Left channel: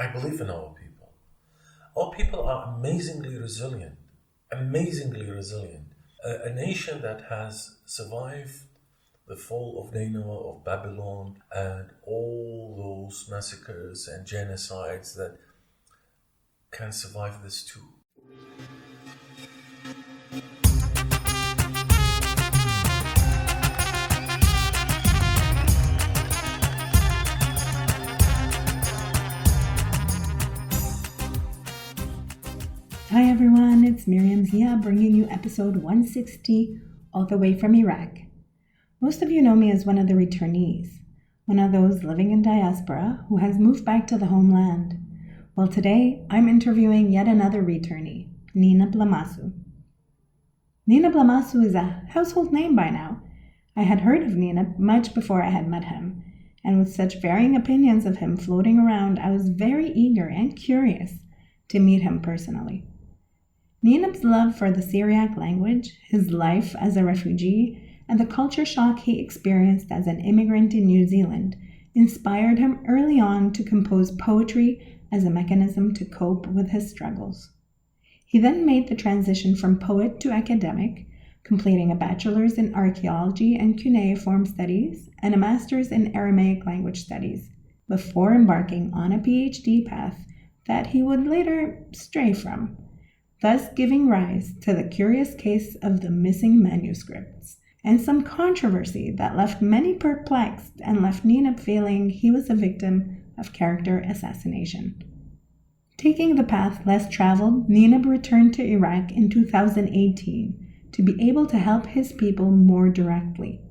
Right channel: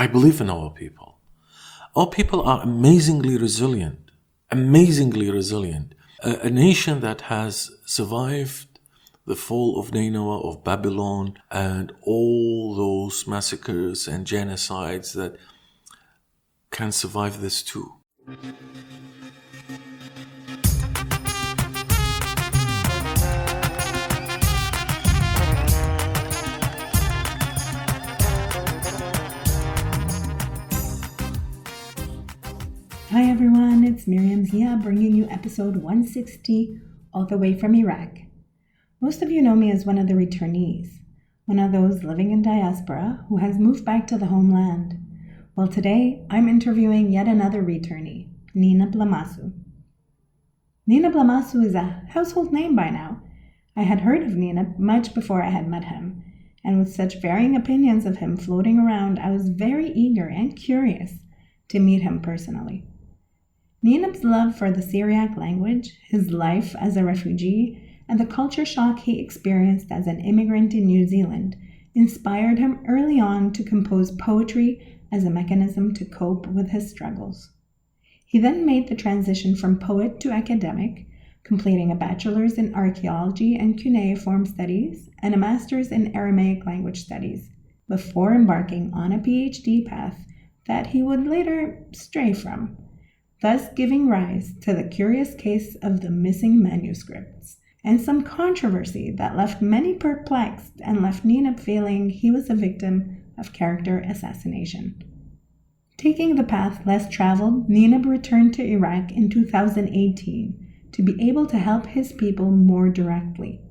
I believe in our people. Our people are amazingly resilient. A nation that has survived the fall of Nineveh, of Babylon, and all those massacres and genocides that can survive this too. Hi everyone, it's Miriam Zia bringing you episode 160 all the way from Iraq. Most of you know me as one of the returnees, one of those living in diaspora who has moved back to the homeland. Well, today I'm interviewing yet another returnee, Nineb Lamassu. Nineb Lamassu is a household name by now. I had heard of Nineb much before I had met him, and with such varying opinions of him floating around, I was very eager and curious to meet him personally. Nineb's love for the Syriac language, his life as a refugee, and the culture shock he experienced as an immigrant in New Zealand inspired him early on to compose poetry as a mechanism to cope with his struggles. He then made the transition from poet to academic, completing a bachelor's in archaeology and cuneiform studies and a master's in Aramaic language studies, before embarking on a PhD path that he would later stray from, thus giving rise to the curious case of the missing manuscripts, and some controversy that left many perplexed and left Nineb feeling he was a victim of character assassination. Taking the path less traveled, Nineb returned to Iraq in 2018 to be able to help his people more directly.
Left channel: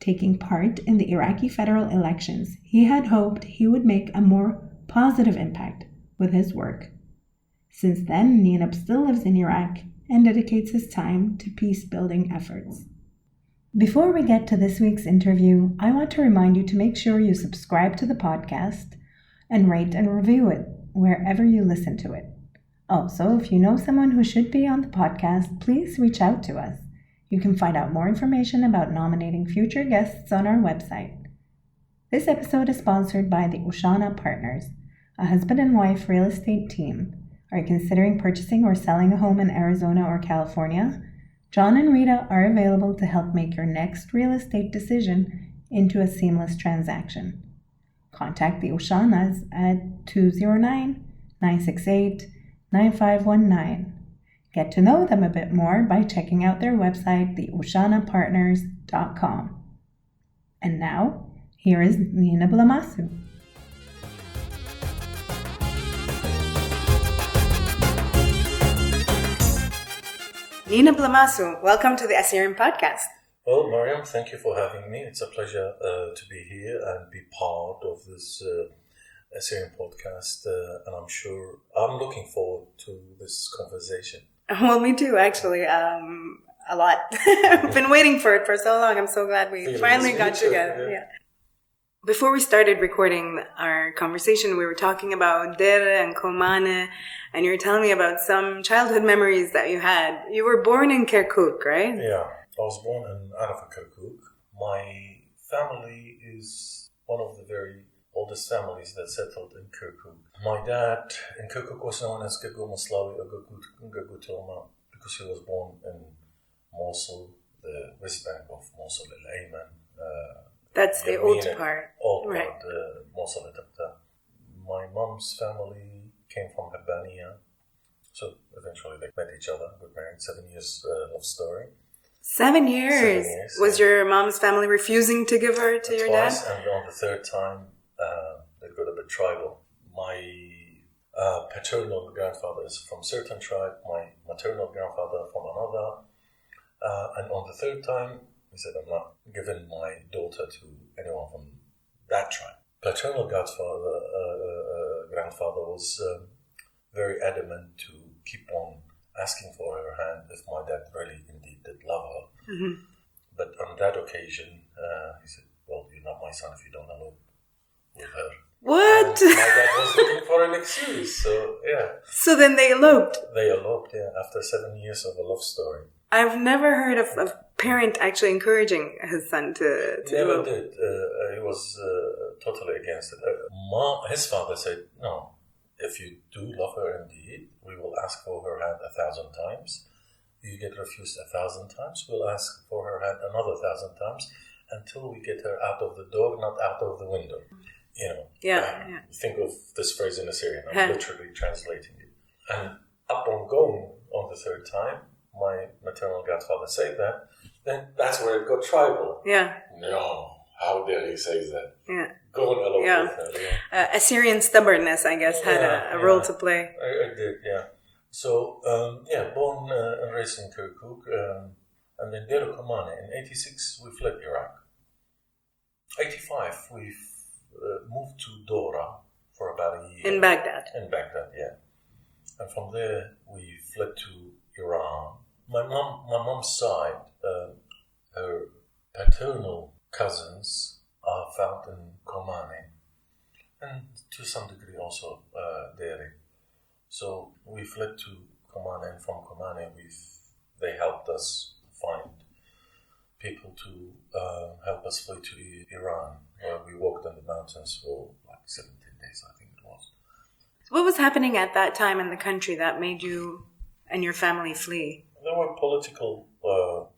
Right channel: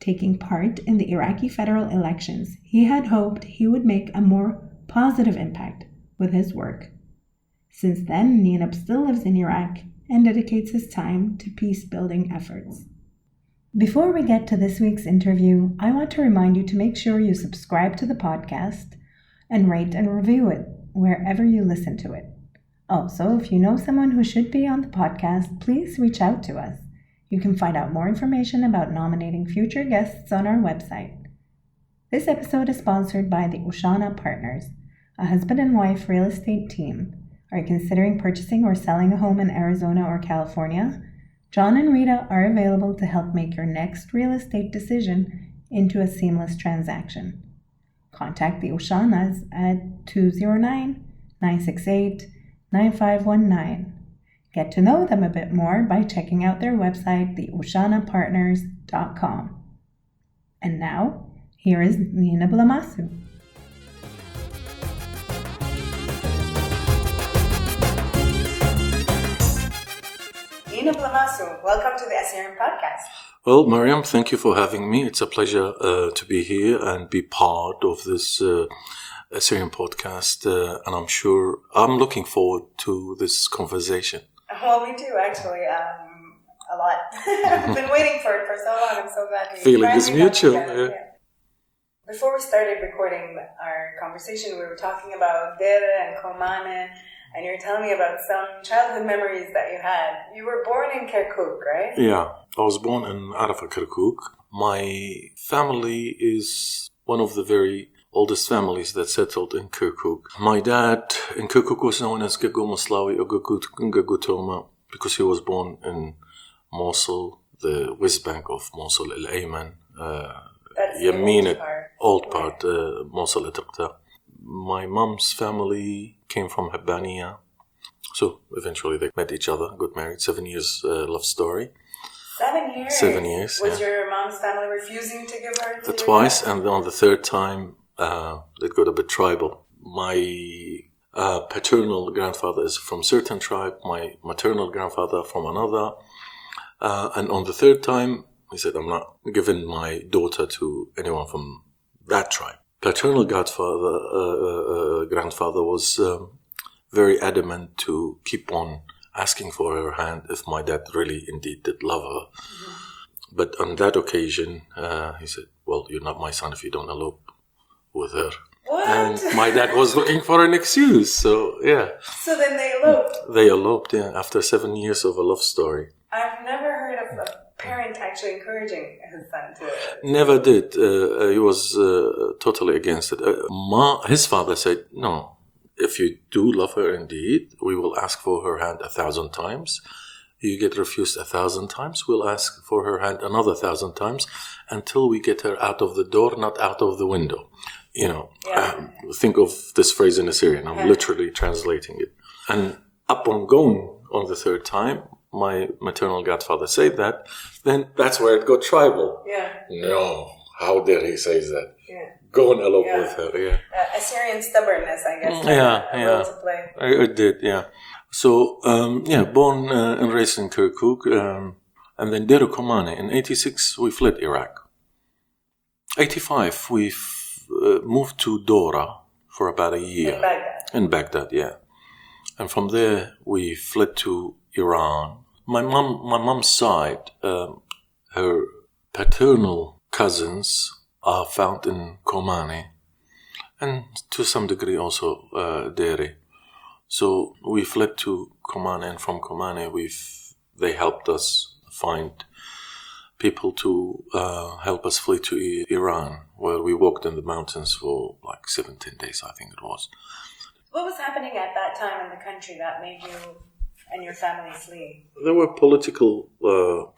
Taking part in the Iraqi federal elections, he had hoped he would make a more positive impact with his work. Since then, Nineb still lives in Iraq and dedicates his time to peace-building efforts. Before we get to this week's interview, I want to remind you to make sure you subscribe to the podcast and rate and review it wherever you listen to it. Also, if you know someone who should be on the podcast, please reach out to us. You can find out more information about nominating future guests on our website. This episode is sponsored by the Ushana Partners, a husband and wife real estate team. Are you considering purchasing or selling a home in Arizona or California? John and Rita are available to help make your next real estate decision into a seamless transaction. Contact the Ushanas at 209-968-9519. Get to know them a bit more by checking out their website, theushanapartners.com. And now, here is Nineb Lamassu. Nineb Lamassu, welcome to the Assyrian podcast. Well, Mariam, thank you for having me. It's a pleasure to be here and be part of this Assyrian podcast. And I'm looking forward to this conversation. Well, me too, actually. A lot. I've been waiting for it for so long. I'm so glad we finally got together. Yeah. Before we started recording our conversation, we were talking about Dere and Komane, and you were telling me about some childhood memories that you had. You were born in Kirkuk, right? Yeah, I was born in Kirkuk. My family is one of the very oldest families that settled in Kirkuk. My dad in Kirkuk was known as Gagu Maslawi or Gagu Toma because he was born in Mosul, the west bank of Mosul, Al-Ayman. That's the old part. Mosul al-Taqta. My mom's family came from Habbaniya. So eventually they met each other, got married. 7 years love story. 7 years? 7 years. Was your mom's family refusing to give her to twice, and on the third time it got a bit tribal. My paternal grandfather is from a certain tribe, my maternal grandfather from another. And on the third time, he said, I'm not giving my daughter to anyone from that tribe. Paternal grandfather was very adamant to keep on asking for her hand if my dad really indeed did love her. Mm-hmm. But on that occasion, he said, well, you're not my son if you don't elope with her. What? And my dad was looking for an excuse, so yeah. So then they eloped? They eloped, yeah, after 7 years of a love story. I've never heard of a parent actually encouraging his son to Never did. He was totally against it. His father said, no, if you do love her indeed, we will ask for her hand 1,000 times. You get refused 1,000 times, we'll ask for her hand another 1,000 times until we get her out of the door, not out of the window. Think of this phrase in Assyrian. I'm literally translating it. And upon going on the third time, my maternal godfather said that, then that's where it got tribal. Yeah. No, how dare he say that? Yeah. Go and elope with her, yeah. Assyrian stubbornness, I guess, had a role to play. It did, yeah. So, born and raised in Kirkuk, and then Deir Komane. In 86, we fled Iraq. 85, we moved to Dora for about a year. In Baghdad, yeah. And from there, we fled to Iran. My mom's side, her paternal cousins are found in Komane, and to some degree also Deir. So we fled to Komane, and from Komane, they helped us find people to help us flee to Iran, where we walked in the mountains for like 17 days, I think it was. What was happening at that time in the country that made you and your family flee? There were political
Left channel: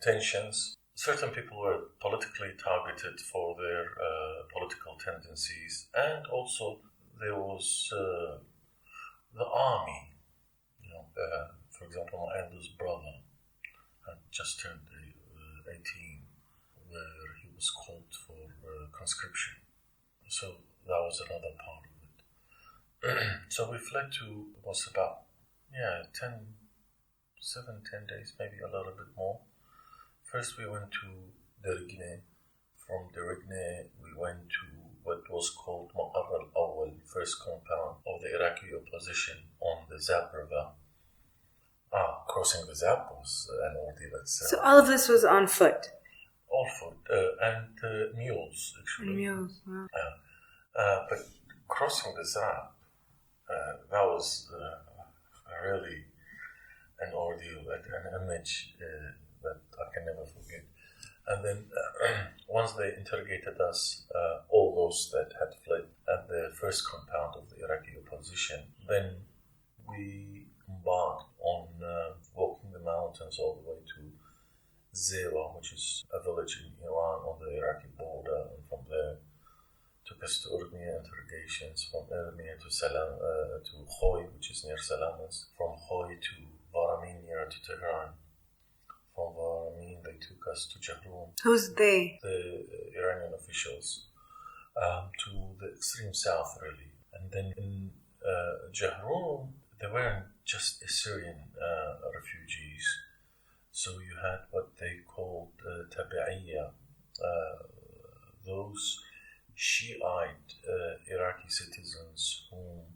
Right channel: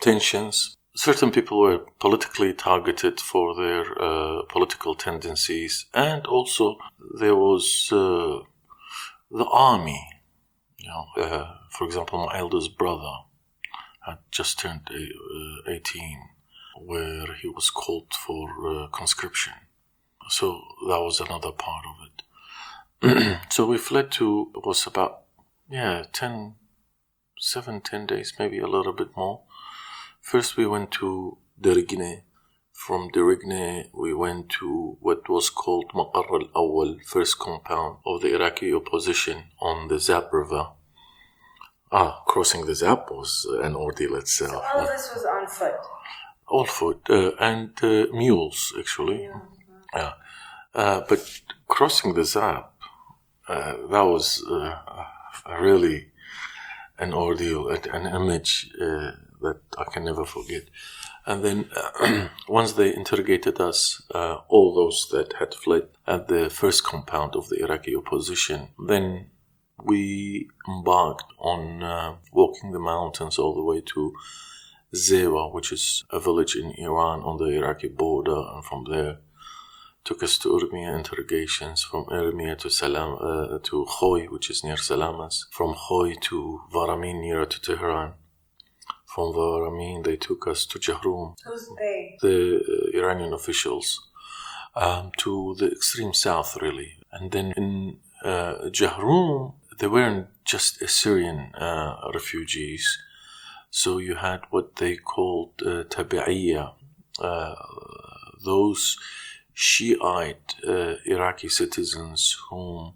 tensions. Certain people were politically targeted for their political tendencies, and also there was the army. For example, my eldest brother had just turned 18, where he was called for conscription. So that was another part of it. So we fled to, it was about 10 days, maybe a little bit more. First we went to Derigne. From Derigne we went to what was called Maqar al-Awwal, first compound of the Iraqi opposition on the Zab River. Crossing the Zab was an ordeal itself. So all of this was on foot? All foot, and mules, actually. Mules, wow. But crossing the Zab, that was really an ordeal, an image that I can never forget. And then once they interrogated us, all those that had fled at the first compound of the Iraqi opposition, then we embarked on walking the mountains all the way to Zewa, which is a village in Iran on the Iraqi border, and from there took us to Urmiya interrogations, from Urmiya to Khoy, which is near Salamas, from Khoy to Varamin, nearer to Tehran. From Varamin, they took us to Jahroum. Who's they? The Iranian officials, to the extreme south, really. And then in Jahroum, they weren't just Assyrian refugees. So you had what they called Tabi'iyya, those Shiite Iraqi citizens whom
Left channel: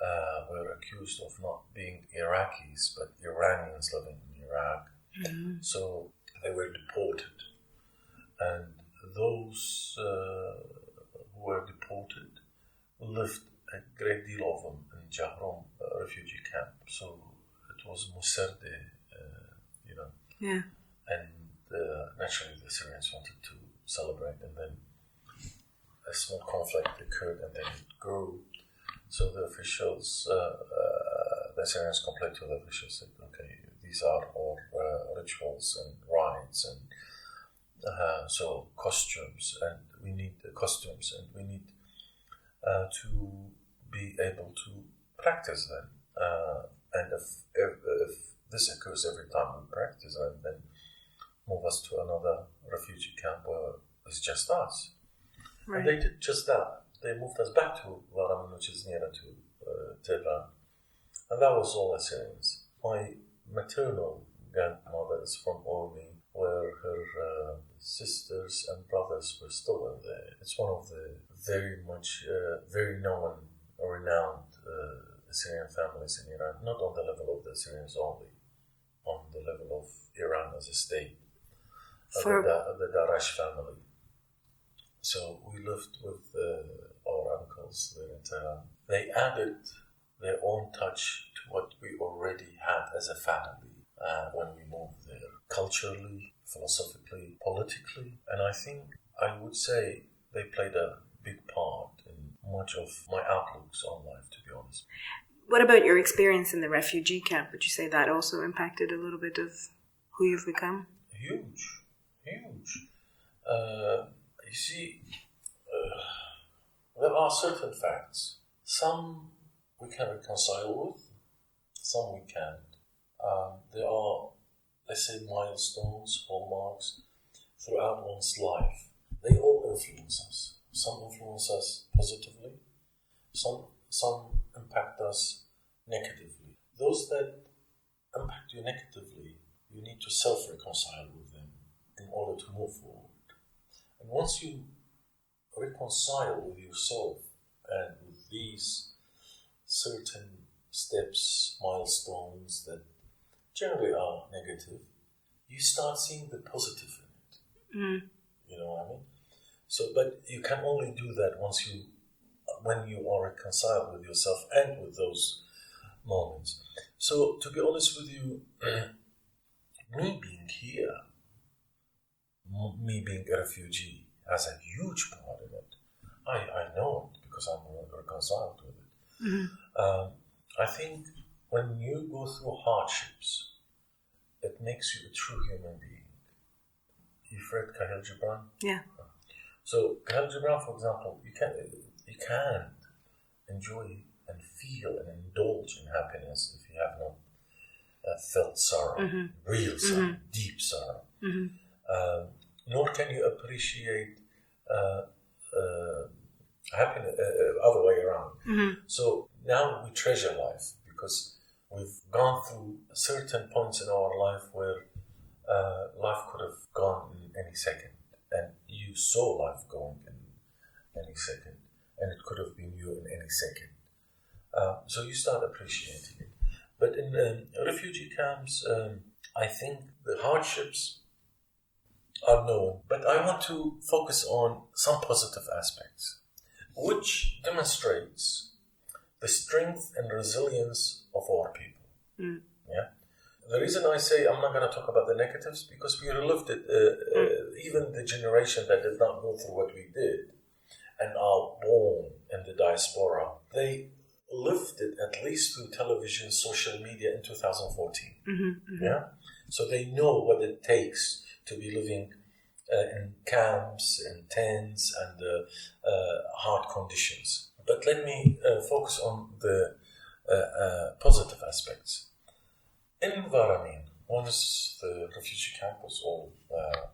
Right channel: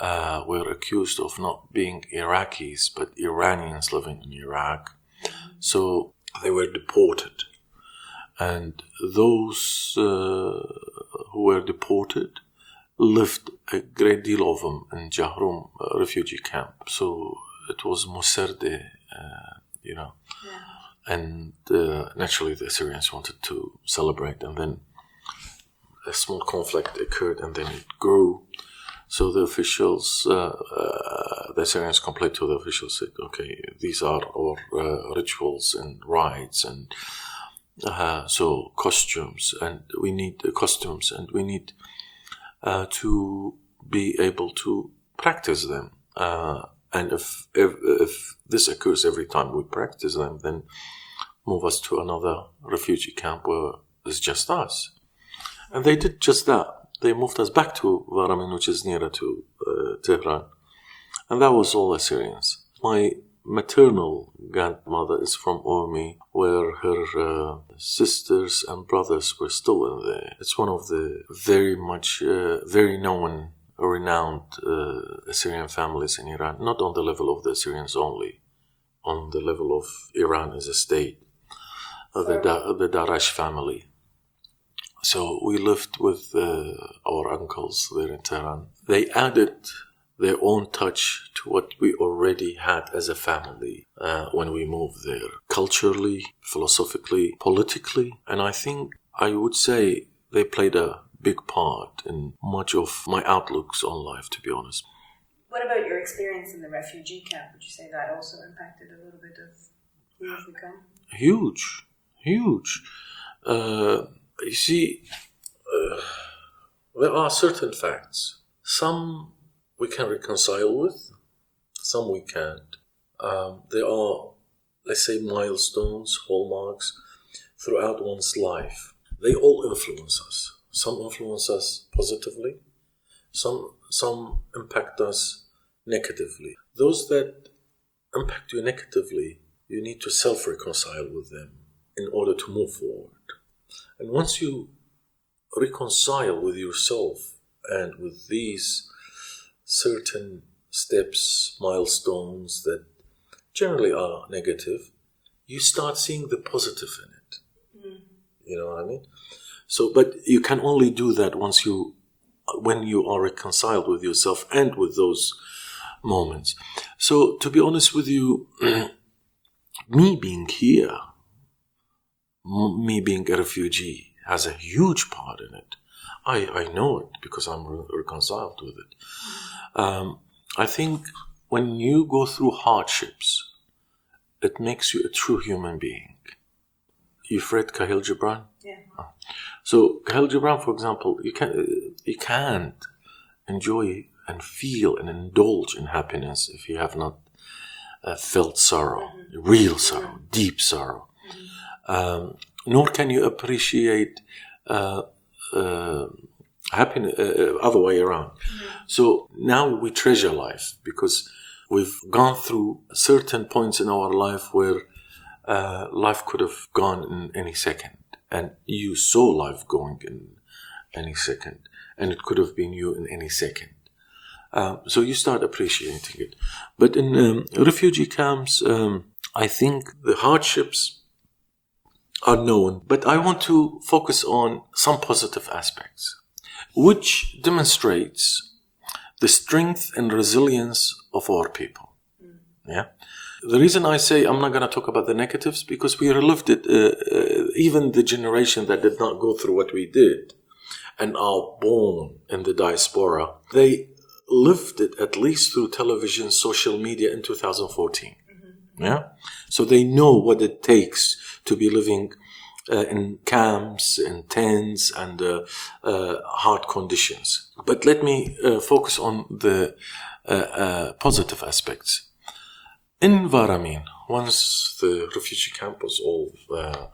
were accused of not being Iraqis but Iranians living in Iraq. Mm-hmm. So they were deported. And those who were deported lived, a great deal of them, in Jahroum refugee camp. So it was Musarde, Yeah. And naturally the Assyrians wanted to celebrate, and then a small conflict occurred, and then it grew. So the officials, the Assyrians complained to the officials, said, okay, these are our rituals and rites, and so costumes, and we need to be able to practice them. And if this occurs every time we practice them, then move us to another refugee camp where it's just us. Right. And they did just that. They moved us back to Varamin, which is nearer to Tehran. And that was all Assyrians. My maternal grandmother is from Ormi, where her sisters and brothers were still in there. It's one of the very known, renowned Assyrian families in Iran, not on the level of the Assyrians only, on the level of Iran as a state, the Darash family. So we lived with our uncles there in Tehran. They added their own touch to what we already had as a family when we moved there, culturally, philosophically, politically, and I think I would say they played a big part in much of my outlooks on life, to be honest. What about your experience in the refugee camp? Would you say that also impacted a little bit of who you've become? Huge. You see, there are certain facts. Some we can reconcile with, some we can't. There are, let's say, milestones, hallmarks throughout one's life. They all influence us. Some influence us positively, some impact us negatively. Those that impact you negatively, you need to self-reconcile with them in order to move forward. And once you reconcile with yourself and with these certain steps, milestones that generally are negative, you start seeing the positive in it. Mm. You know what I mean? So, but you can only do that when you are reconciled with yourself and with those moments. So, to be honest with you, me being here, me being a refugee, has a huge part in it. I know it because I'm reconciled with it. Mm-hmm. I think when you go through hardships, it makes you a true human being. You've read Khalil Gibran? Yeah. So Khalil Gibran, for example, you can't enjoy and feel and indulge in happiness if you have not felt sorrow, mm-hmm. real sorrow, mm-hmm. deep sorrow. Mm-hmm. Nor can you appreciate happiness other way around. Mm-hmm. So now we treasure life because we've gone through certain points in our life where life could have gone in any second, and you saw life going in any second, and it could have been you in any second. So you start appreciating it. But in refugee camps, I think the hardships are known, but I want to focus on some positive aspects, which demonstrates the strength and resilience of our people. Mm. Yeah. The reason I say I'm not going to talk about the negatives, because we relived it, even the generation that did not go through what we did and are born in the diaspora, they lived it at least through television, social media in 2014. Mm-hmm, mm-hmm. Yeah? So they know what it takes to be living in camps, in tents, and hard conditions. But let me focus on the positive aspects. In Varamin, once the refugee camp was all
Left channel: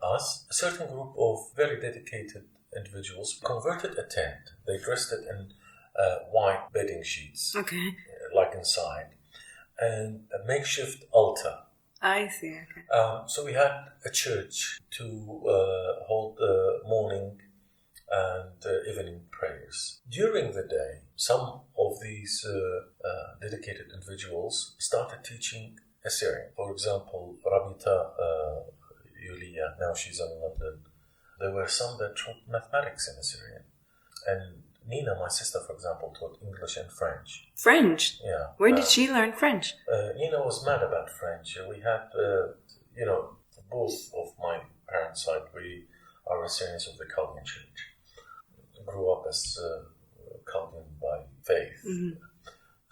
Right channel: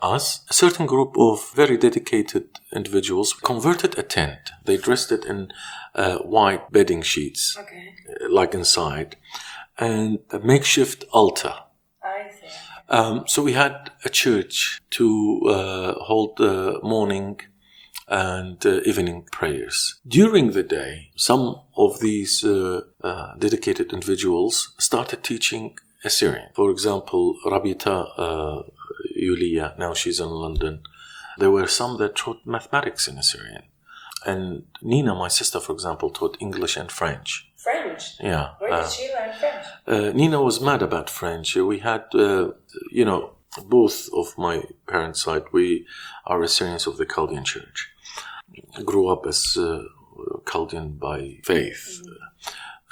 us, a certain group of very dedicated individuals converted a tent. They dressed it in white bedding sheets, okay, like inside, and a makeshift altar. I see. So we had a church to hold morning and evening prayers. During the day, some of these dedicated individuals started teaching Assyrian. For example, Rabita Yulia, now she's in London. There were some that taught mathematics in Assyrian. And Nina, my sister, for example, taught English and French. French? Yeah. Where did she learn French? Nina was mad about French. We had, both of my parents' side, we are Assyrians of the Chaldean Church. Grew up as Chaldean by faith. Mm-hmm.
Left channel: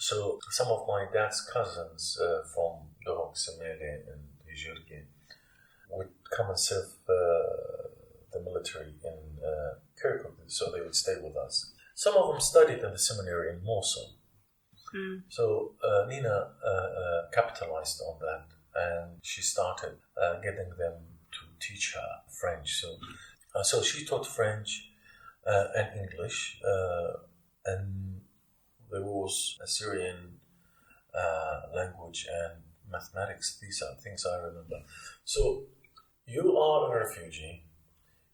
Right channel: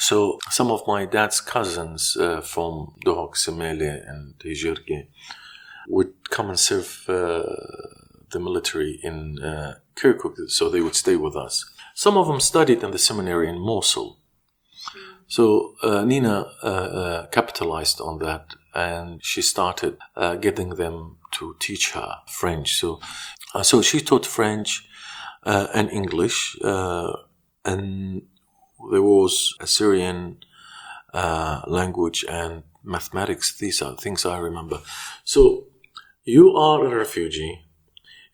So some of my dad's cousins from Dohok, Semele, and Hijirgi would come and serve the military in Kirkuk, so they would stay with us. Some of them studied in the seminary in Mosul. Mm. So Nina capitalized on that, and she started getting them to teach her French. So she taught French and English, and there was Assyrian language and mathematics. These are things I remember. So you are a refugee.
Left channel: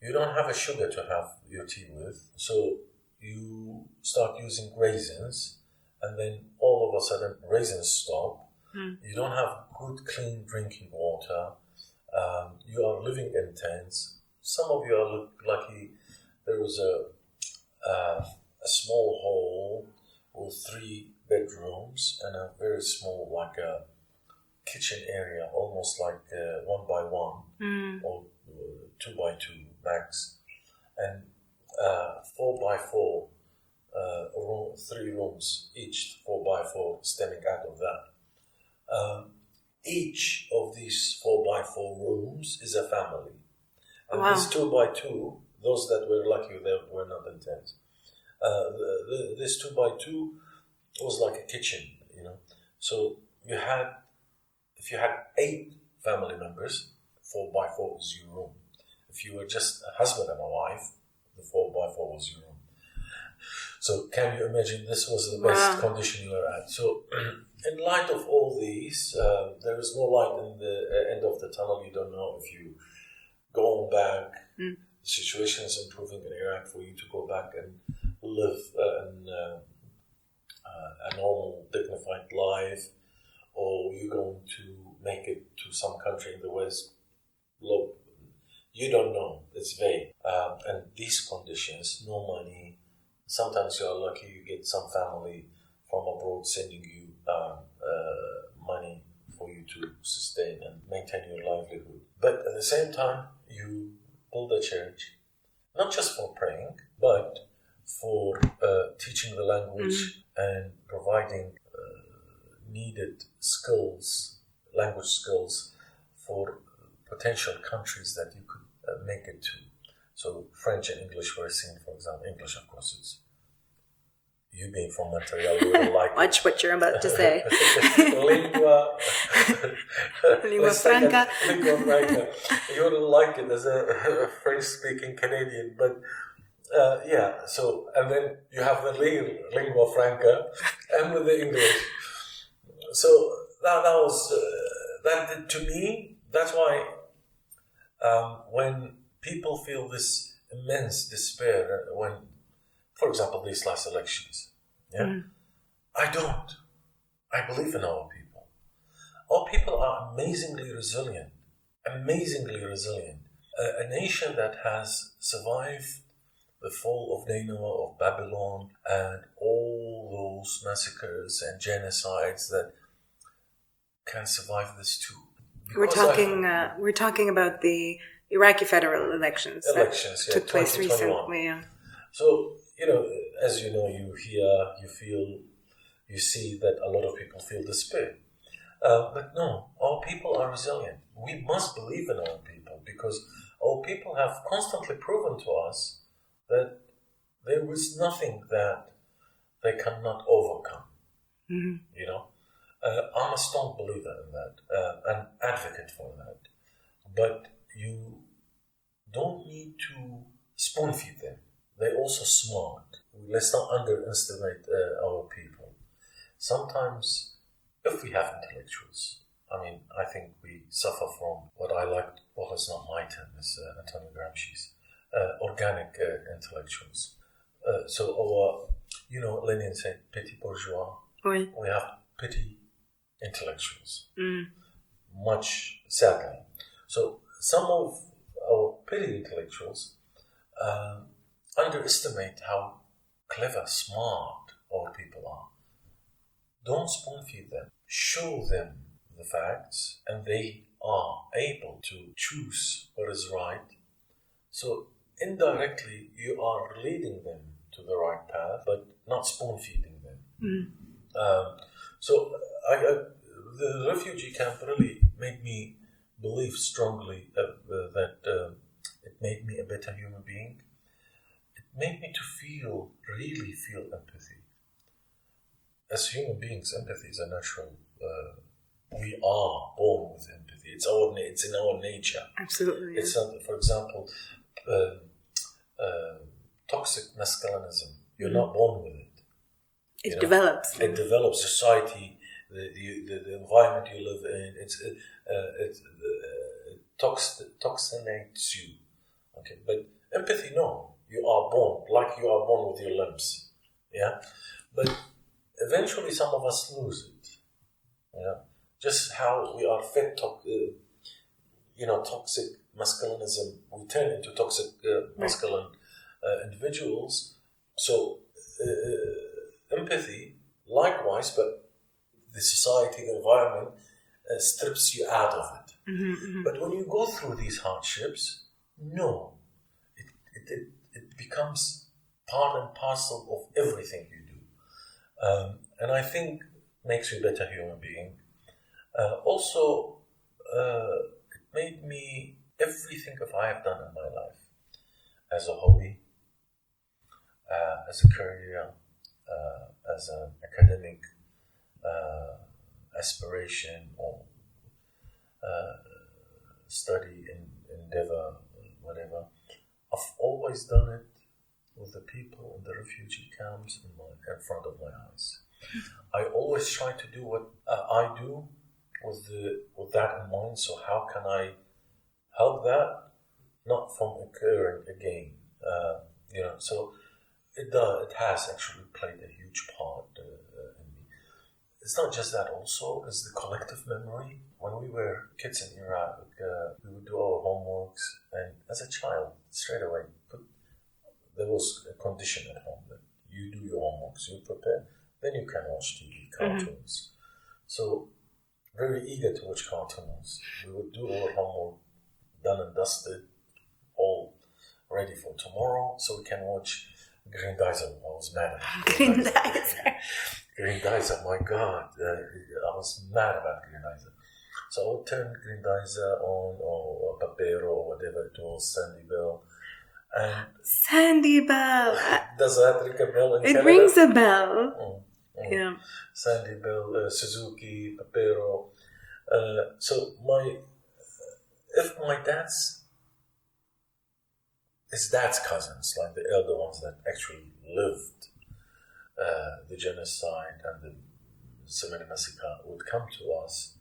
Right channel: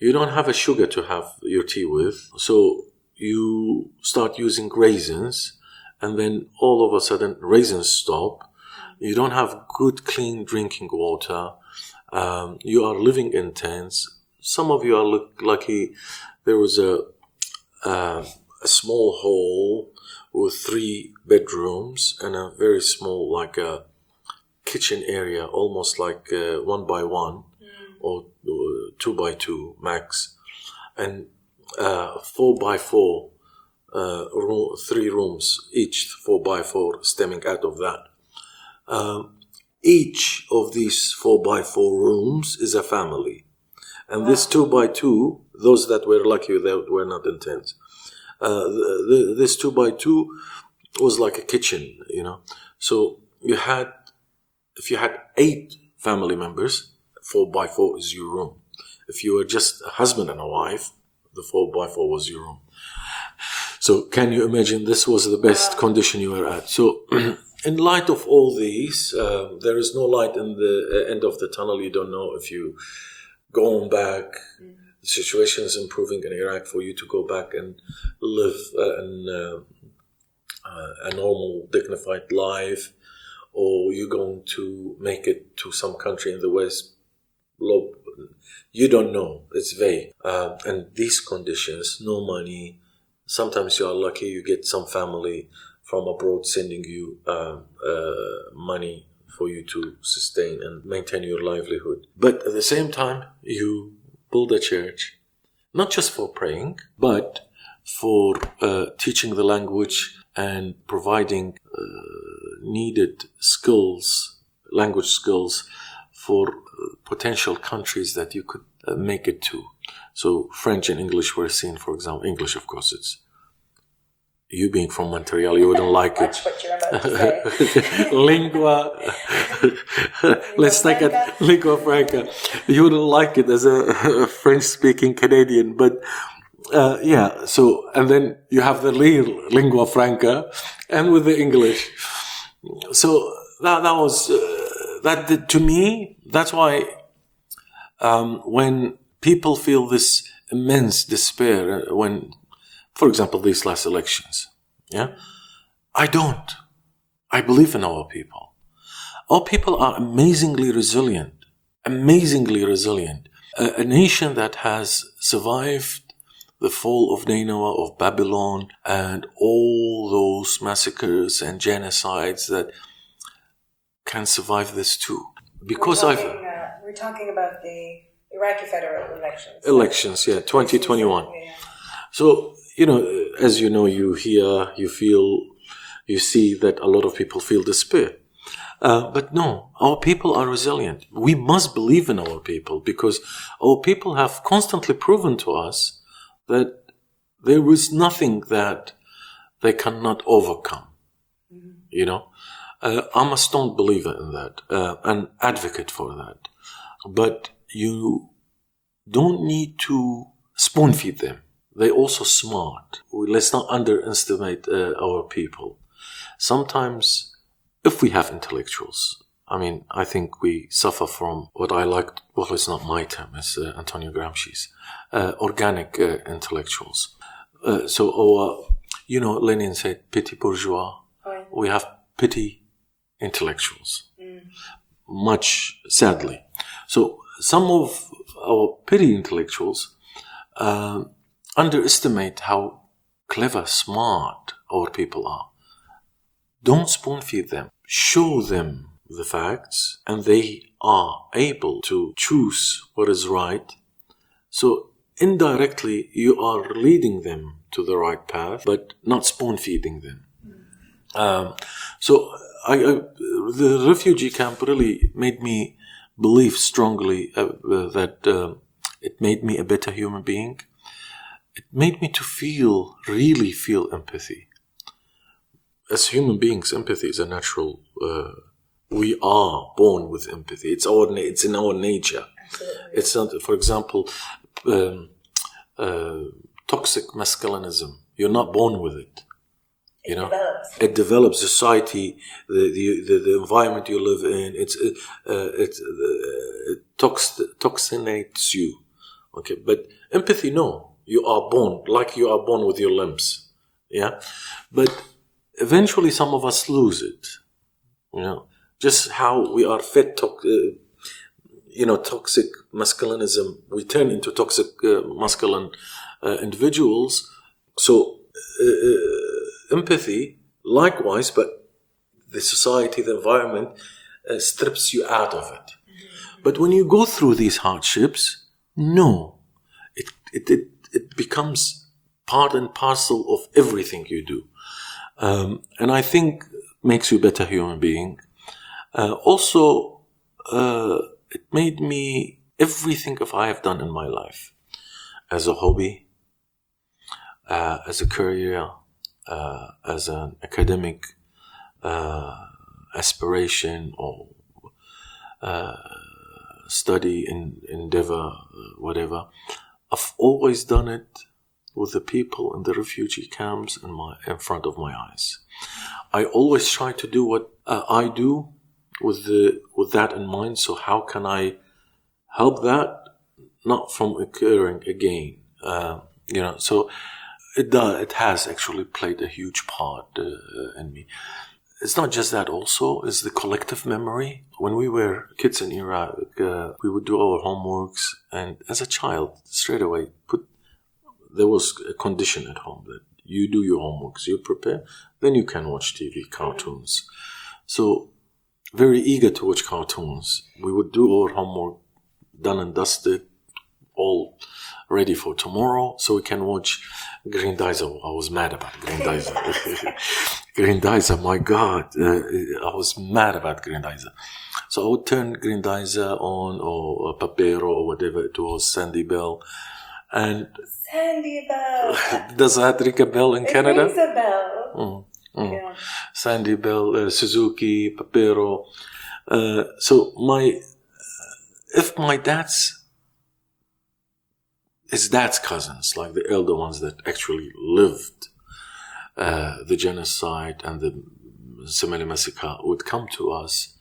You don't have a sugar to have your tea with. So you start using raisins, and then all of a sudden raisins stop. Mm. You don't have good, clean drinking water. You are living in tents. Some of you are lucky. There was a small hall with 3 bedrooms and a very small, like a kitchen area, almost like 1 by 1 or 2 by 2 max. And 4x4, 3 rooms, each 4x4 stemming out of that. Each of these 4x4 rooms is a family. And Wow. this 2x2, those that were lucky that were not in tents, this 2x2 was like a kitchen, So if you had 8 family members, 4x4 is your room. If you were just a husband and a wife, the 4x4 was your room. So can you imagine this was the best condition you were at? So in light of all these, there is no light in the end of the tunnel. You don't know if you go on back. The situation is improving in Iraq for you to go back and live a normal, dignified life, or you're going to make it to some country in the West. You don't know. It's vague. And these conditions, no money. Sometimes you are lucky, you get some family from abroad sending you money for you to sustain and maintain your livelihood. But at the same time, you build a church, not just for praying, but for teaching the language and providing needed skills, language skills, for potential countries that you could make it to. So French and English were seen, for example. English, of course, it's... You being from Montreal, you wouldn't like Watch it. what you're about to say. Lingua. Let's take it. Lingua franca. You wouldn't like it as a French-speaking Canadian, but yeah. So, and then you have the lingua franca, and with the English. So that was that to me. That's why when people feel this immense despair, when, for example, these last elections, I don't. I believe in our people. Our people are amazingly resilient. A nation that has survived the fall of Nineveh, of Babylon, and all those massacres and genocides that can survive this too. Because we're talking about the Iraqi federal elections. 2021. So, as you know, you hear, you feel, you see that a lot of people feel despair. But no, our people are resilient. We must believe in our people, because our people have constantly proven to us that there is nothing that they cannot overcome. I'm a strong believer in that, an advocate for that. But you don't need to spoon feed them. They're also smart. Let's not underestimate our people. Sometimes, if we have intellectuals, I think we suffer from what I like, well, it's not my term, it's Antonio Gramsci's, organic intellectuals. So Lenin said, petit bourgeois. Oui. We have petty intellectuals, much sadly. So some of our petty intellectuals underestimate how clever, smart our people are. Don't spoon feed them. Show them the facts, and they are able to choose what is right. So indirectly, you are leading them to the right path, but not spoon feeding them. So the refugee camp really made me believe strongly that it made me a better human being. It made me to really feel empathy. As human beings, empathy is a natural. We are born with empathy. It's in our nature. Absolutely. It's not, for example, toxic masculinism. You're not born with it. It develops. It develops. Society, the environment you live in. It toxinates you. Okay, but empathy, no. You are born like you are born with your limbs. Yeah, but eventually some of us lose it. Just how we are fed toxic masculinism. We turn into toxic masculine individuals. So empathy, likewise, but the society, the environment strips you out of it. But when you go through these hardships, no, it becomes part and parcel of everything you do. And I think makes you a better human being. Also, it made me everything of I have done in my life as a hobby, as a career, as an academic aspiration or study, endeavor, whatever. I've always done it with the people in the refugee camps in front of my eyes. I always try to do what I do with that in mind. So how can I help that not from occurring again? So it has actually played a huge part in me. It's not just that, also is the collective memory. When we were kids in Iraq, we would do our homeworks, and as a child, straight away, there was a condition at home that you do your homeworks, you prepare, then you can watch TV, cartoons. So, very eager to watch cartoons. We would do our homework, done and dusted, all ready for tomorrow, so we can watch Grenadier. I was mad about Grenadier. Grenadier, my God, I was mad about Grenadier. So I would turn Grenadier on, or Papero, or whatever it was, Sandy Bell. And Sandy Bell. Does that ring a bell in Canada? It rings a bell. Yeah. Sandy Bell, Suzuki, Papero. So if my his dad's cousins, like the elder ones that actually lived the genocide and the Somali massacre, would come to us,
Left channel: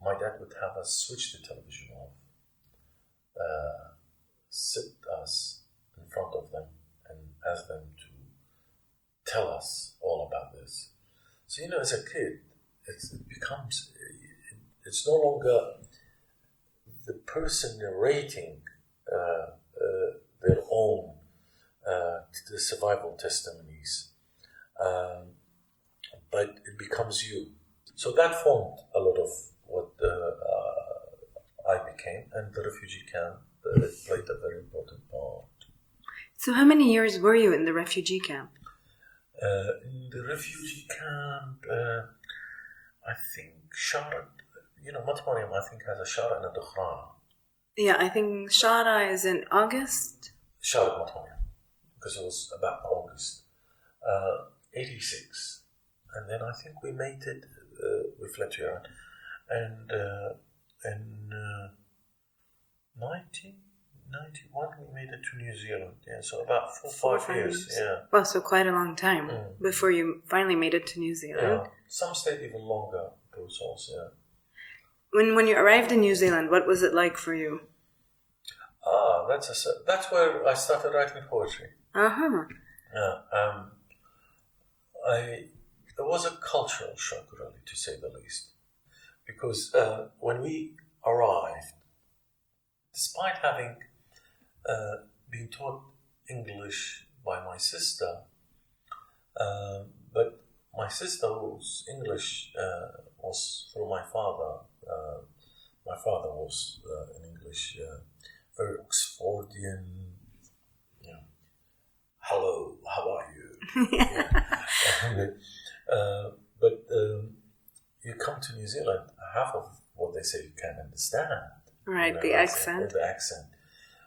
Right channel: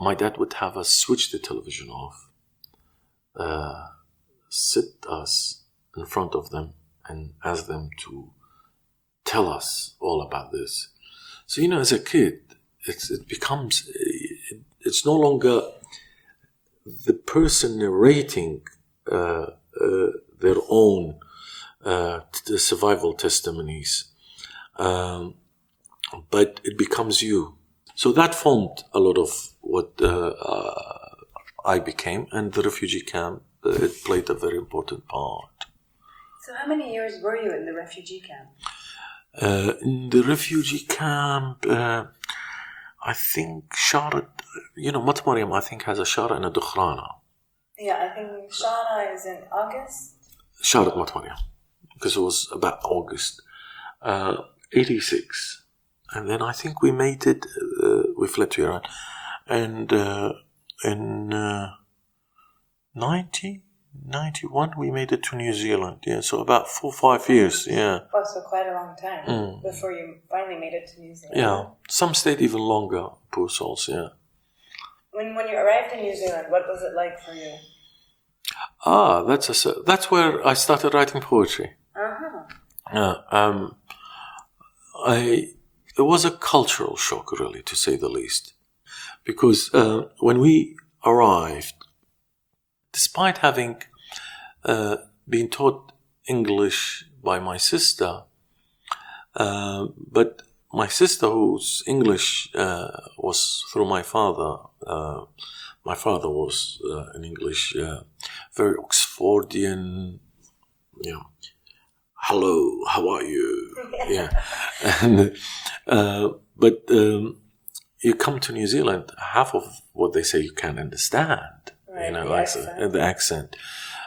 my dad would have us switch the television off, sit us in front of them and ask them to tell us all about this. So, as a kid, it's no longer the person narrating their own survival testimonies, but it becomes you. So that formed a lot of what I became, and the refugee camp, it played a very important part. So how many years were you in the refugee camp? In the refugee camp, I think Shara, Mat Mariam, I think has a Shara and a Dukhrana. Yeah, I think Shara is in August. Shara Mat Mariam, because it was about August 86. And then I think we made it, we fled to Iran. And in 1991, we made it to New Zealand. Yeah, so about 4 or 5 years. Yeah. Well, so quite a long time before you finally made it to New Zealand. Yeah, some stayed even longer, poor souls, yeah. When you arrived in New Zealand, what was it like for you? That's where I started writing poetry. It was a cultural shock, really, to say the least, because when we arrived, despite having been taught English by my sister, but my sister, whose English was through my father. My father was in English, very Oxfordian, hello, how are you? Yeah. And, but you come to New Zealand, half of what they say you can't understand. Right, the accent. The accent.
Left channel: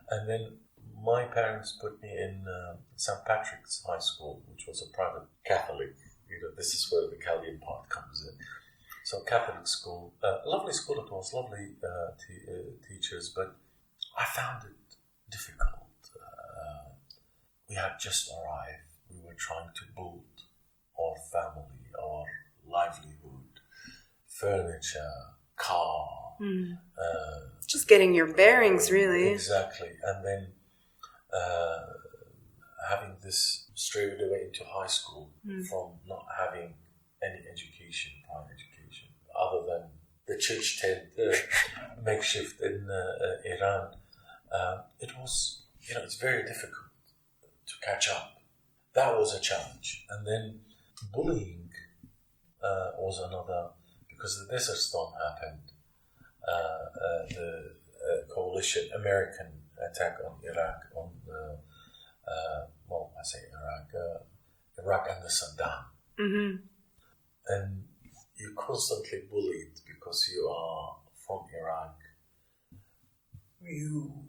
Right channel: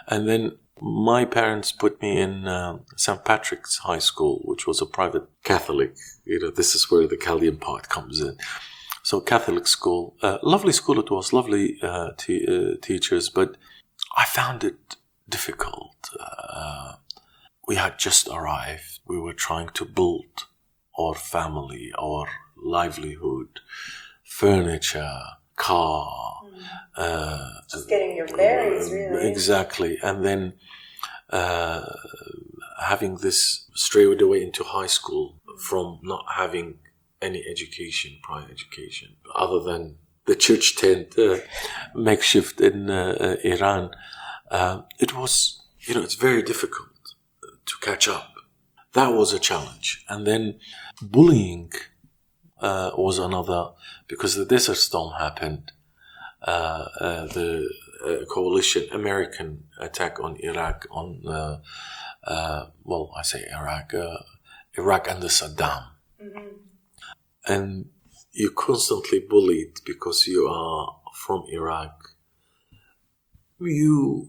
And then my parents put me in St. Patrick's High School, which was a private Catholic. This is where the Chaldean part comes in. So Catholic school, lovely school it was, lovely teachers, but I found it difficult. We had just arrived. We were trying to build our family, our livelihood, furniture, car. Just getting your bearings, really. Exactly. And then having this strayed away into high school from not having any prior education, other than the church tent makeshift in Iran. It was, it's very difficult to catch up. That was a challenge. And then bullying was another, because the Desert Storm happened. The coalition American attack on Iraq, on I say Iraq under Saddam. Mm-hmm. And you're constantly bullied because you are from Iraq. Your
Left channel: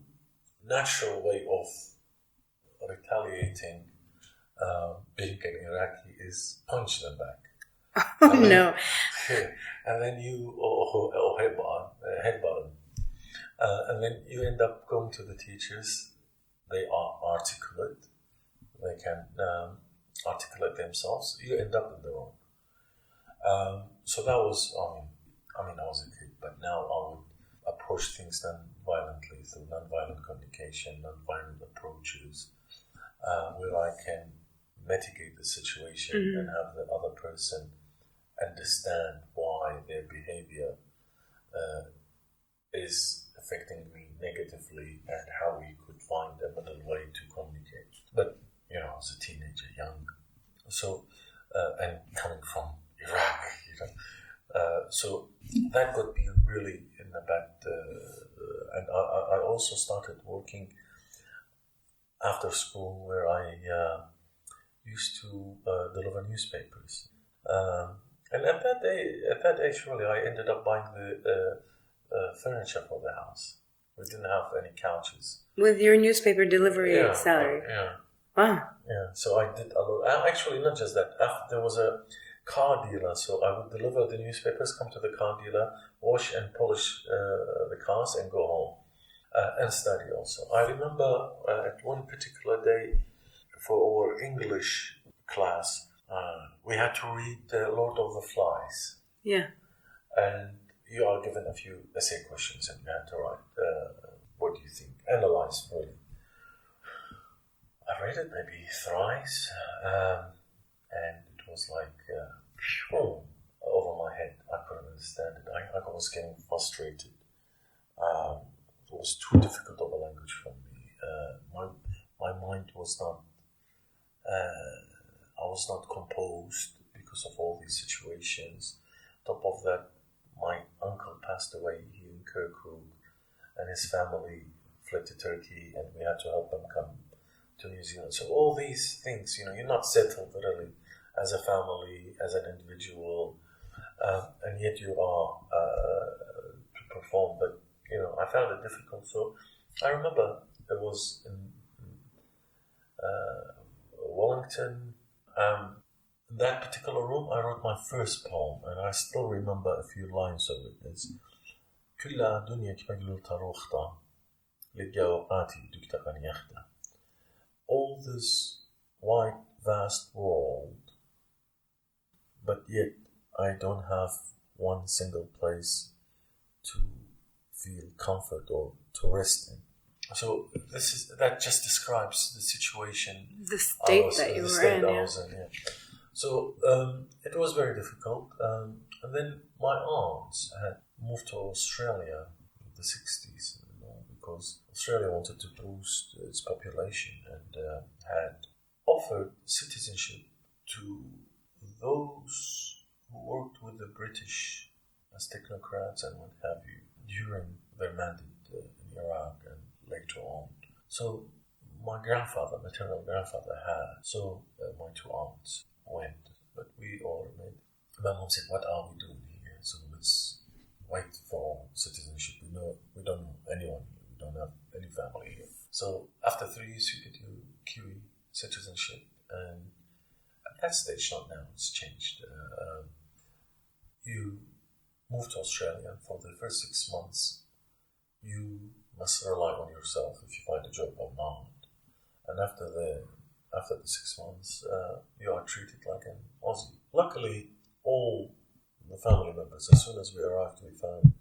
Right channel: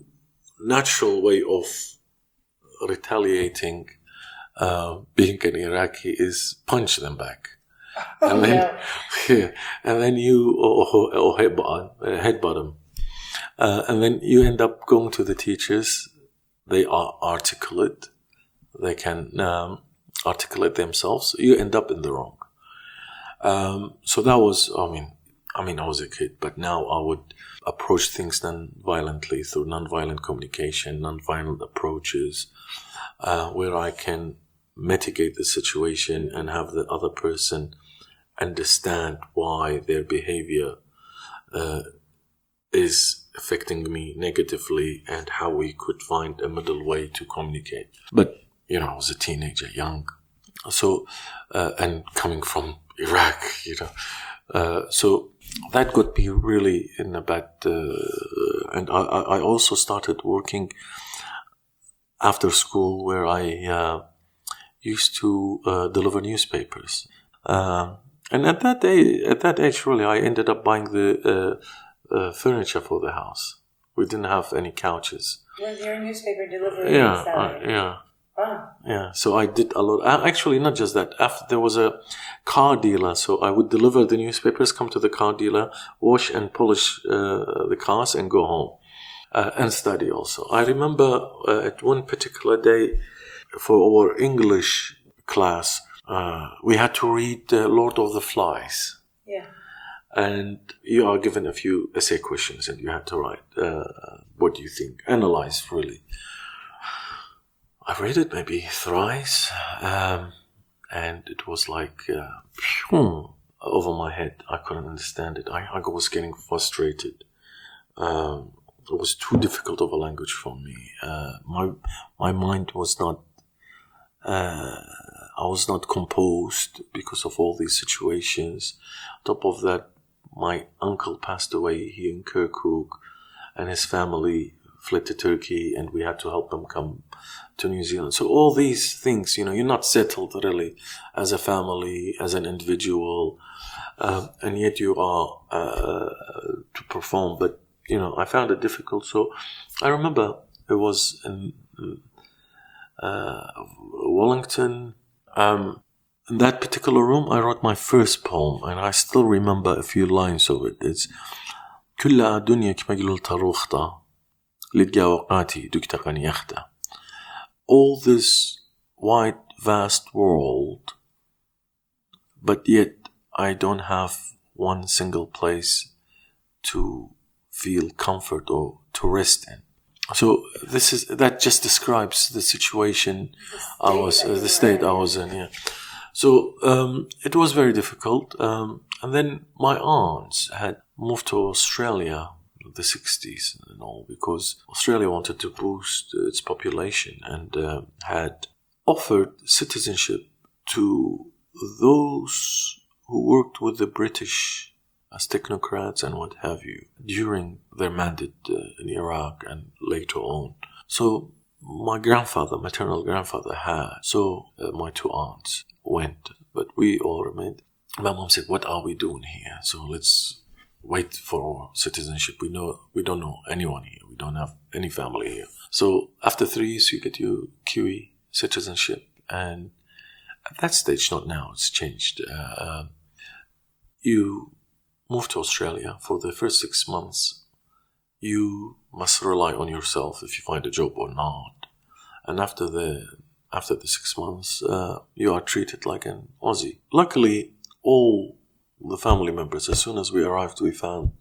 natural way of retaliating, being an Iraqi, is punch them back. Oh, and then, no. Yeah, and then you or headbutt them, and then you end up going to the teachers. They are articulate. They can articulate themselves. You end up in the wrong. So that was, I was a kid, but now I would approach things non-violently through non-violent communication, non-violent approaches, where I can mitigate the situation and have the other person understand why their behavior is affecting me negatively and how we could find a middle way to communicate. But, I was a teenager, young. So, and coming from Iraq, so that got me really in a bad, and I also started working after school where I used to deliver newspapers. And at that age, really, I ended up buying the furniture for the house. We didn't have any couches. With your newspaper delivery salary? Yeah. Wow. Yeah, so I did a lot. Actually, not just that. After there was a car dealer, so I would deliver the newspapers, come to the car dealer, wash and polish the cars, and go home and study. Also, I remember at one particular day for our English class, we had to read Lord of the Flies. Yeah. And you are given a few essay questions, and you had to write what do you think, analyze really. I've read it maybe thrice, and it was like over my head. I couldn't understand it. I was getting frustrated. It was too difficult of a language for me. My mind was not. I was not composed because of all these situations. On top of that, my uncle passed away here in Kirkuk, and his family fled to Turkey, and we had to help them come to New Zealand. So all these things, you're not settled really as a family, as an individual, and yet you are to perform. But I found it difficult. So I remember it was in Wellington. In that particular room, I wrote my first poem, and I still remember a few lines of it. It's كل دنيا كمجلول تروختا لتجا وقاتي دكتقني يختا. All this wide, vast world, but yet I don't have one single place to feel comfort or to rest in. So that just describes the situation the state I was in. Yeah. So it was very difficult. And then my aunts had moved to Australia in the 60s and all, because Australia wanted to boost its population and had offered citizenship to those who worked with the British as technocrats and what have you during their mandate in Iraq and later on. So my maternal grandfather had, so my two aunts went, but we all remained. My mom said, "What are we doing here? So let's wait for our citizenship. We don't know anyone here. We don't have any family here." So after 3 years, you get your Kiwi citizenship, and at that stage, not now, it's changed. You move to Australia for the first 6 months. You must rely on yourself if you find a job or not. And after the 6 months, you are treated like an Aussie. Luckily, all the family members, as soon as we arrived, we found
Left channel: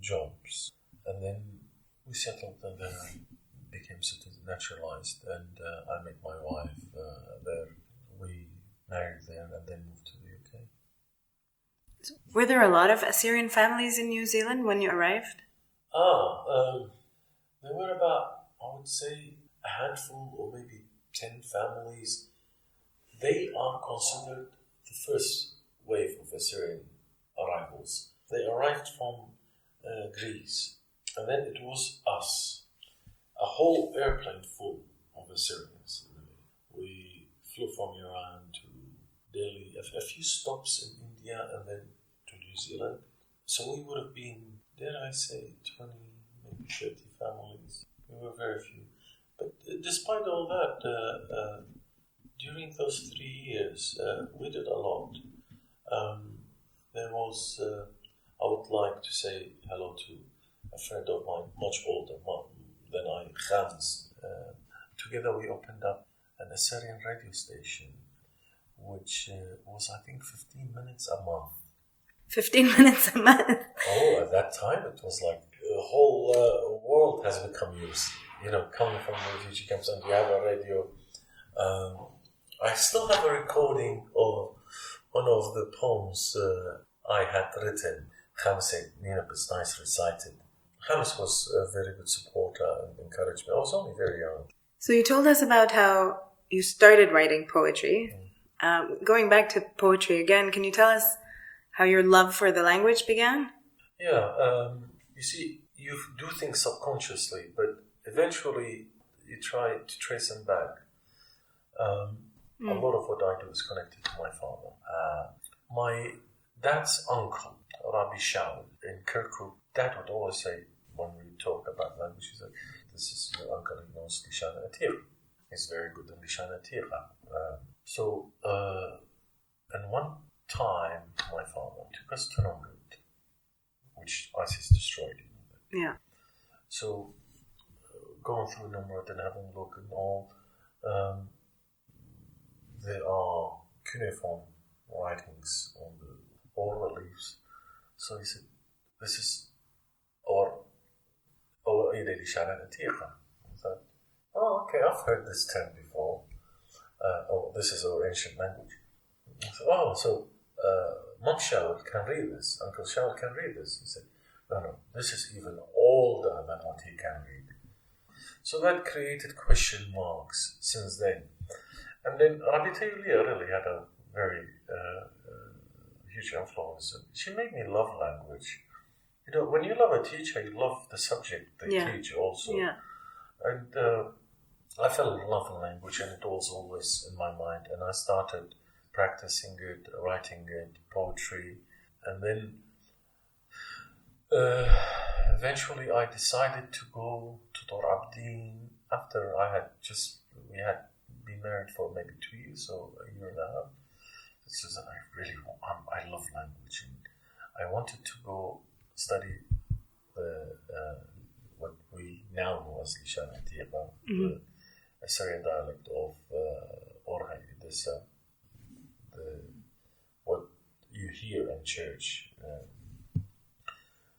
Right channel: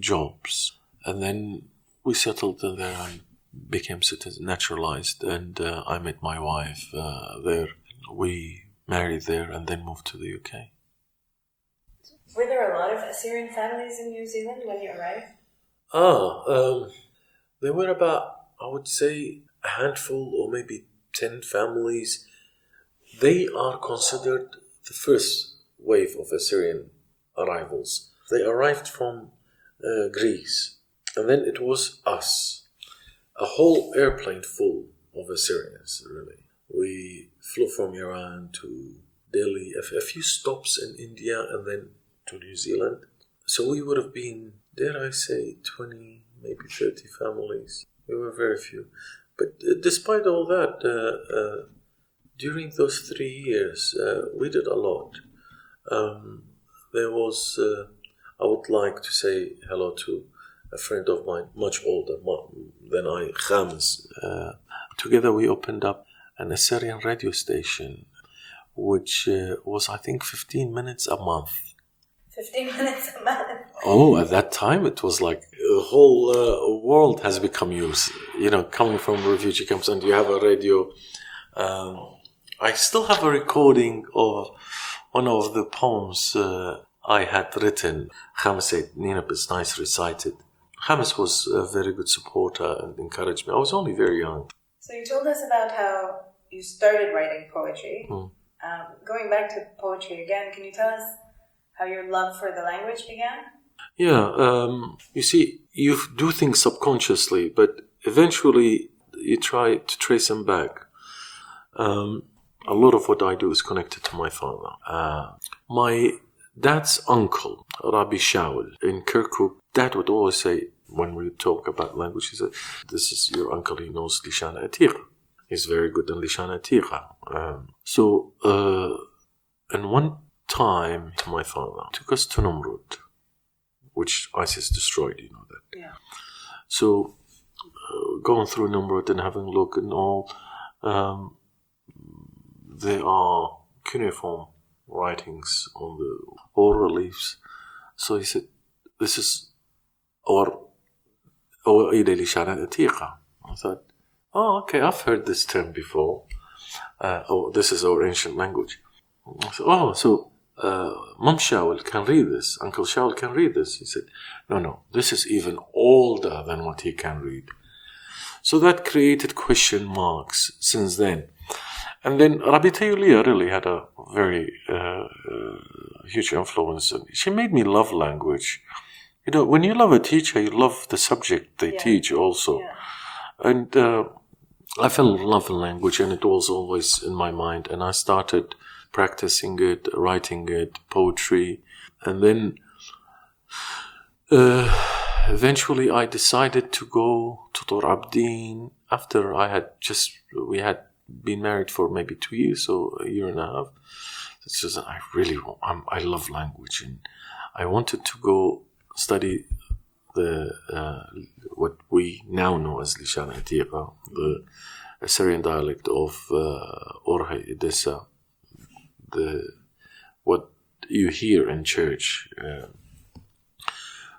jobs. And then we settled there and became naturalized. And I met my wife there. We married there and then moved to the UK. Were there a lot of Assyrian families in New Zealand when you arrived? There were about, I would say, a handful or maybe 10 families. They are considered the first wave of Assyrian arrivals. They arrived from Greece, and then it was us. A whole airplane full of Assyrians, really. We flew from Iran to Delhi, a few stops in India, and then to New Zealand. So we would have been, dare I say, 20, maybe 30 families. We were very few. But despite all that, during those 3 years, we did a lot. There was, I would like to say hello to a friend of mine, much older than I, Khamis. Together we opened up an Assyrian radio station, which was, I think, 15 minutes a month. 15 minutes a month? Oh, at that time it was like the whole world has become yours. Coming from refugee camps, and you have a radio. I still have a recording of one of the poems I had written. Khamis said, Nineb is nice recited. Khamis was a very good supporter and encouraged me. I was only very young. So you told us about how you started writing poetry. Going back to poetry again, can you tell us how your love for the language began? Yeah, you see, you do things subconsciously, but eventually you try to trace them back. A lot of what I do is connected to my father. My dad's uncle, Rabbi Shaul, in Kirkuk, Dad would always say, when we talk about language, he said, this is your uncle, he knows Lishana Atira. He's very good in Lishana Atira. And one time, my father took us to Numrud, which ISIS destroyed, you know that. Yeah. So, going through Numrud and having a look and all, there are cuneiform writings on the oil reliefs. So he said, this is our Ilali Shara Atiqa. I thought, oh, okay, I've heard this term before. This is our ancient language. I said, so Mom Shaul can read this, Uncle Shaul can read this. He said, no, this is even older than what he can read. So that created question marks since then. And then Rabbi Tayulia really had a very huge influence. She made me love language. When you love a teacher, you love the subject they teach also. Yeah. And I fell in love with language, and it was always in my mind. And I started practicing it, writing it, poetry. And then eventually I decided to go to Tor Abdin after we had been married for maybe 2 years, so a year and a half. It's just, I love language, and I wanted to go study the what we now know as Lishan Atiqa, the Assyrian dialect of Orhay Edessa, what you hear in church.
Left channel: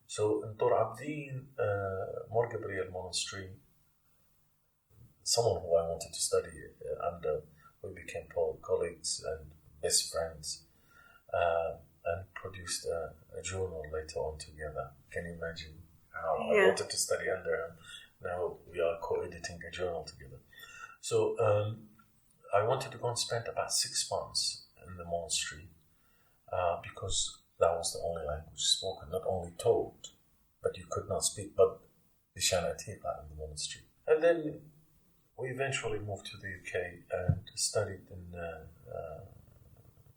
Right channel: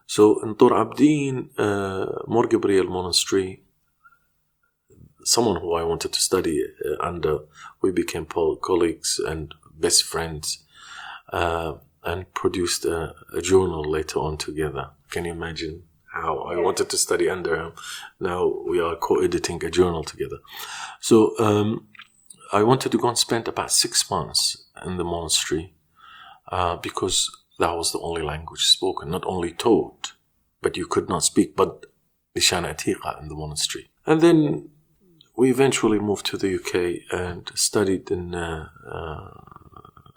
So in Tor Abdin, Mor Gabriel Monastery, someone who I wanted to study under, we became colleagues and best friends, and produced a journal later on together. Can you imagine how I wanted to study under him? Now we are co-editing a journal together. So I wanted to go and spend about 6 months in the monastery because that was the only language spoken, not only taught, but you could not speak, but Lishana Atiqa in the monastery. And then we eventually moved to the UK and studied in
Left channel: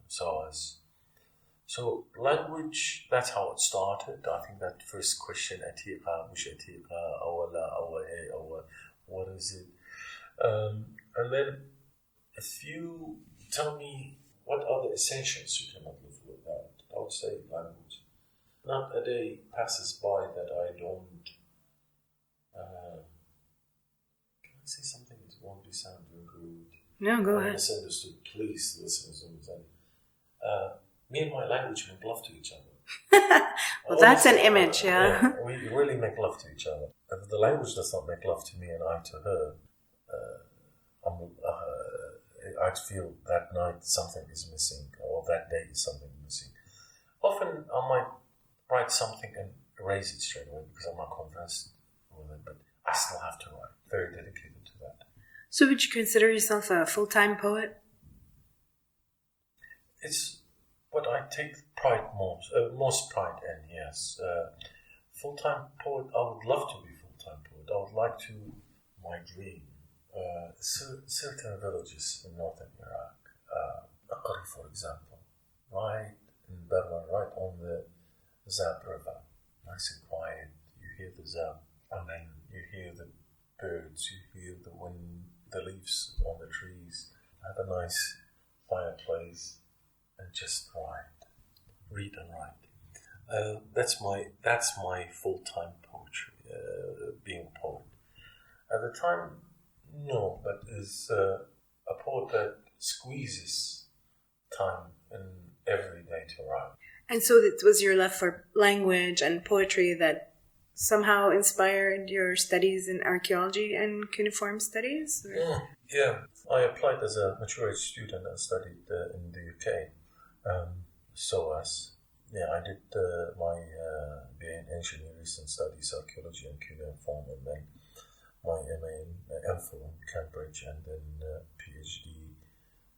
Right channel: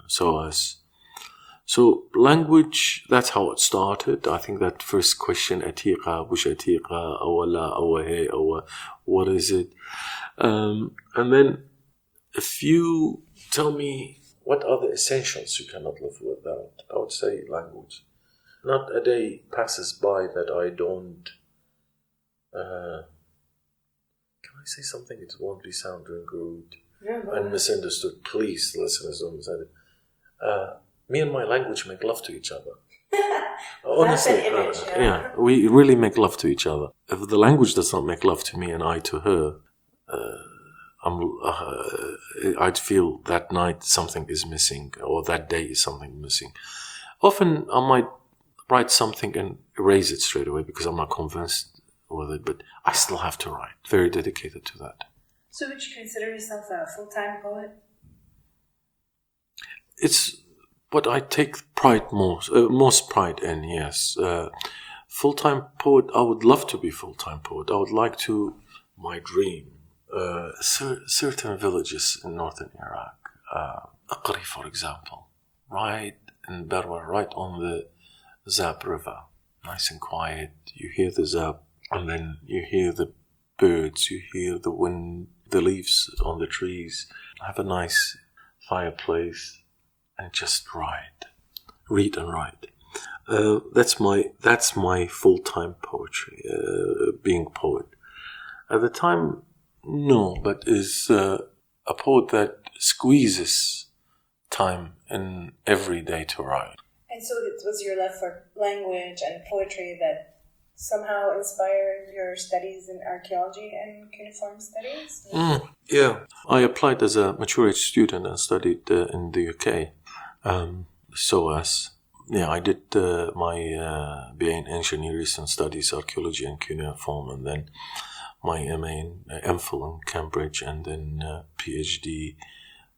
SOAS. So language, that's how it started. I think that first question, Atiqa, Bush Atiqa, Awala, Awahe, Awa, what is it? And then if you tell me what are the essentials you cannot live without, I would say language. Not a day passes by that I don't... Can I say something? It won't be sounding rude. No, go ahead. Misunderstood. Please, listeners, don't misunderstand. Me and my language make love to each other. Well, that's an image, yeah. We really make love to each other. If the language does not make love to me and I to her, I'd feel that night something is missing, or that day is something missing. Often I might write something and erase it straight away because I'm not convinced with it, but I still have to write. Very dedicated to that. So would you consider yourself a full-time poet? It's what I take most pride in, yes. Full-time poet, I would love to be full-time poet. I would like to, my dream, certain villages in northern Iraq. Aqri, for example, right in Berwa, right on the Zab River, nice and quiet. You hear the Zab, and then you hear the birds, you hear the wind, the leaves on the trees. Have a nice fireplace and just read and write. That's my full-time poetry, being a poet. At the time, no, but is a poet that squeezes time in every day to write. And so it was your love for language and poetry that somehow inspired your studies in archaeology and cuneiform studies? Yeah. I applied as a mature age student and studied in the UK. I did my BA in Engineering and Studies, Archaeology and Cuneiform, and then my MA in MPhil in Cambridge, and then PhD,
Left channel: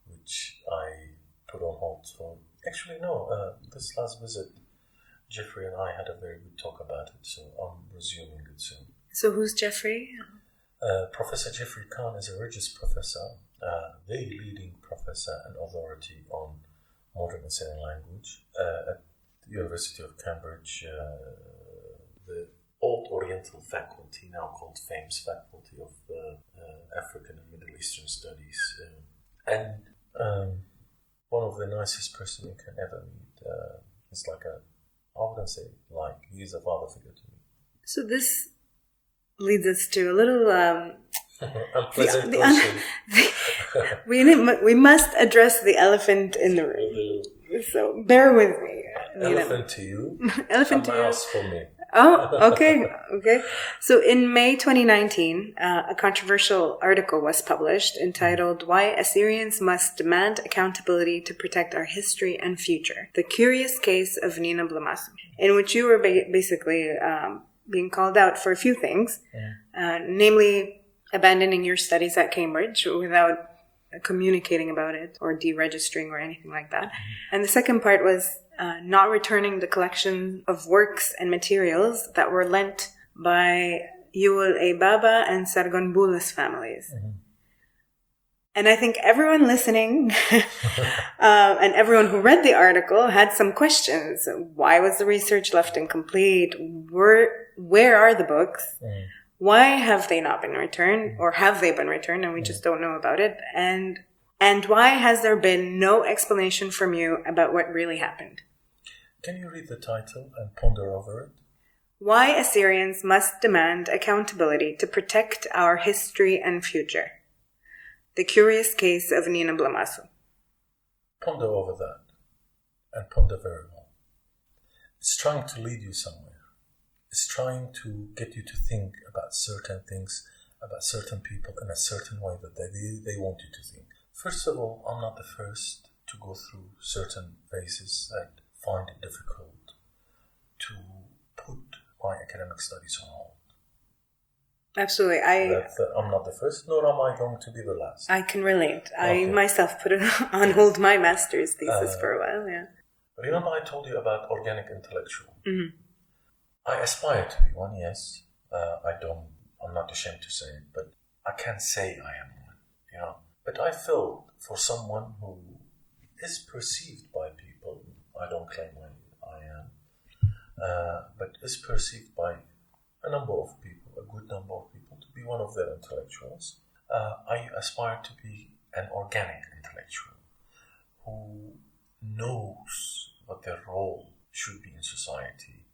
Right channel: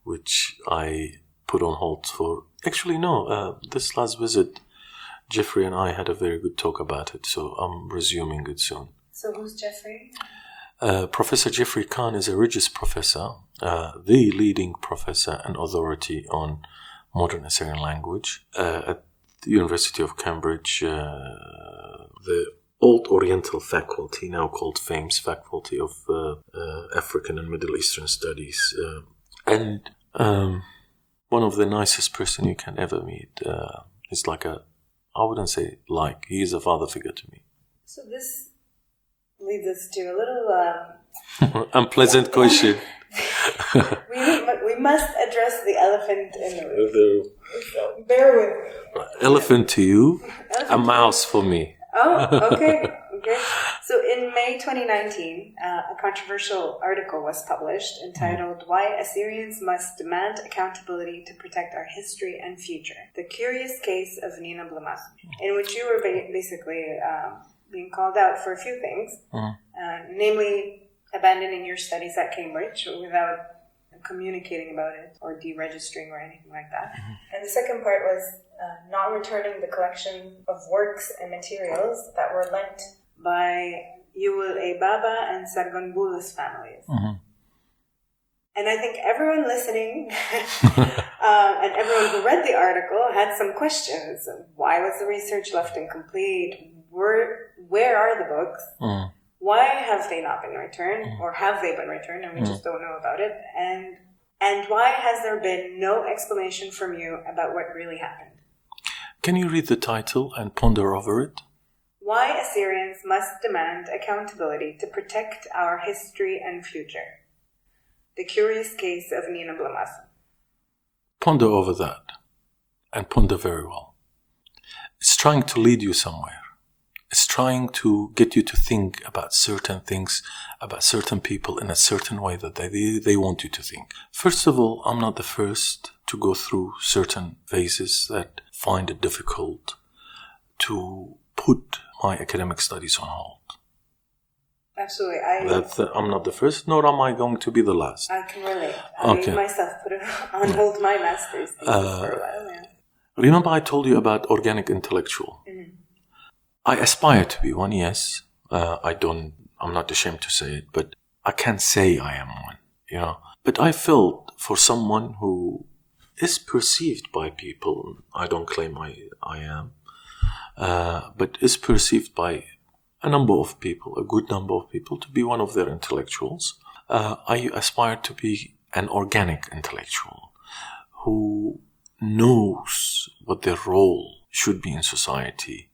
which I put on hold for... Actually, no, this last visit, Jeffrey and I had a very good talk about it, so I'm resuming it soon. So who's Jeffrey? Professor Jeffrey Khan is a Regius Professor, the leading professor and authority on modern Assyrian language at the University of Cambridge, the Old Oriental Faculty, now called FAMES, Faculty of African and Middle Eastern Studies, and one of the nicest person you can ever meet. He's I wouldn't say he is a father figure to me. So this leads us to a little... unpleasant question. we must address the elephant in the room. So bear with me. Elephant to you, a mouse for me. Oh, okay. So in May 2019, a controversial article was published entitled "Why Assyrians Must Demand Accountability to Protect Our History and Future: The Curious Case of Nineb Lamassu," in which you were basically being called out for a few things, namely abandoning your studies at Cambridge without communicating about it or deregistering or anything like that. And the second part was not returning the collection of works and materials that were lent by Yuval A. Baba and Sargon Bula's families. And I think everyone listening and everyone who read the article had some questions. Why was the research left incomplete? Where are the books? Why have they not been returned? Or have they been returned and we just don't know about it? And why has there been no explanation from you about what really happened? Can you read the title and ponder over it? Why Assyrians Must Demand Accountability to Protect Our History and Future. The Curious Case of Nineb Lamassu. Ponder over that, and ponder very well. It's trying to lead you somewhere. It's trying to get you to think about certain things, about certain people in a certain way that they want you to think. First of all, I'm not the first to go through certain phases that find it difficult to put my academic studies on hold. Absolutely. I'm not the first, nor am I going to be the last. I can relate. I myself put on hold my master's thesis for a while. Yeah. Remember I told you about organic intellectual? I aspire to be one, yes. I'm not ashamed to say it, but I can't say I am one, But I felt for someone who is perceived by people, I don't claim I am, but is perceived by a number of people, a good number of people, to be one of their intellectuals. I aspire to be an organic intellectual who knows what their role should be in society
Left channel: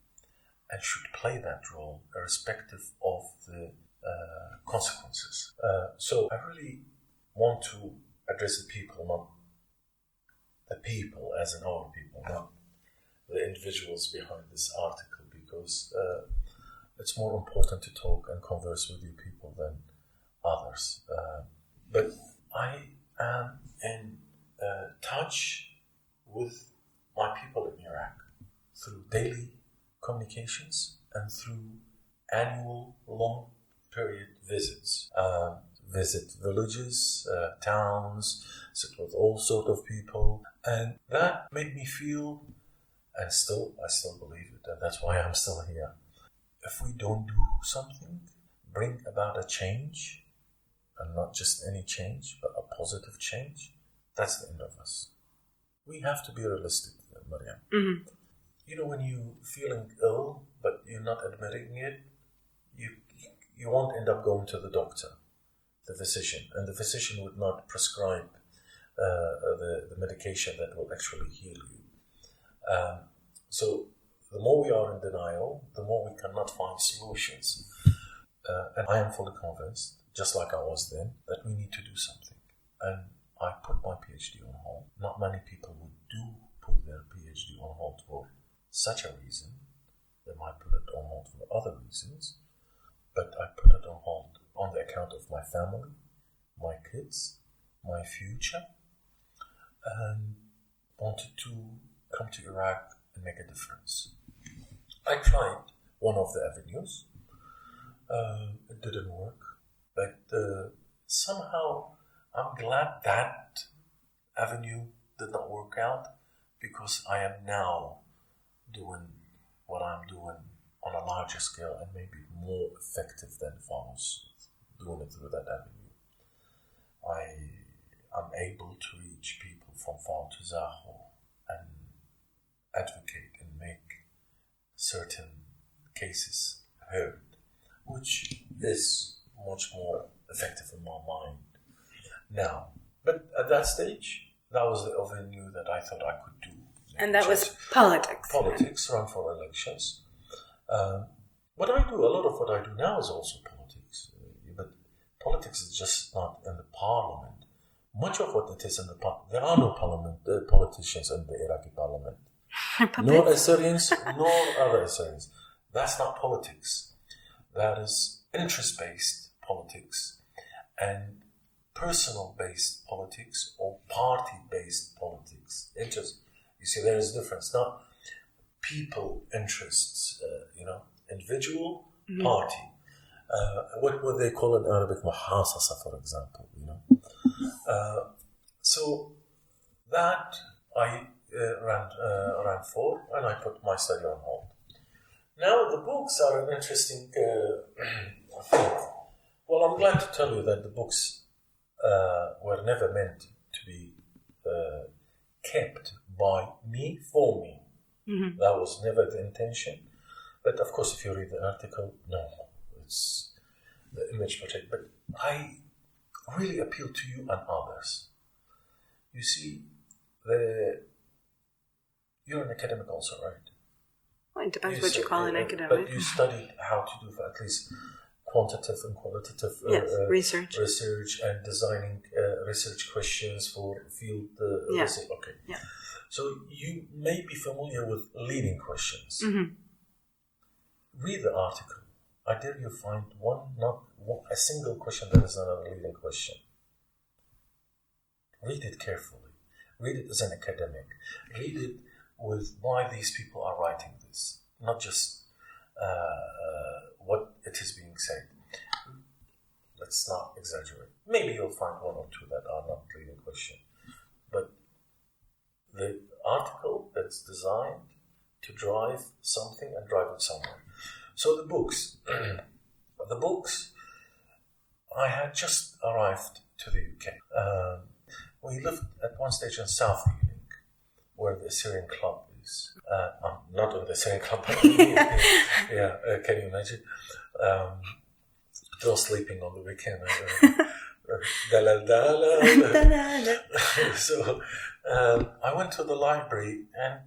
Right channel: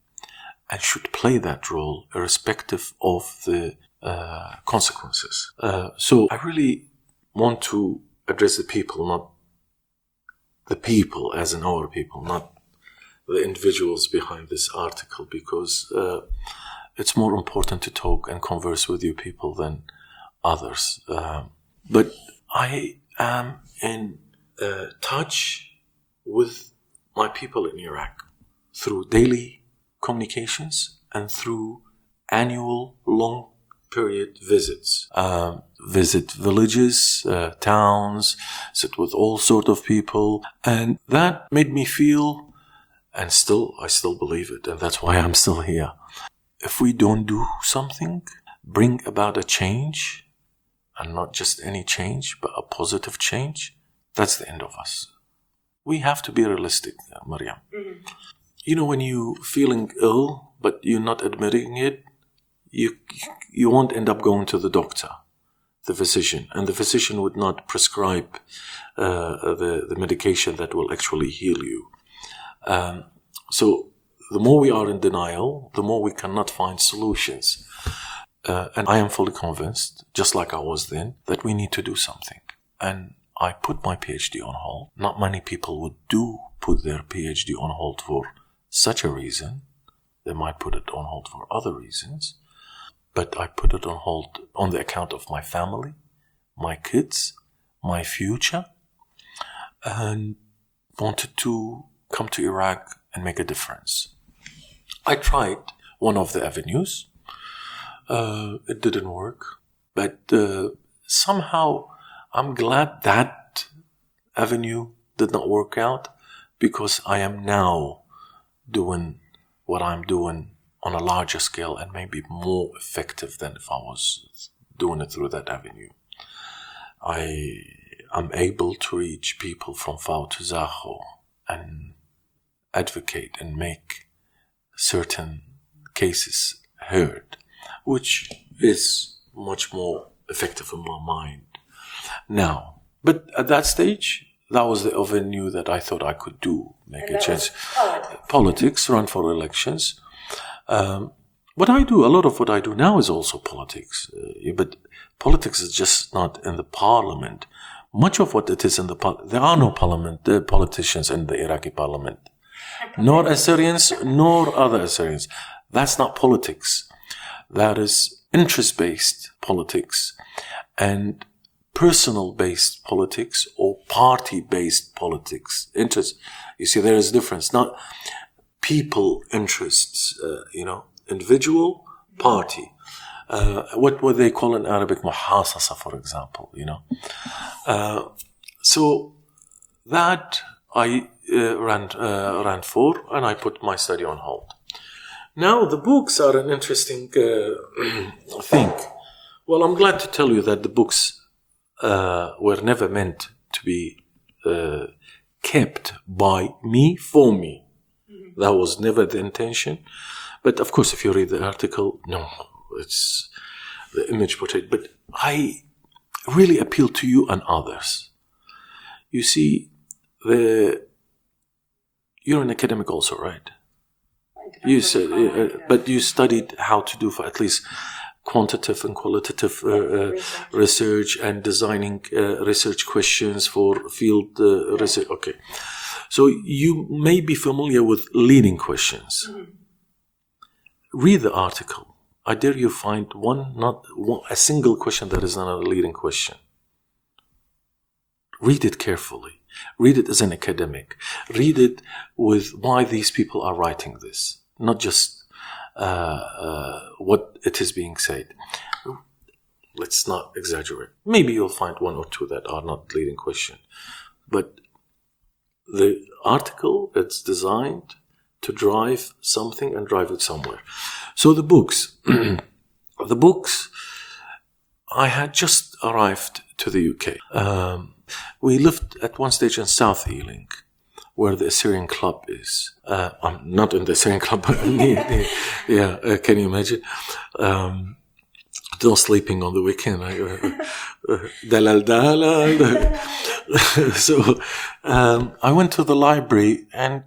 and should play that role irrespective of the consequences. So I really want to address the people, not the people as in our people, not the individuals behind this article, because it's more important to talk and converse with you people than others. But I am in touch with my people in Iraq through daily communications and through annual long period visits. Visit villages, towns, sit with all sort of people, and that made me feel, and I still believe it, and that's why I'm still here. If we don't do something, bring about a change, and not just any change, but a positive change, that's the end of us. We have to be realistic, Mariam. Mm-hmm. You know, when you're feeling ill, but you're not admitting it, you won't end up going to the doctor, the physician, and the physician would not prescribe the medication that will actually heal you. So the more we are in denial, the more we cannot find solutions. And I am fully convinced, just like I was then, that we need to do something. And I put my PhD on hold. Not many people would put their PhD on hold for such a reason. They might put it on hold for other reasons. But I put it on hold on the account of my family, my kids, my future, and wanted to come to Iraq and make a difference. I tried one of the avenues. It didn't work. But somehow I'm glad that avenue did not work out, because I am now doing what I'm doing on a larger scale and maybe more effective than if I was doing it through that avenue. I'm able to reach people from Fao to Zaho and advocate and make certain cases heard, which is much more effective in my mind now. But at that stage, that was the avenue that I thought I could do, make And a that change. was Politics, run for elections. What I do, a lot of what I do now is also politics. But politics is just not in the parliament. Much of what it is in there are no politicians in the Iraqi parliament. Nor Assyrians, nor other Assyrians. That's not politics. That is interest-based politics and personal-based politics or party-based politics. Interest. You see, there is a difference. Not people interests, individual, party. What would they call in Arabic muhasasa, for example, So that I ran for, and I put my study on hold. Now the books are an interesting thing. Well, I'm glad to tell you that the books were never meant to be kept by me for me. Mm-hmm. That was never the intention. But of course, if you read the article, no, it's the image portrayed. But I really appeal to you and others. You see, you're an academic also, right? Well, it depends what you call an academic. But you studied how to do for at least quantitative and qualitative research and designing research questions for field research. Okay. So you may be familiar with leading questions. Mm-hmm. Read the article. I dare you find a single question that is not a leading question. Read it carefully. Read it as an academic. Read it with why these people are writing this, not just what it is being said. Let's not exaggerate. Maybe you'll find one or two that are not leading question. But the article, it's designed to drive something and drive it somewhere. So the books. I had just arrived to the UK. We lived at one stage in South Ealing, where the Assyrian club is. I'm not in the Assyrian club, but can you imagine? No sleeping on the weekend. So I went to the library and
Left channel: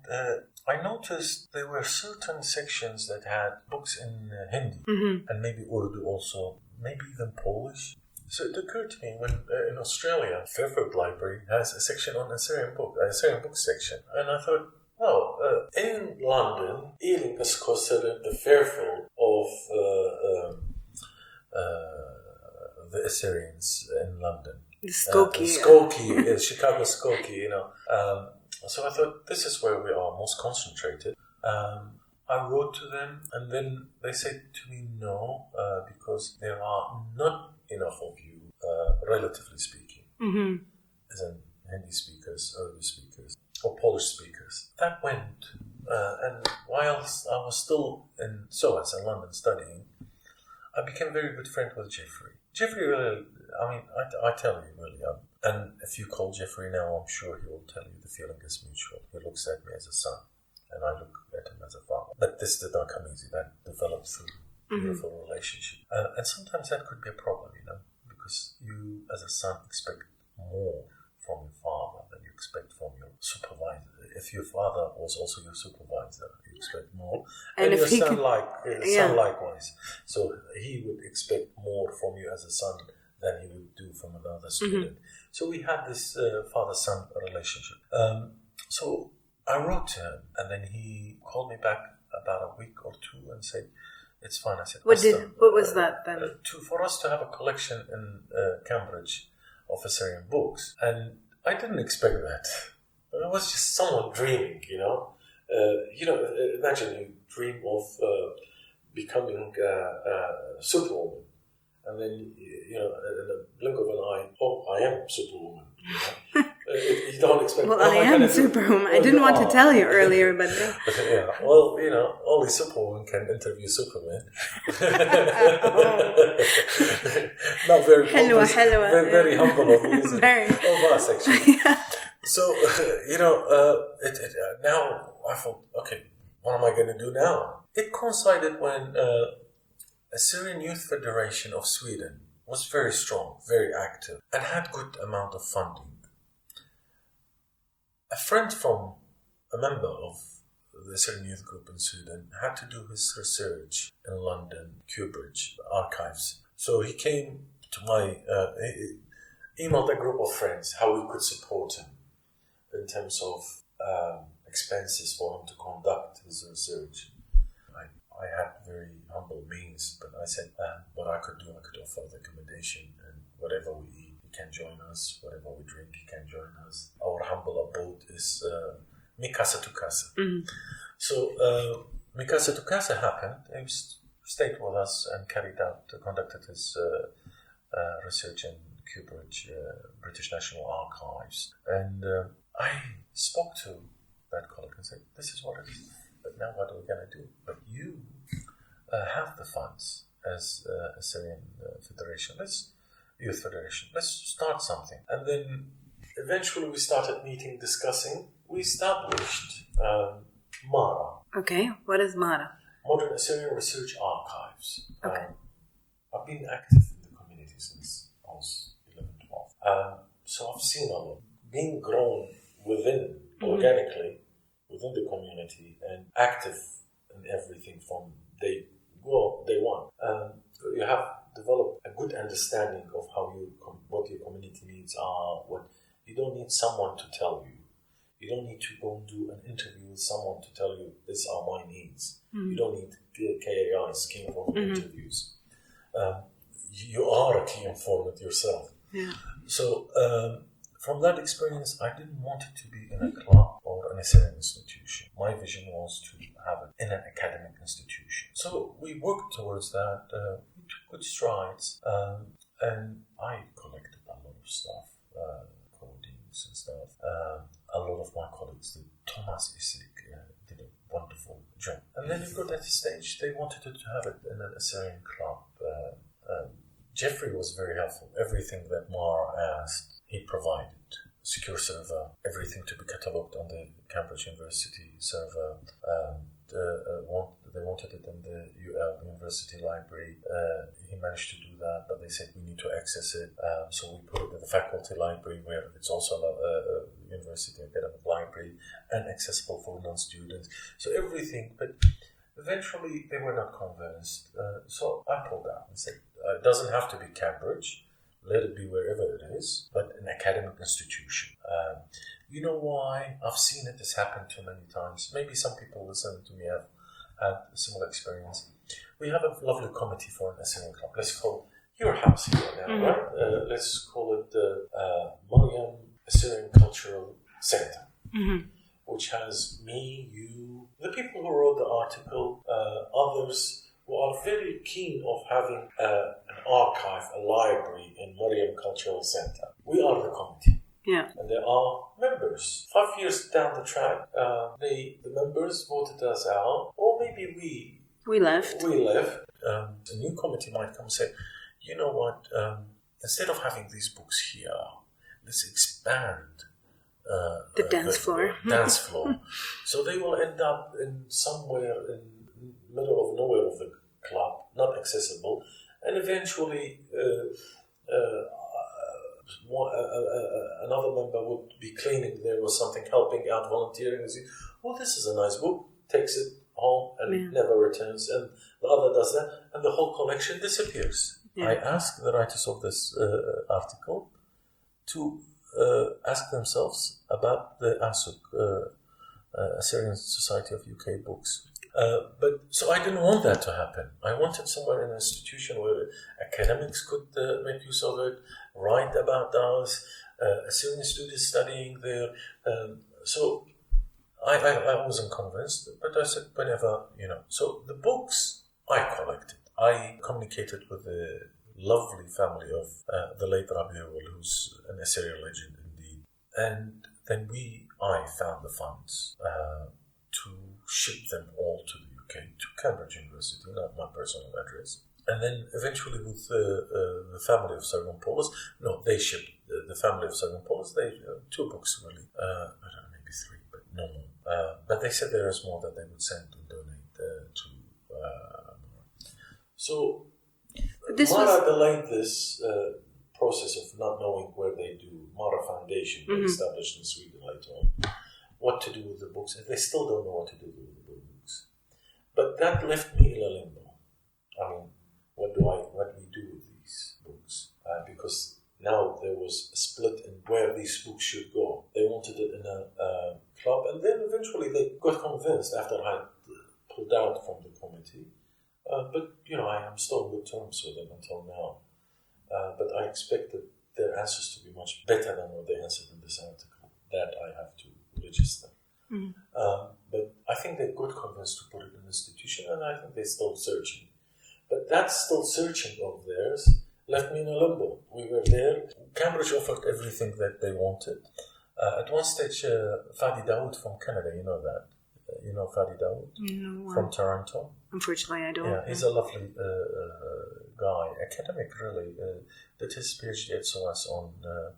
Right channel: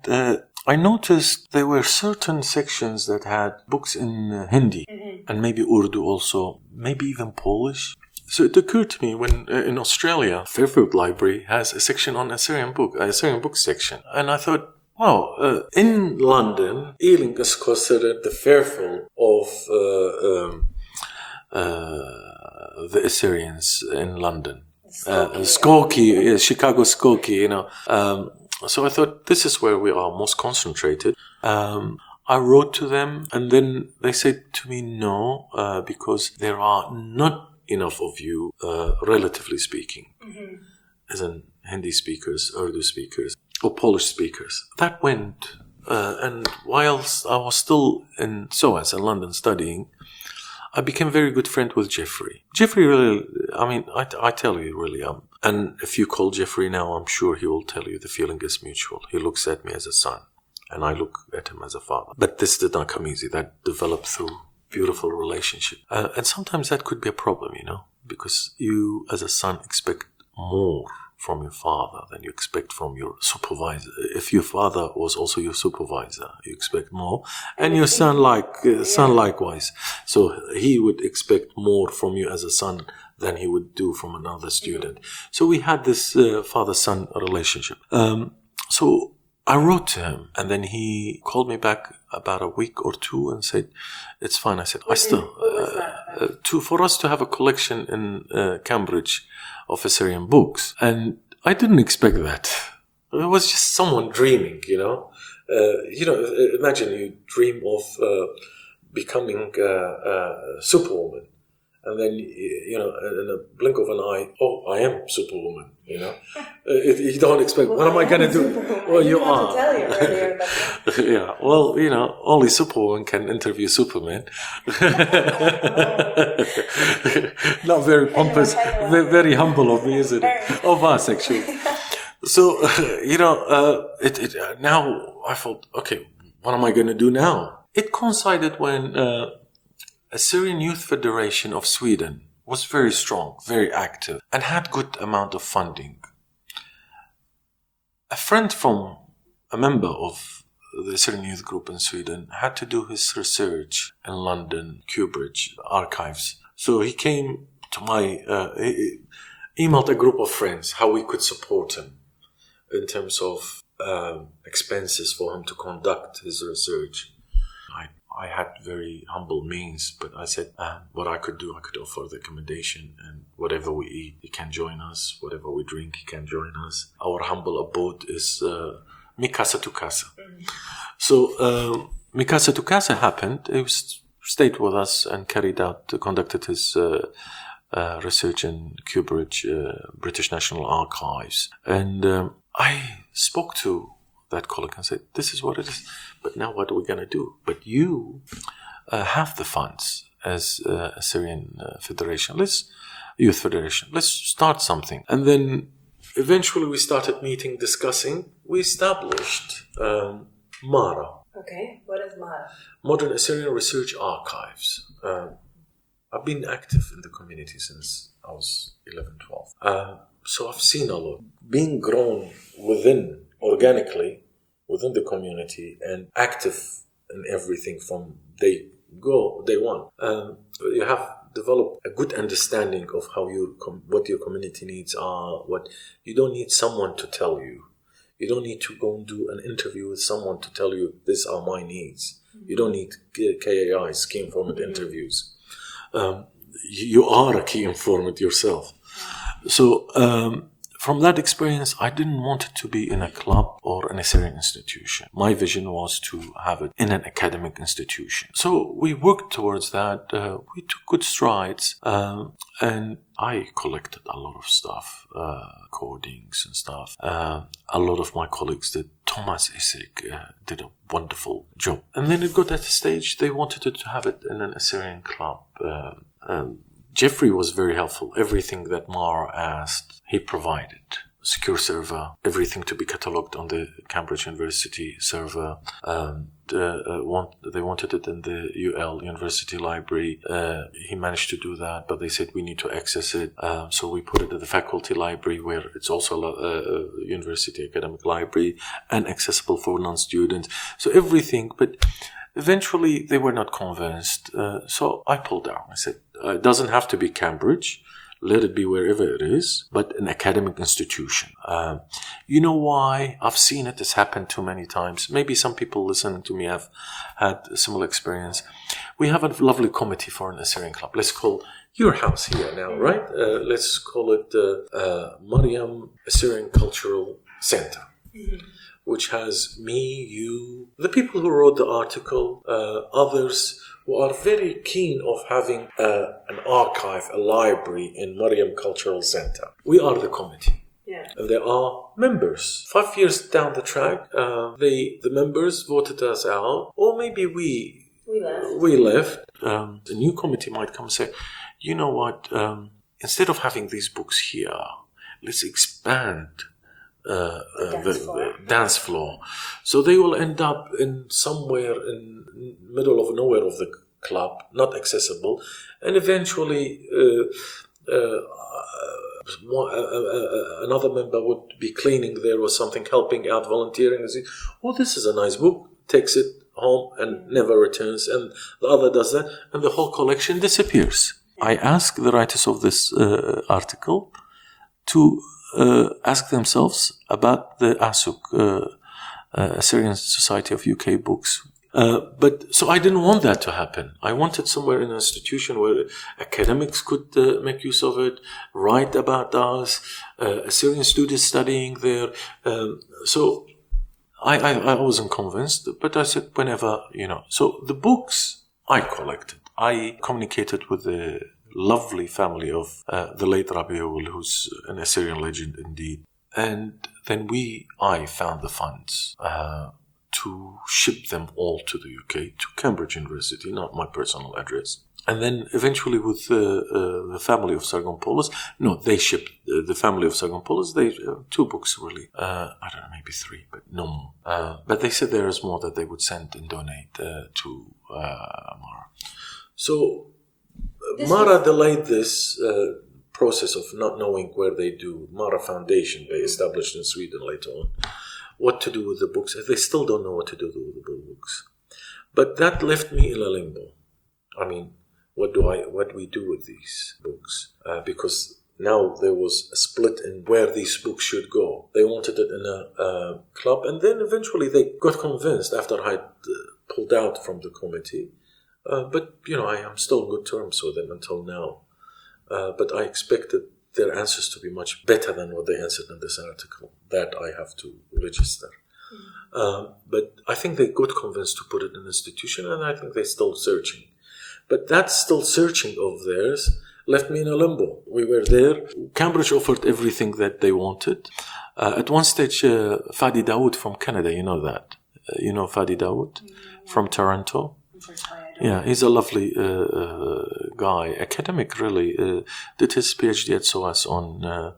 I noticed there were certain sections that had books in Hindi and maybe Urdu also, maybe even Polish. So it occurred to me when in Australia, Fairfield Library has a section on Assyrian book section. And I thought, wow, in London, Ealing is considered the Fairfield of the Assyrians in London. Skokie, Chicago Skokie, So I thought, this is where we are most concentrated. I wrote to them, and then they said to me, no, because there are not enough of you, relatively speaking, as in Hindi speakers, Urdu speakers, or Polish speakers. That went, and whilst I was still in SOAS in London studying, I became very good friend with Jeffrey. Jeffrey really, I tell you really, and if you call Jeffrey now, I'm sure he will tell you the feeling is mutual. He looks at me as a son, and I look at him as a father. But this did not come easy. That developed through beautiful relationship. And sometimes that could be a problem, because you as a son expect more from your father than you expect from your supervisor. If your father was also your supervisor, you expect more, and your son likewise. So he would expect more from you as a son than he would do from another student. So we had this father-son relationship. So I wrote to him, and then he called me back about a week or two and said, "It's fine." I said, what was that? For us to have a collection in Cambridge of Assyrian books, and I didn't expect that. It was just someone dreaming, imagine you dream of becoming a superwoman, and then in a blink of an eye, I am superwoman. You don't expect. Well, what am I going to do? Superwoman. I didn't want to tell you earlier, but yeah. Well, only superwoman can interview Superman. Not very pompous, very humble of me, is it? Of us, actually. Yeah. So, now I thought, okay, what am I going to do now? It coincided when Assyrian Youth Federation of Sweden was very strong, very active, and had good amount of funding. A friend from a member of the Assyrian Youth Group in Sweden had to do his research in London, Cambridge archives. So he came to my, emailed a group of friends how we could support him in terms of expenses for him to conduct his research. I had very humble means, but I said what I could do, I could offer the accommodation, and whatever we eat, he can join us. Whatever we drink, he can join us. Our humble abode is Mi Casa to Casa. So Mi Casa to Casa happened. He stayed with us and conducted his research in Cambridge, British National Archives. And I spoke to that colleague and said, "This is what it is. But now what are we going to do? But you have the funds as Assyrian Federation. Youth Federation. Let's start something." And then eventually we started meeting, discussing. We established MARA. Okay, what is MARA? Modern Assyrian Research Archives. Okay. I've been active in the community since I was 11, 12. So I've seen a lot. Being grown organically, within the community, and active in everything from day one. You have developed a good understanding of how what your community needs are. What you don't need someone to tell you. You don't need to go and do an interview with someone to tell you these are my needs. You don't need KAI, key informant interviews. You are a key informant yourself. Yeah. So from that experience, I didn't want it to be in a club or an Assyrian institution. My vision was to have it in an academic institution. So we worked towards that. We took good strides, and I collected a lot of stuff, recordings and stuff. A lot of my colleagues did. Thomas Isik did a wonderful job. And then it got at a stage they wanted to have it in an Assyrian club. Jeffrey was very helpful. Everything that Mar asked, he provided. Secure server, everything to be catalogued on the Cambridge University server. They wanted it in the UL University Library. He managed to do that, but they said we need to access it. So we put it in the faculty library, where it's also a university academic library and accessible for non-students. So everything, but eventually they were not convinced. So I pulled out. I said, it doesn't have to be Cambridge. Let it be wherever it is, but an academic institution. You know why? I've seen it. It's happened too many times. Maybe some people listening to me have had a similar experience. We have a lovely committee for an Assyrian club. Let's call your house here now, right? Let's call it the Mariam Assyrian Cultural Center, which has me, you, the people who wrote the article, others who are very keen of having an archive, a library in Mariam Cultural Center. We are the committee. Yeah. And there are members. 5 years down the track, the members voted us out, or maybe we left. a new committee might come and say, you know what, instead of having these books here, let's expand the dance floor. So they will end up in somewhere in middle of nowhere of the club, not accessible, and eventually another member would be cleaning there or something, helping out, volunteering, and say, oh, this is a nice book, takes it home and never returns, and the other does that, and the whole collection disappears. I ask the writers of this article to ask themselves about the ASUC, Assyrian Society of UK Books. But so I didn't want that to happen. I wanted somewhere in an institution where academics could make use of it, write about us, Assyrian students studying there. So I wasn't convinced, but I said whenever, So the books I collected. I communicated with the lovely family of the late Rabiul, who's an Assyrian legend indeed. And then I found the funds to ship them all to the UK, to Cambridge University, not my personal address. And then eventually with the family of Sargonpolos, they shipped the family of Sargonpolos, they 2 books really. I don't know, maybe 3, but no more. But they said there is more that they would send and donate to Mara. So Mara delayed this process of not knowing where they do. Mara Foundation, they established in Sweden later on. What to do with the books. They still don't know what to do with the books. But that left me in a limbo. I mean, what do we do with these books? Because now there was a split in where these books should go. They wanted it in a club, and then eventually they got convinced after I had pulled out from the committee. But, I am still on good terms with them until now. But I expected their answers to be much better than what they answered in this article. That I have to register. But I think they got convinced to put it in an institution, and I think they're still searching. But that still searching of theirs left me in a limbo. We were there. Cambridge offered everything that they wanted. At one stage, Fadi Dawood from Canada, you know that. You know Fadi Dawood from Toronto? Unfortunately, I don't. Yeah, he's a lovely guy, academic really. Did his PhD at SOAS on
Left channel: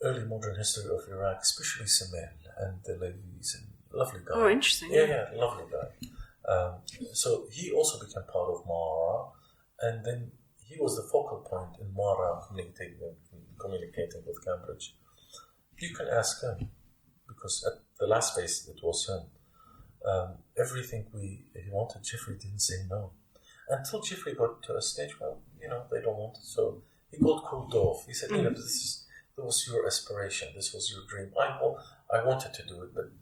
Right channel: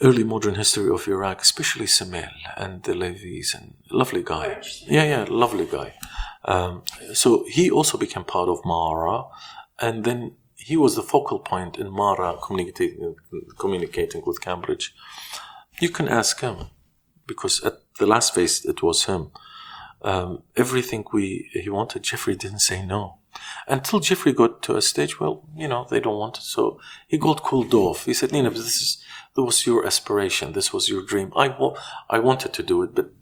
early modern history of Iraq, especially Semel and the Levis, and lovely guy. Oh, interesting. Yeah, lovely guy. So he also became part of Mara, and then he was the focal point in Mara communicating with Cambridge. You can ask him, because at the last phase it was him. Everything he wanted, Jeffrey didn't say no. Until Jeffrey got to a stage, they don't want it. So he got cooled off. He said, Nineb, this was your aspiration. This was your dream. I wanted to do it, but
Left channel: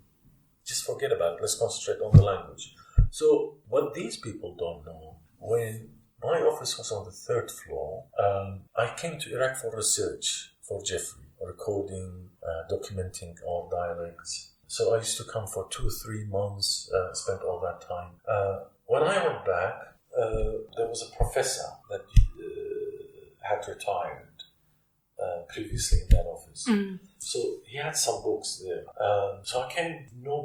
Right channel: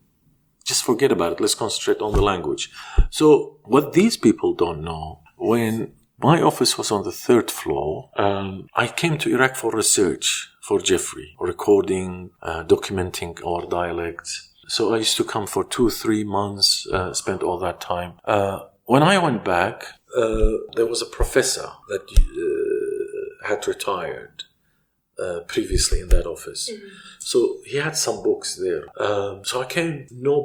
just forget about it. Let's concentrate on the language. So what these people don't know, when my office was on the 3rd floor, I came to Iraq for research for Jeffrey, recording, documenting our dialects. So I used to come for 2-3 months, spent all that time. When I went back, there was a professor that had retired previously in that office. So he had some books there. So I came, no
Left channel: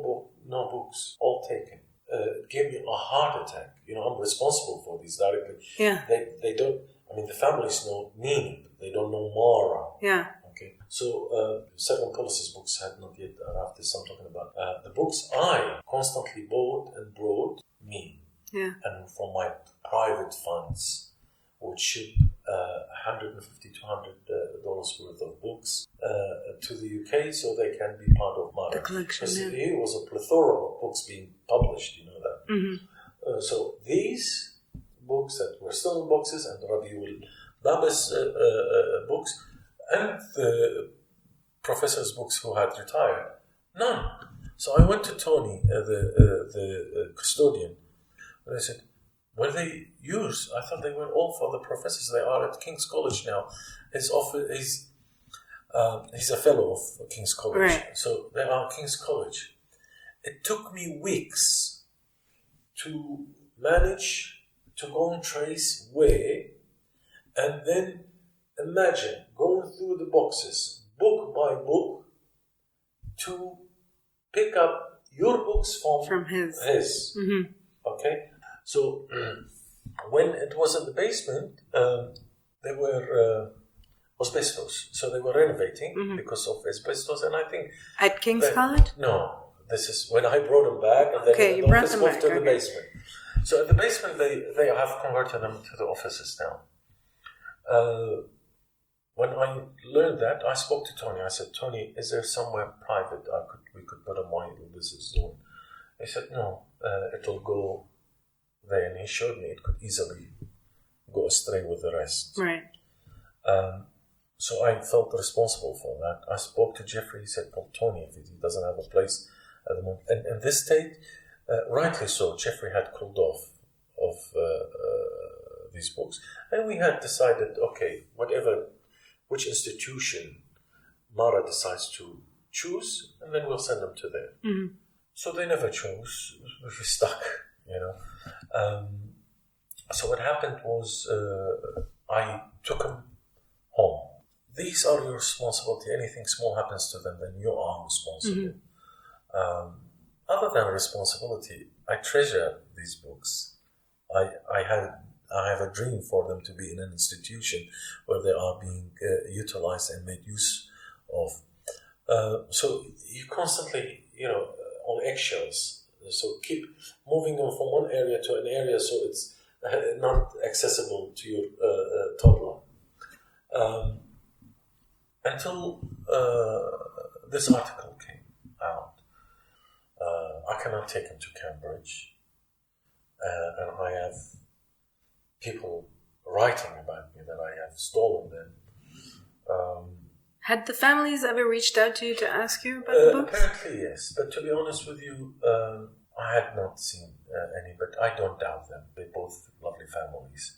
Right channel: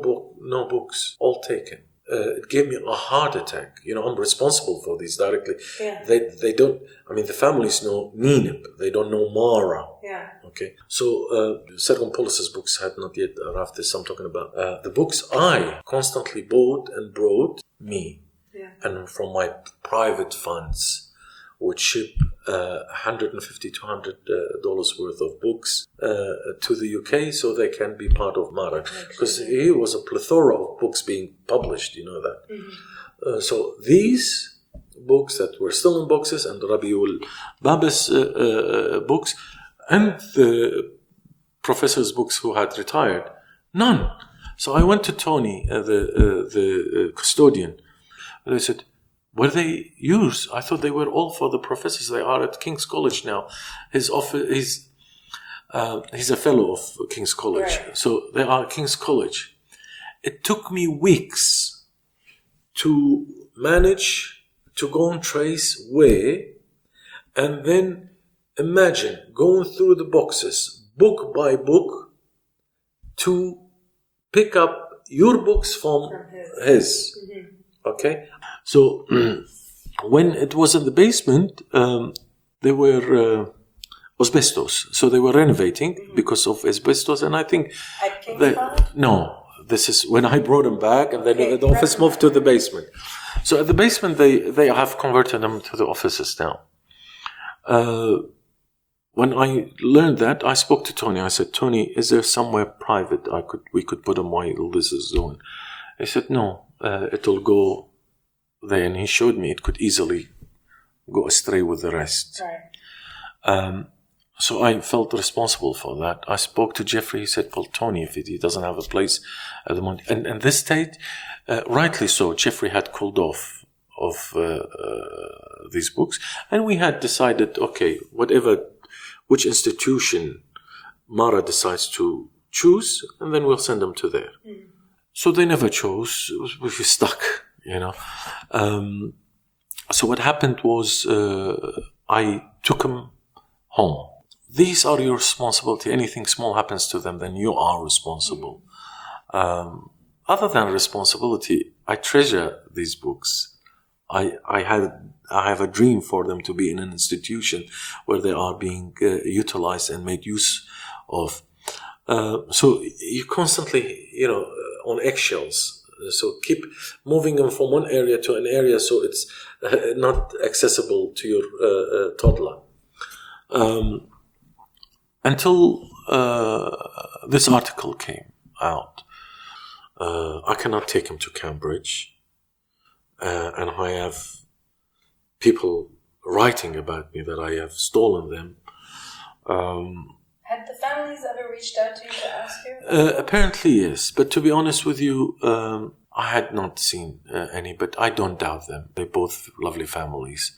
books, all taken. It gave me a heart attack. I'm responsible for these directly. Yeah. They don't, the families know Nineb. They don't know Mara. Yeah. Okay, so Sargonpolos' books had not yet arrived. This I'm talking about. The books I constantly bought and brought me, and from my private funds, would ship $150 to $200 worth of books to the UK so they can be part of Mara. Because here was a plethora of books being published, you know that. So these books that were still in boxes, and Rabiul Baba's books, and the professor's books who had retired, none. So I went to Tony, the custodian, and I said, were they yours? I thought they were all for the professors. They are at King's College now. His office, he's a fellow of King's College. Right. So they are at King's College. It took me weeks to manage to go and trace where, and then imagine going through the boxes, book by book, to pick up your books from his. Mm-hmm. Okay? So when it was in the basement, there were asbestos. So they were renovating because of asbestos. And I think... At King's College? No. This is when I brought them back, and then the office moved to the basement. So at the basement, they have converted them to the offices now. When I learned that, I spoke to Tony. I said, Tony, is there somewhere private we could put them while this is on? He said, no, it'll go there. And he showed me it could easily go astray with the rest. Right. So I felt responsible for that. I spoke to Jeffrey. He said, well, Tony, if he doesn't have a place at the moment. And in this state, rightly so, Jeffrey had cooled off of these books. And we had decided, okay, which institution Mara decides to choose, and then we'll send them to there. Mm-hmm. So they never chose. We were stuck, So what happened was I took them home. These are your responsibility. Anything small happens to them, then you are responsible. Mm-hmm. Other than responsibility, I treasure these books. I have a dream for them to be in an institution where they are being utilized and made use of. So you constantly, on eggshells. So keep moving them from one area to an area so it's not accessible to your toddler. Until this article came out, I cannot take him to Cambridge, and I have people writing about me that I have stolen them. Had the families ever reached out to you to ask you? Apparently, yes. But to be honest with you, I had not seen any, but I don't doubt them. They're both lovely families.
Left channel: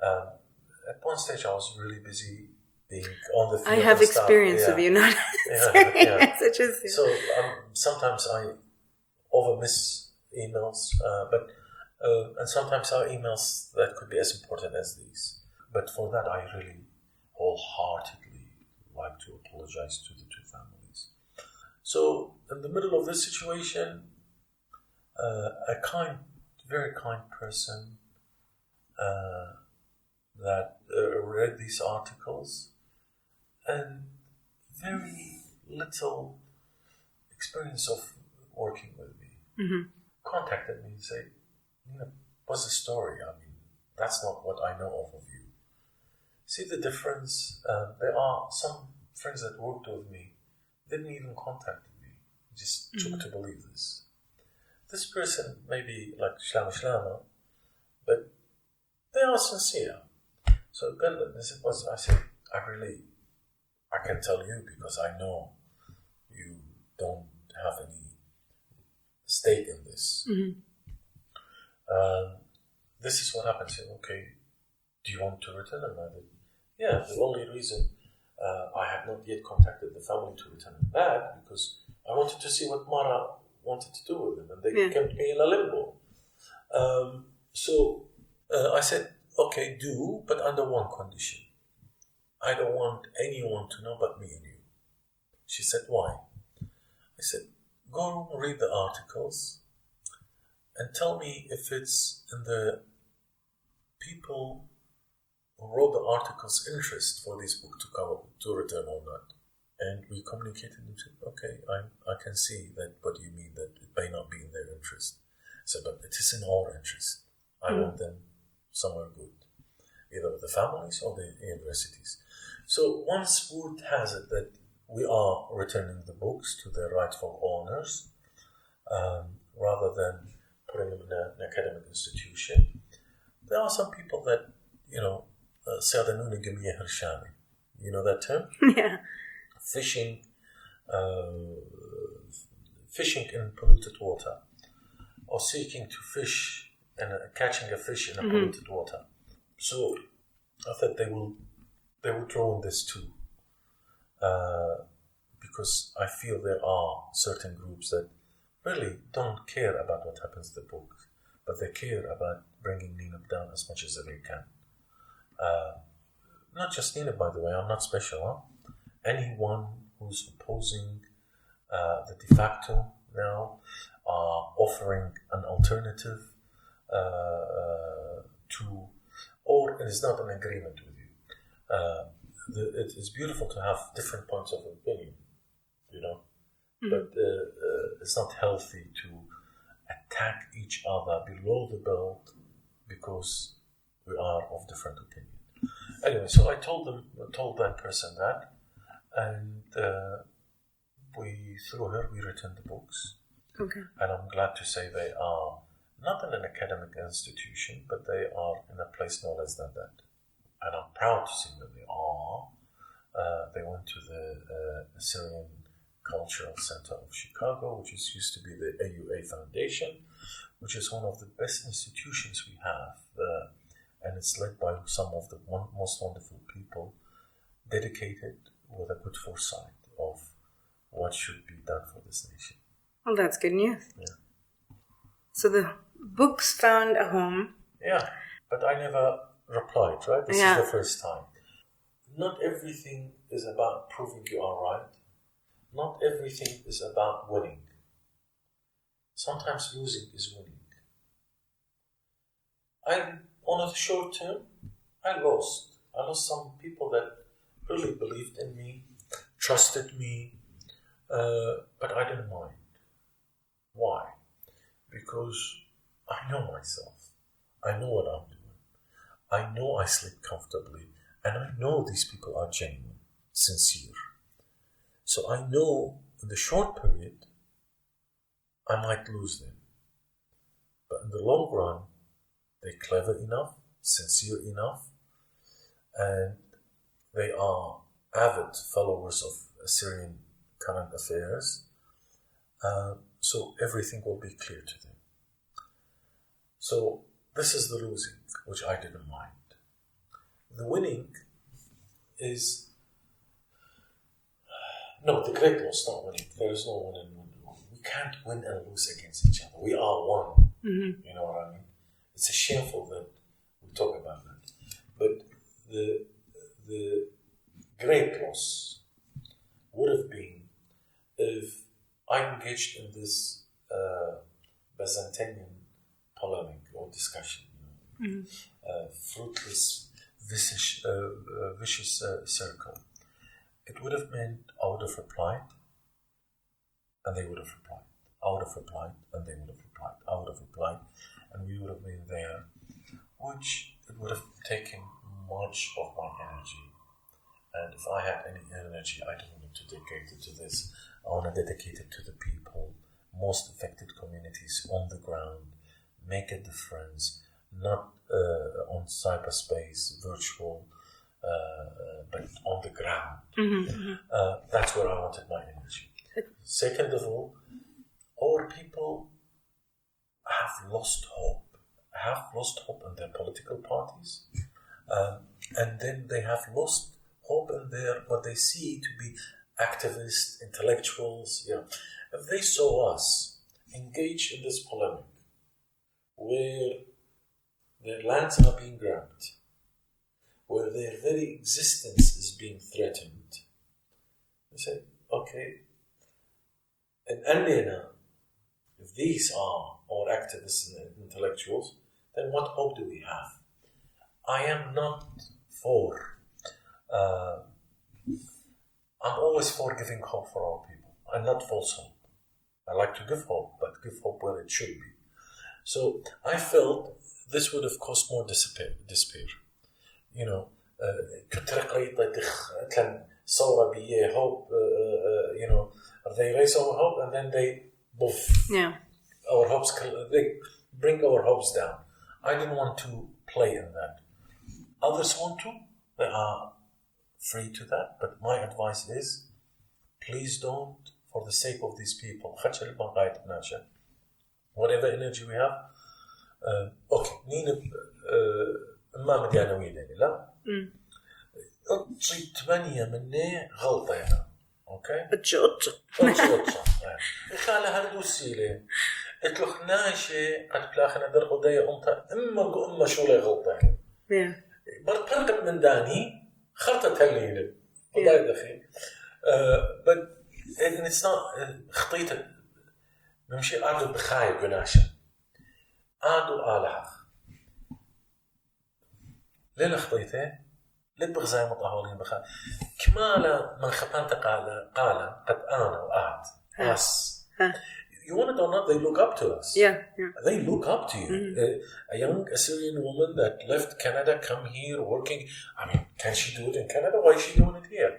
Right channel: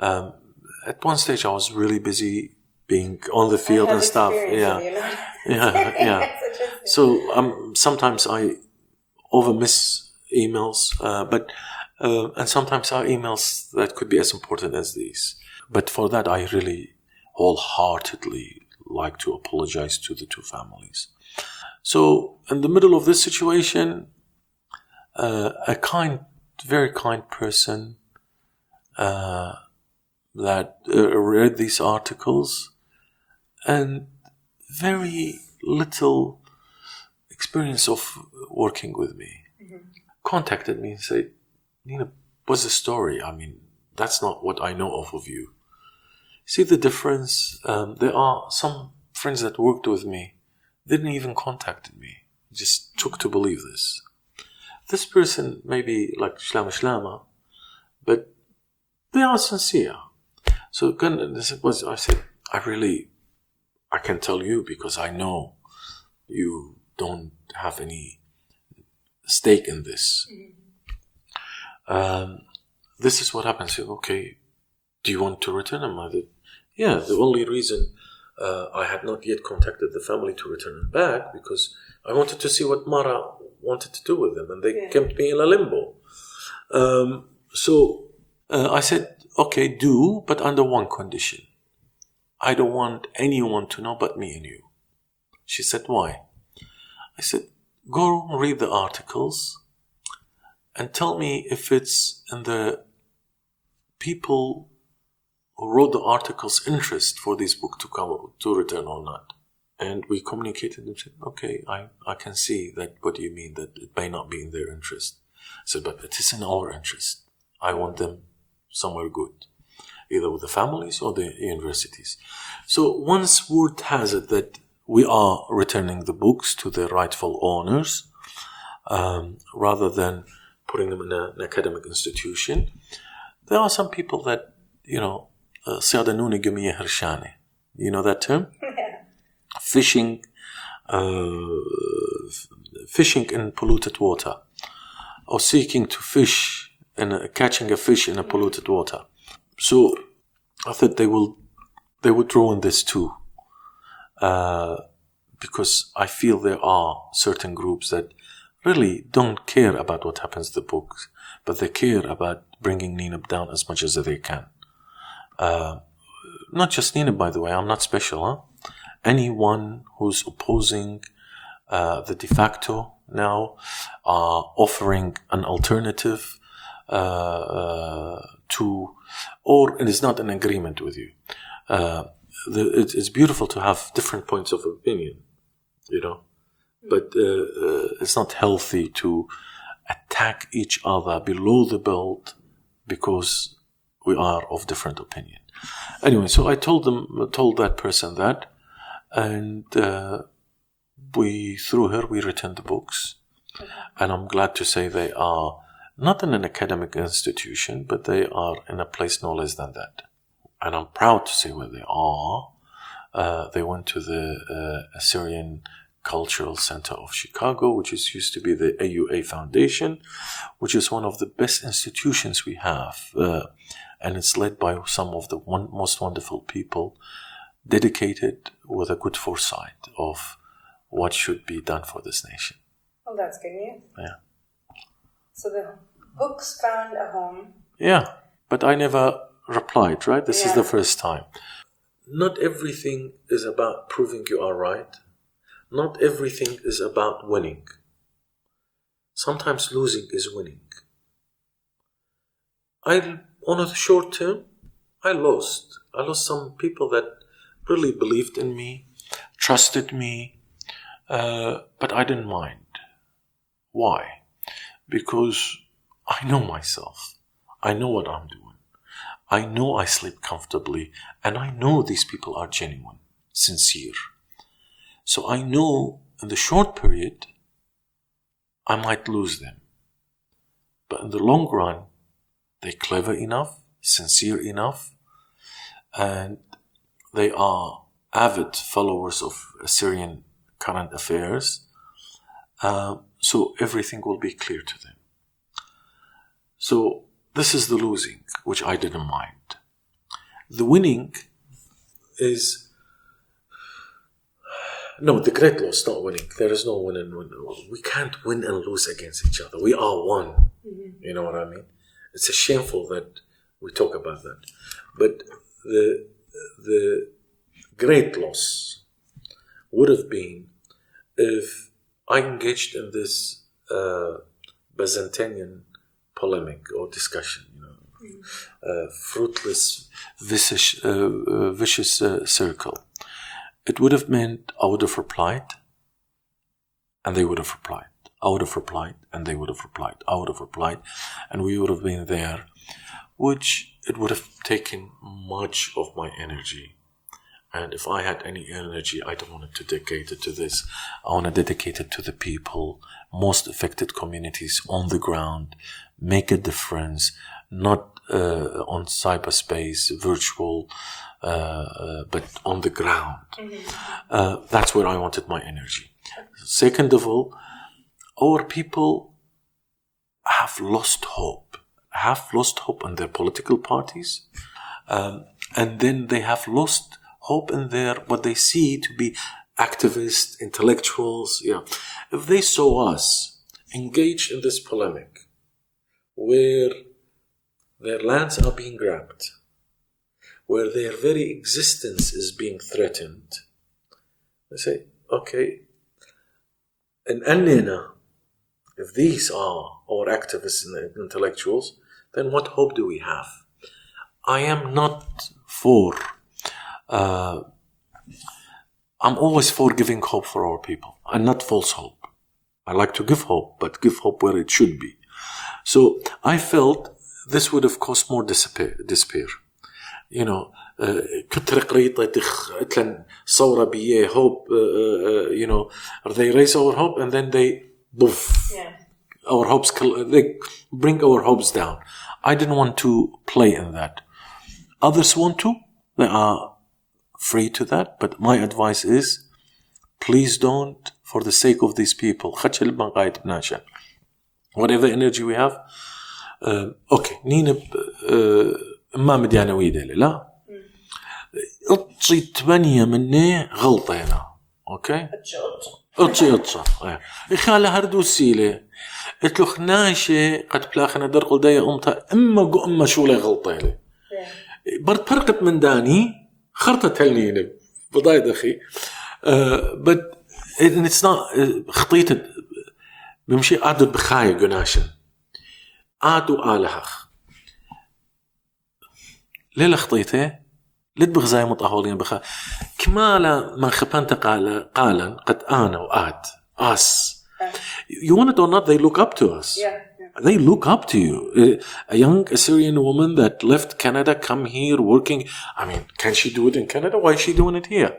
At one stage, I was really busy being on the field and stuff. I have experience of you not yeah. So sometimes I overmiss emails, and sometimes are emails that could be as important as these. But for that, I really wholeheartedly like to apologize to the two families. So in the middle of this situation, a very kind person that read these articles and very little experience of working with me, contacted me and said, Nineb, what's the story? I mean, that's not what I know of you. See the difference? There are some friends that worked with me, didn't even contact me, just took to believe this. This person may be like shlama, but they are sincere. So I said, I can tell you because I know you don't have any stake in this. Mm-hmm. This is what happens. Okay, do you want to return them? I said, yeah, the only reason I had not yet contacted the family to return them back because I wanted to see what Mara wanted to do with them, and they kept me in a limbo. So I said, okay, do, but under one condition. I don't want anyone to know but me and you. She said, why? I said, go read the articles and tell me if it's in the people who wrote the articles' interest for this book to come to return or not. And we communicated and said, okay, I can see that. What do you mean that it may not be in their interest? I said, but it is in our interest. I want them somewhere good, either with the families or the universities. So once word has it that we are returning the books to their rightful owners, rather than putting them in an academic institution, there are some people that, سيادنوني قمية هرشانة. You know that term? Yeah. Fishing in polluted water, or seeking to fish and catching a fish in a polluted water. So I thought they would ruin this too, because I feel there are certain groups that really don't care about what happens to the books, but they care about bringing Nineb down as much as they can. Not just Nineb, by the way. I'm not special, huh? Anyone who's opposing the de facto now, offering an alternative, or it is not an agreement with you. It's beautiful to have different points of opinion, but it's not healthy to attack each other below the belt because we are of different opinion. Anyway, so I told that person that, and through her we returned the books. Okay. And I'm glad to say they are not in an academic institution, but they are in a place no less than that. And I'm proud to say where they are. They went to the Assyrian Cultural Center of Chicago, which used to be the AUA Foundation, which is one of the best institutions we have. And it's led by some of the most wonderful people, dedicated with a good foresight of what should be done for this nation. Well, that's good news. Yeah. So the books found a home. Yeah, but I never replied, right? This is the first time. Not everything is about proving you are right. Not everything is about winning. Sometimes losing is winning. On a short term, I lost. I lost some people that really believed in me, trusted me, but I didn't mind. Why? Because I know myself. I know what I'm doing. I know I sleep comfortably, and I know these people are genuine, sincere. So I know in the short period, I might lose them. But in the long run, they're clever enough, sincere enough, and they are avid followers of Assyrian current affairs. So everything will be clear to them. So this is the losing, which I didn't mind. The winning is... No, the great loss, not winning. There is no win and win. We can't win and lose against each other. We are one. Mm-hmm. You know what I mean? It's a shameful that we talk about that. But the great loss would have been if I engaged in this Byzantinian polemic or discussion, fruitless, vicious circle. It would have meant I would have replied, and they would have replied. I would have replied, and they would have replied. I would have replied, and we would have been there, which it would have taken much of my energy. And if I had any energy, I don't want to dedicate it to this. I want to dedicate it to the people, most affected communities on the ground, make a difference, not on cyberspace, virtual, but on the ground. Mm-hmm. That's where I wanted my energy. Second of all, our people have lost hope in their political parties, and then they have lost hope in what they see to be activists, intellectuals. Yeah, if they saw us engaged in this polemic, where their lands are being grabbed, where their very existence is being threatened, they say, okay, and if these are our activists and intellectuals, then what hope do we have? I am not for... I'm always for giving hope for our people, and not false hope. I like to give hope, but give hope where it should be. So I felt this would have caused more despair. كتر صورة بيه hope, they raise our hope and then they boof. Yeah. Our hopes, they bring our hopes down. I didn't want to play in that. Others want to, they are free to that, but my advice is, please don't, for the sake of these people. Whatever energy we have, okay, Nineb ما مدي أنا ويدا لا أطشي 8 مني غلطة هنا أوكي أطشي إخالة هردو سيلة إتلو خناشة قد بلاخنا درقل دايا أمتا أما شو لي غلطة لي برد فرقت من داني خرطة هالنينب بضايد أخي but it's not خطيت بمشي أعدد بخاية قناشة آدو آلهخ ليلة خطيته لتبغ زي مطهولين بخا كمالا من خبانت قالا قد آنا وآت us. You want it or not, they look up to us. Yeah. They look up to you. A young Assyrian woman that left Canada, come here working. I mean, can she do it in Canada? Why is she doing it here?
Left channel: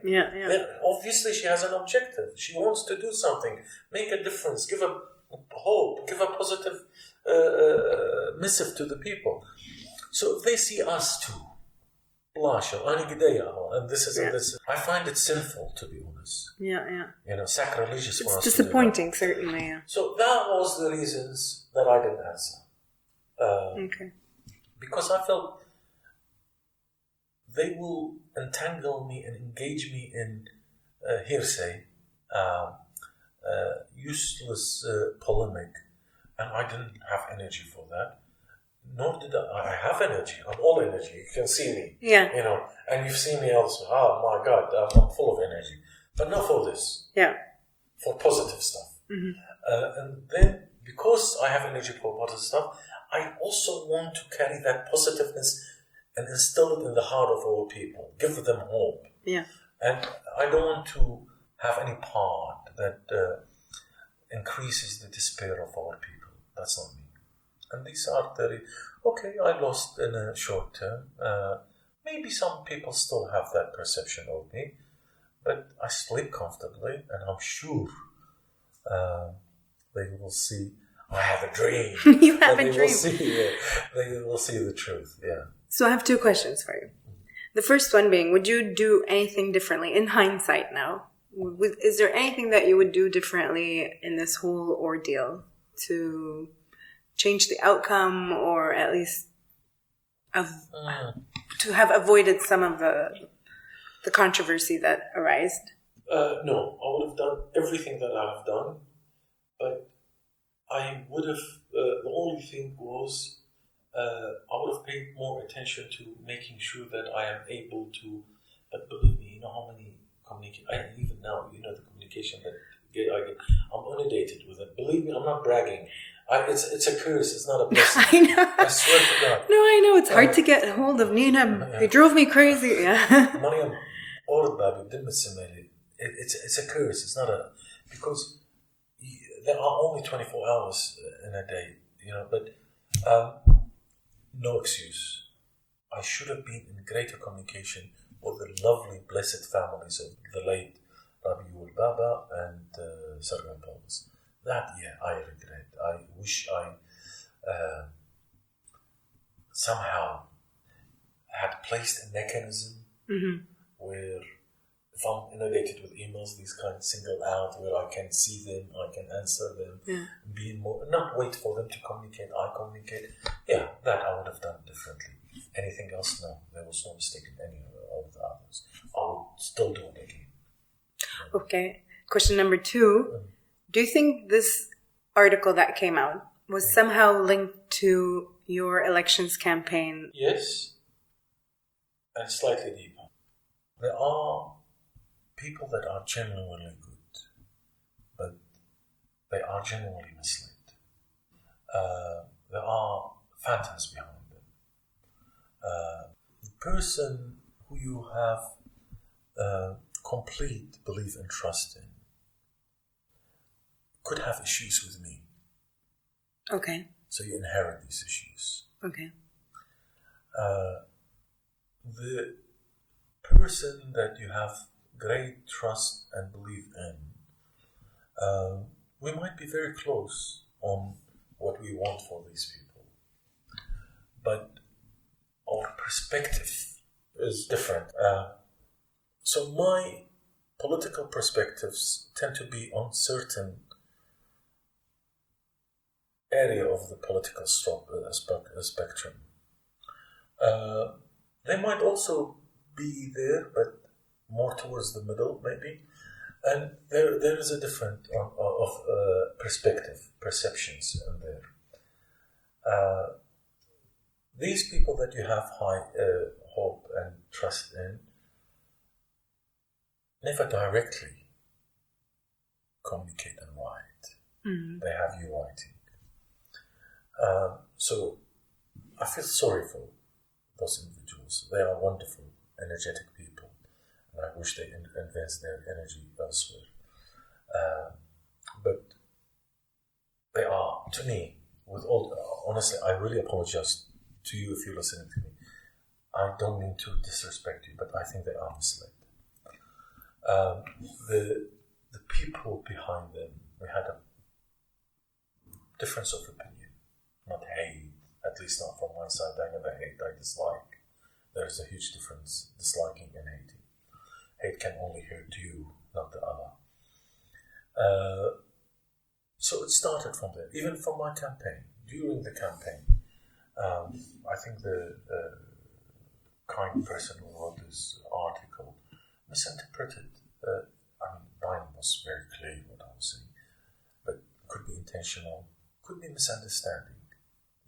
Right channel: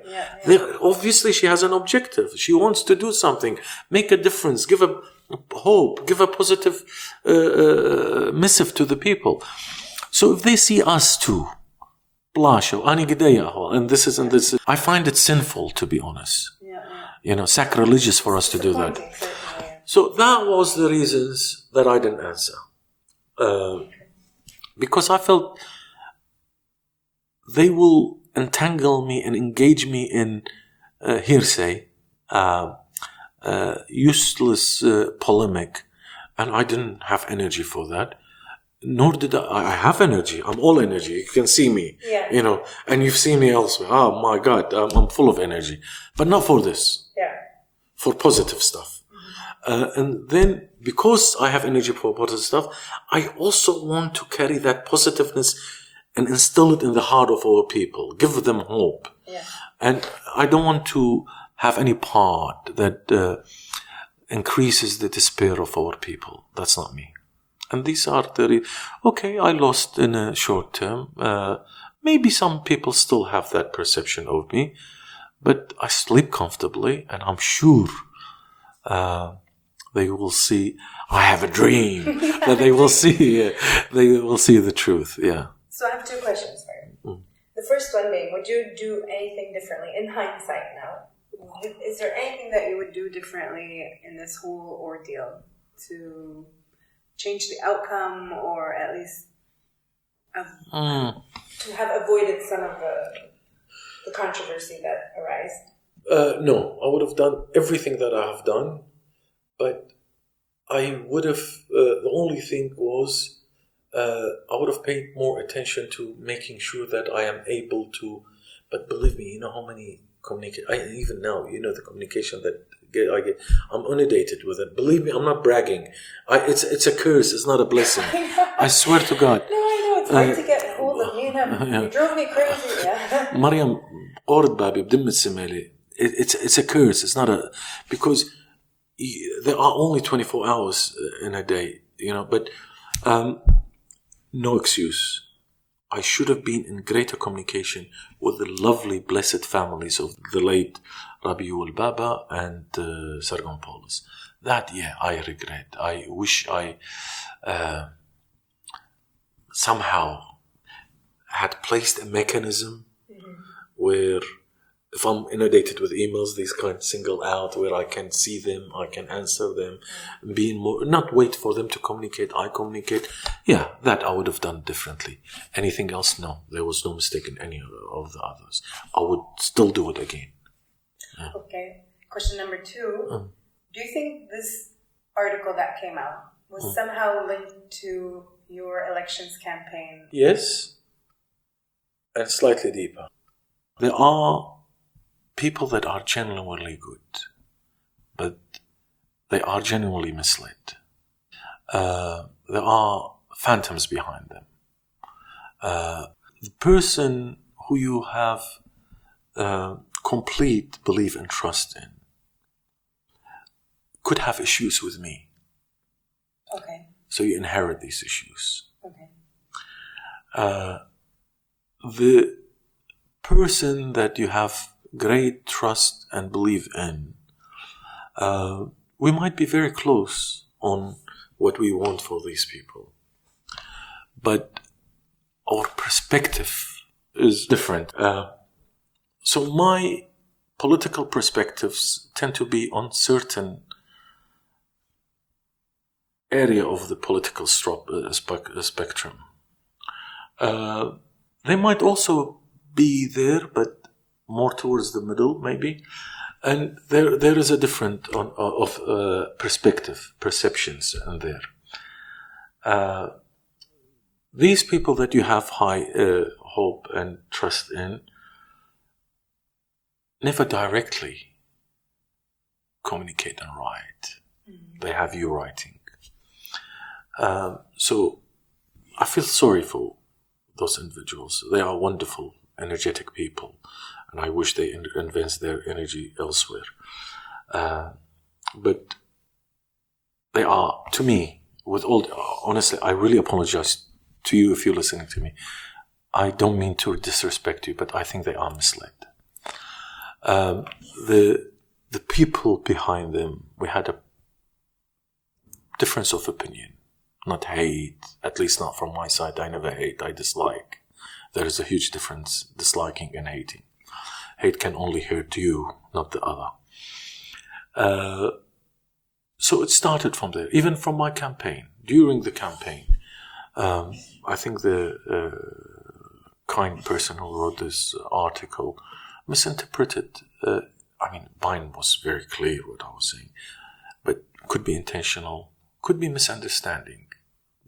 Obviously, she has an objective. She wants to do something, make a difference, give a hope, give a positive missive to the people. So if they see us too, and this is and this, I find it sinful, to be honest. Sacrilegious for us to do that. Disappointing, certainly. So that was the reasons that I didn't answer. Because I felt they will entangle me and engage me in hearsay, useless polemic, and I didn't have energy for that. Nor did I have energy. I'm all energy. You can see me, and you've seen me elsewhere. Oh my God, I'm full of energy, but not for this. For positive stuff. And then because I have energy for positive stuff, I also want to carry that positiveness and instill it in the heart of our people. Give them hope. And I don't want to have any part that increases the despair of our people. That's not me. And these are I lost in a short term. Maybe some people still have that perception of me, but I sleep comfortably, and I'm sure they will see. I have a dream that they will see. They will see the truth. Yeah. So I have two questions for you. The first one being, would you do anything differently in hindsight now? Is there anything that you would do differently in this whole ordeal to change the outcome, or at least to have avoided some of the controversy that arose? No, I would have done everything that I have done, but I would have, the only thing was, I would have paid more attention to making sure that I am able to, but believe me, you know how many even now, the communication that I get, I'm inundated with it. Believe me, I'm not bragging. It's a curse. It's not a blessing. I know. I swear to God. No, I know. It's hard to get a hold of Nineb. They drove me crazy. Mariam, it's a curse. It's not because there are only 24 hours in a day, but no excuse. I should have been in greater communication with the lovely, blessed families of the late Rabiul Baba and Sargon Paulus. That, I regret. I wish I somehow had placed a mechanism where if I'm inundated with emails, these kind of single out where I can see them, I can answer them, being more, not wait for them to communicate, I communicate. Yeah, that I would have done differently. Anything else? No, there was no mistake in any of the others. I would still do it again. Okay. Question number 2. Do you think this article that came out was somehow linked to your elections campaign? Yes, and slightly deeper. There are people that are genuinely good, but they are genuinely misled. There are phantoms behind them. The person who you have complete belief and trust in could have issues with me. Okay. So you inherit these issues. Okay. The person that you have great trust and belief in, we might be very close on what we want for these people, but our perspective is different. So my political perspectives tend to be on certain area of the political spectrum. They might also be there, but more towards the middle, maybe. And there is a different of perceptions in there. These people that you have high hope and trust in never directly communicate and write. They have you writing. So I feel sorry for those individuals. They are wonderful, energetic people, and I wish they invest their energy elsewhere. But they are, to me, honestly, I really apologize to you if you're listening to me. I don't mean to disrespect you, but I think they are misled. The people behind them, we had a difference of opinion, not hate, at least not from my side. I never hate, I dislike. There is a huge difference, disliking and hating. Hate can only hurt you, not the other. So it started from there, even from my campaign. During the campaign, I think the kind person who wrote this article misinterpreted. Mine was very clear what I was saying, but could be intentional, could be misunderstanding,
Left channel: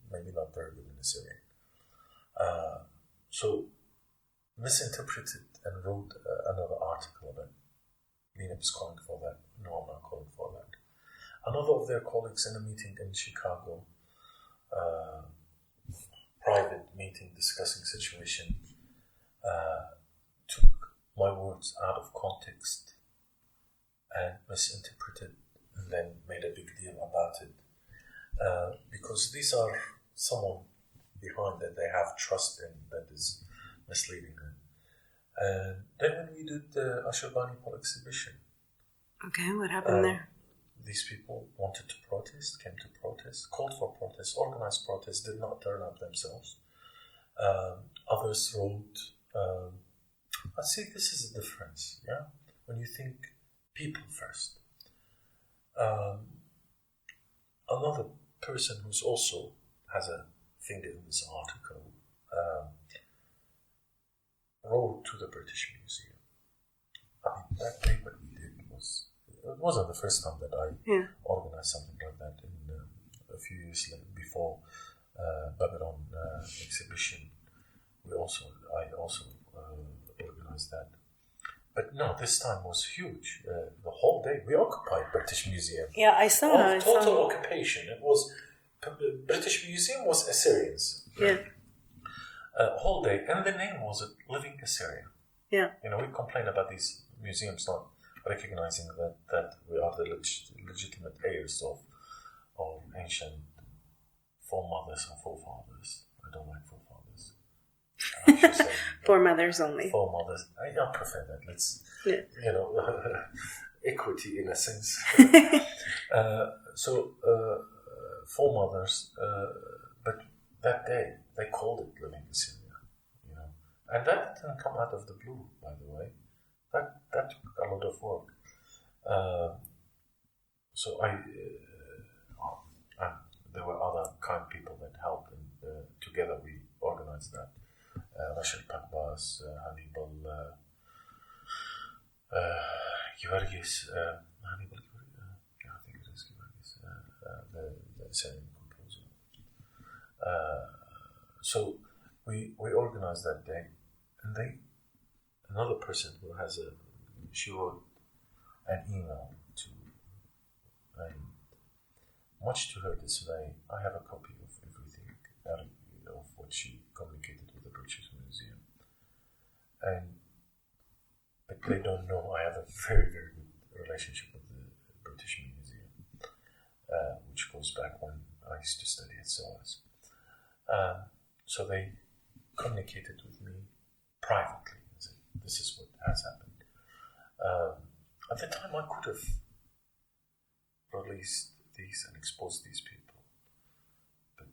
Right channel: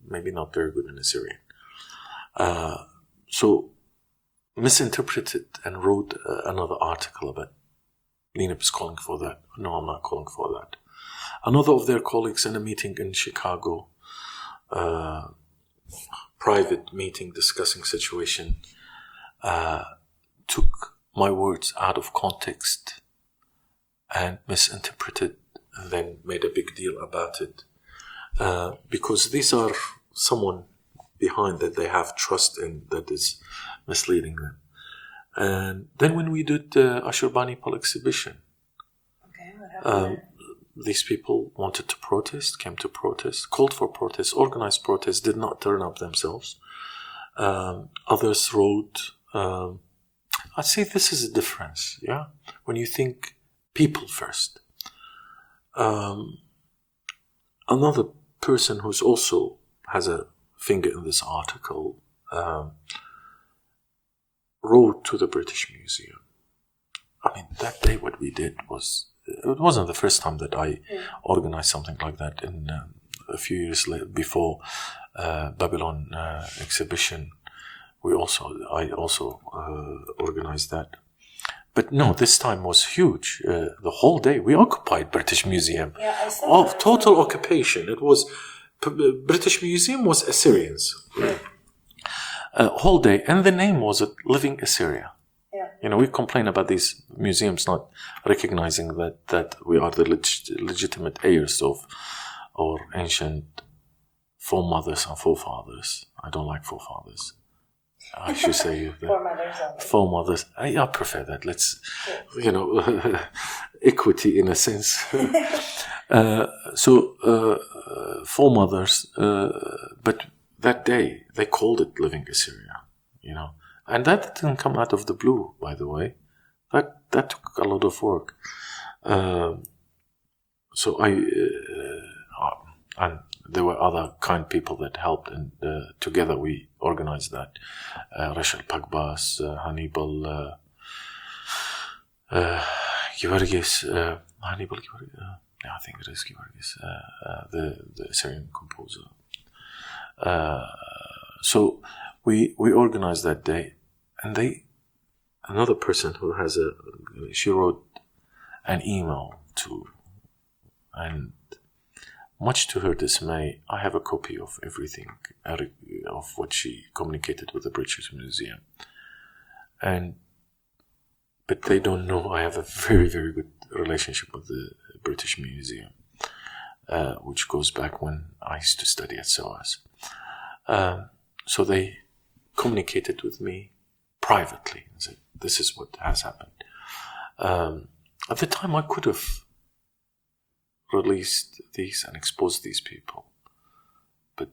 maybe not very good in Assyrian. So misinterpreted and wrote another article about Nineb is calling for that. No, I'm not calling for that. Another of their colleagues in a meeting in Chicago, private meeting discussing situation, took my words out of context and misinterpreted, and then made a big deal about it, because these are someone behind that they have trust in that is misleading them. And then when we did the Ashurbanipal exhibition, okay, what happened there? These people wanted to protest, came to protest, called for protest, organized protest, did not turn up themselves. Others wrote, I'd say this is a difference, yeah? When you think people first. Another person who's also has a finger in this article wrote to the British Museum. That day what we did was, it wasn't the first time that I organized something like that. In a few years before Babylon exhibition, I also organized that. But no, this time was huge. The whole day we occupied British Museum. Yeah, I saw that. Total occupation. It was British Museum was Assyrians. Yeah. Whole day, and the name was Living Assyria. Yeah. We complain about these museums not recognizing that we are the legitimate heirs of our ancient foremothers and forefathers. I don't like forefathers. I should say foremothers only. Foremothers. I prefer that. Let's, equity in a sense. Foremothers. But that day they called it Living Assyria. And that didn't come out of the blue, by the way. That took a lot of work. And there were other kind people that helped, and together we organized that. Rachel Pagbas, Hannibal Georgis, Hannibal Georgis, I think it is Georgis, the Assyrian composer. So we organized that day, and another person who she wrote an email to, and much to her dismay, I have a copy of everything, of what she communicated with the British Museum. But they don't know I have a very, very good relationship with the British Museum, which goes back when I used to study at SOAS. So they communicated with me privately and said, this is what has happened. At the time, I could have released these and exposed these people. But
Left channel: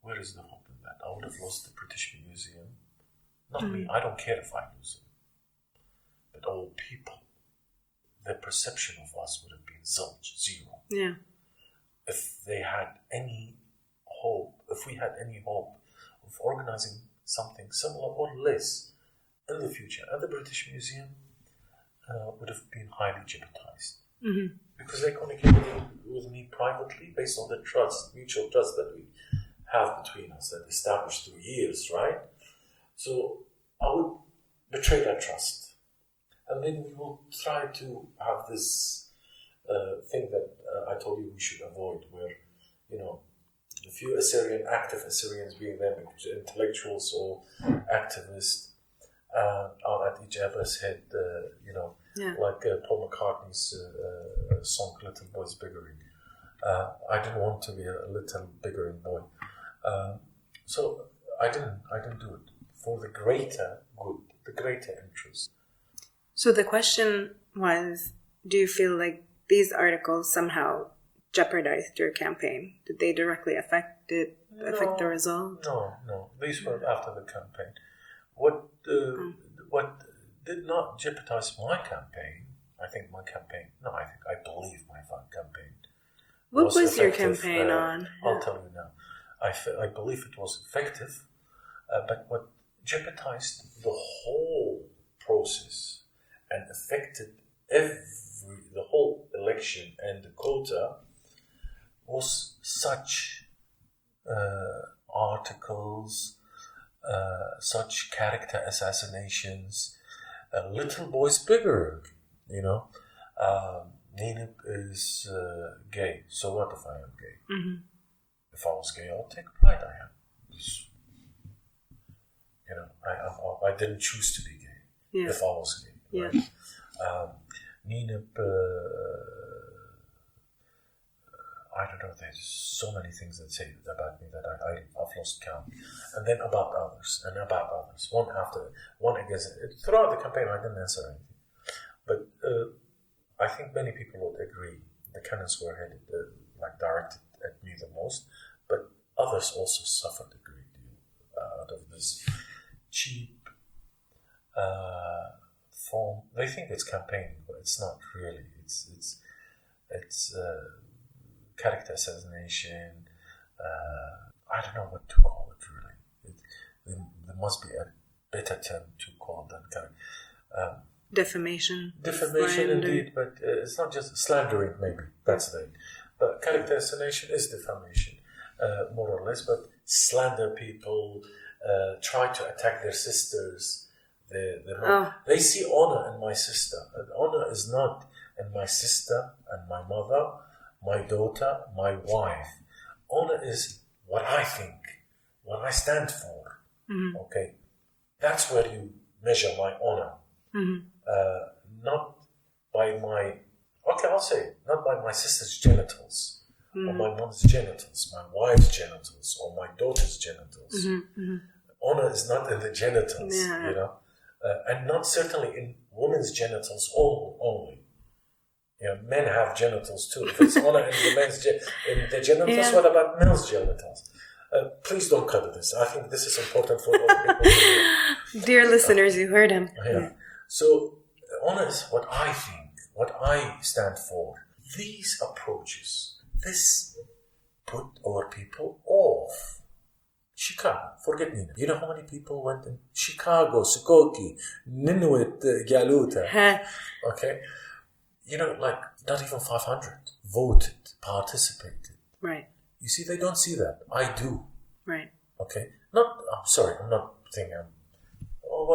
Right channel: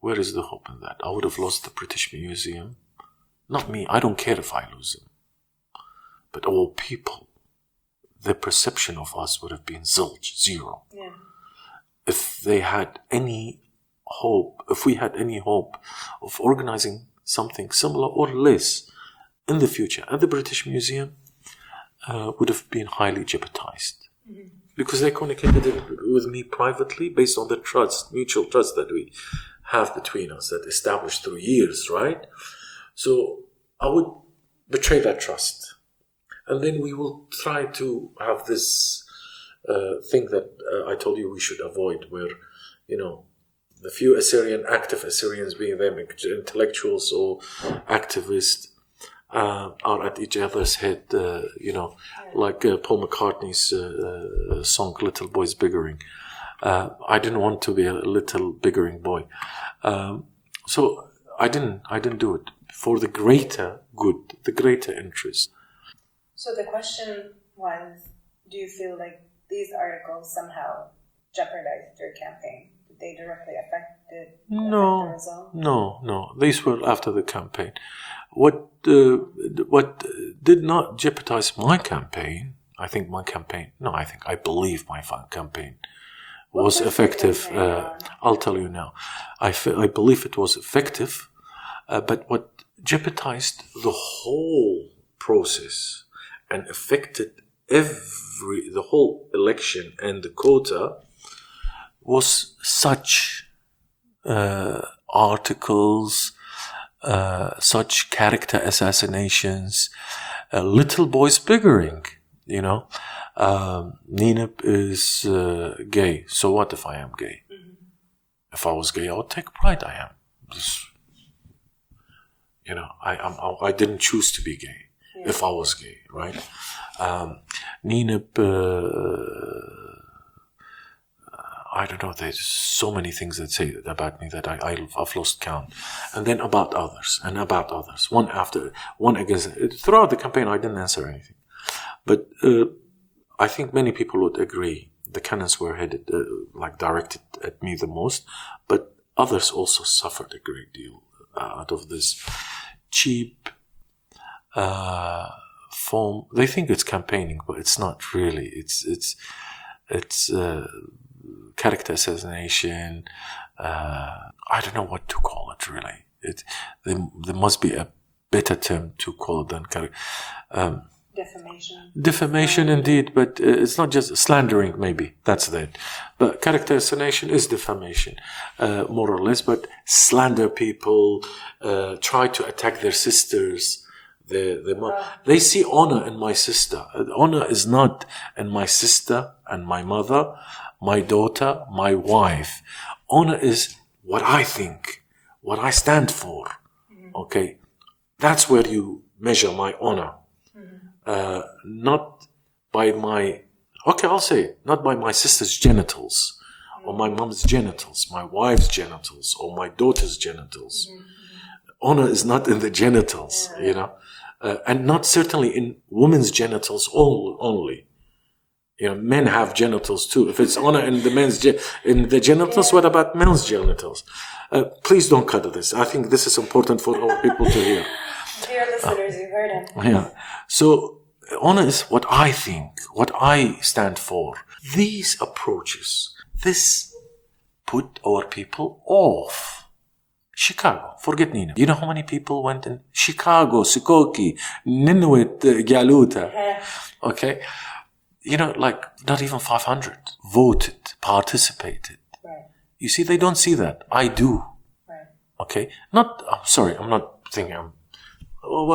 where is the hope in that? I would have lost the British Museum. Not me. I don't care if I lose them. But all people, their perception of us would have been zilch, zero. Yeah. If they had any hope, if we had any hope of organizing something similar or less in the future at the British Museum, would have been highly jeopardized. Mm-hmm. Because they communicated with me privately based on the trust, mutual trust that we have between us, that established through years, right? So I would betray that trust. And then we will try to have this thing that I told you we should avoid, where, the few active Assyrians, being them intellectuals or activists, are at each other's head, like Paul McCartney's song "Little Boys Bickering." I didn't want to be a little bickering boy, so I didn't do it for the greater good, the greater interest. So the question was, do you feel like these articles somehow jeopardized your campaign? Did they directly affect the result? No. These were after the campaign. What did not jeopardize my campaign? I believe my campaign was effective. I'll tell you now. I believe it was effective, but what jeopardized the whole process and affected the whole election and the quota was such articles, such character assassinations, little boys bickering, Nineb is gay. So what if I am gay? Mm-hmm. If I was gay, I would take pride I am. I didn't choose to be gay. Yeah. If I was gay, right? Nineb, I don't know, there's so many things that say about me that I've lost count. And then about others, one after, one against. Throughout the campaign, I didn't answer anything. But I think many people would agree the cannons were headed, directed at me the most, but others also suffered a great deal out of this cheap form. They think it's campaigning, but it's not really. It's character assassination. I don't know what to call it really. There must be a better term to call it than character. Defamation. Defamation, indeed, but it's not just slandering. Maybe that's it. But character assassination is defamation, more or less. But slander people, try to attack their sisters. They see honor in my sister. Honor is not in my sister and my mother, my daughter, my wife. Honor is what I think, what I stand for. Mm-hmm. Okay, that's where you measure my honor. Mm-hmm. Not by not by my sister's genitals, or my mom's genitals, my wife's genitals, or my daughter's genitals. Mm-hmm. Mm-hmm. Honor is not in the genitals, and not certainly in women's genitals only. Men have genitals too. If it's honor in the genitals, what about men's genitals? Please don't cut this. I think this is important for all people to hear. Dear listeners, you heard him. Yeah. So honor is what I think, what I stand for. These approaches, this put our people off. Chicago, forget Nineb. You know how many people went in Chicago, Sukoki, Ninewit, Galuta? Okay. Not even 500 voted, participated. Right. You see, they don't see that. I do. Right. Okay. I'm not thinking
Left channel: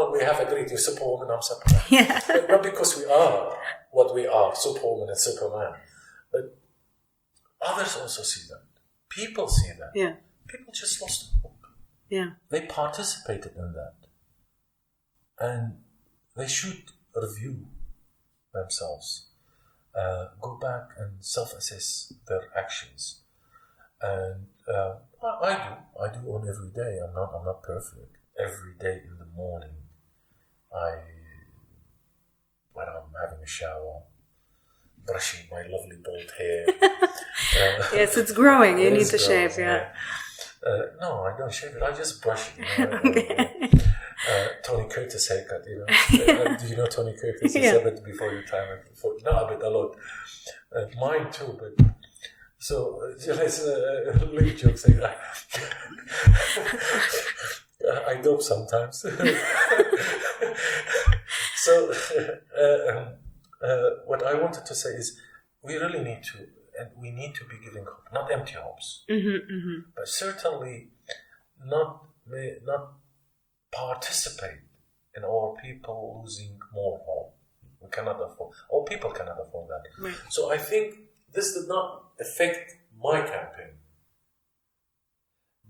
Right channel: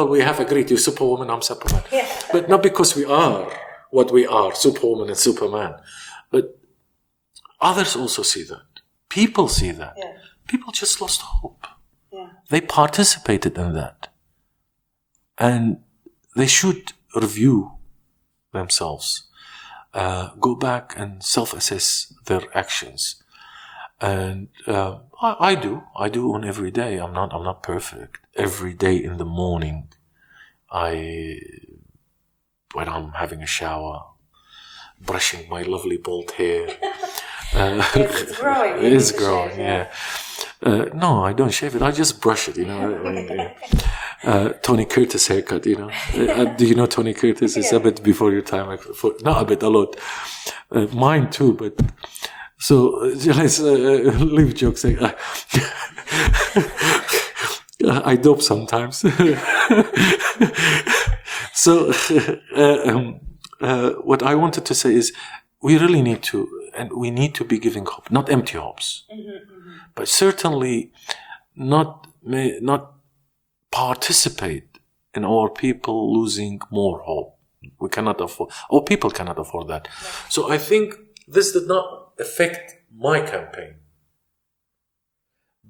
we have agreed you're Superwoman, I'm Superman. Yeah. But not because we are what we are, Superwoman and Superman. But others also see that. People see that. Yeah. People just lost hope. Yeah. They participated in that. And they should review themselves. Go back and self-assess their actions. And I do on every day. I'm not perfect. Every day in the morning, when I'm having a shower, brushing my lovely bald hair. Yes, it's growing. It is growing. Shave, yeah. No, I don't shave it. I just brush it. Okay. Tony Curtis haircut. Do you know Tony Curtis? It's a bit before your time. Not a bit, a lot. Mine too, but. So let's leave jokes. I dope sometimes. So what I wanted to say is we really need to, and we need to be giving hope, not empty hopes, but certainly not participate in our people losing more hope. We cannot afford, or people cannot afford that. Right. So I think this did not affect my campaign.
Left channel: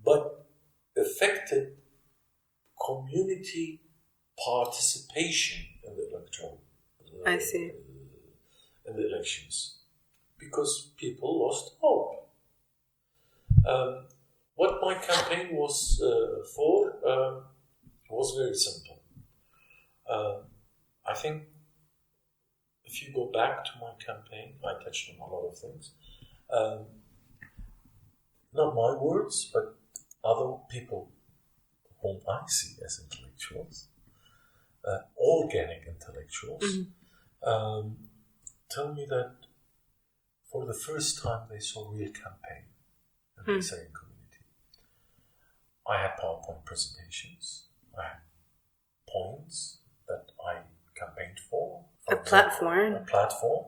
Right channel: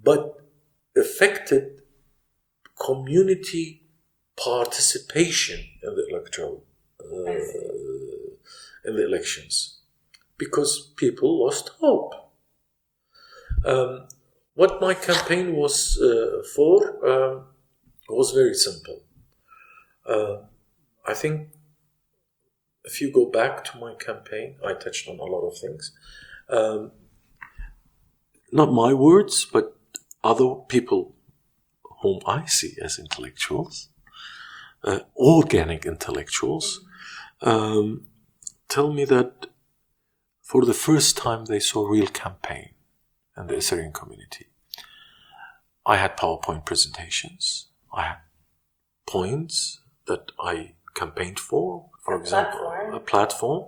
but affected community participation in the electoral I see. in the elections, because people lost hope. What my campaign was for was very simple. I think if you go back to my campaign, I touched on a lot of things. Not my words, but other people whom I see as intellectuals, organic intellectuals, tell me that for the first time they saw real campaign in the Assyrian community. I had PowerPoint presentations. I had points that I campaigned for example, a platform.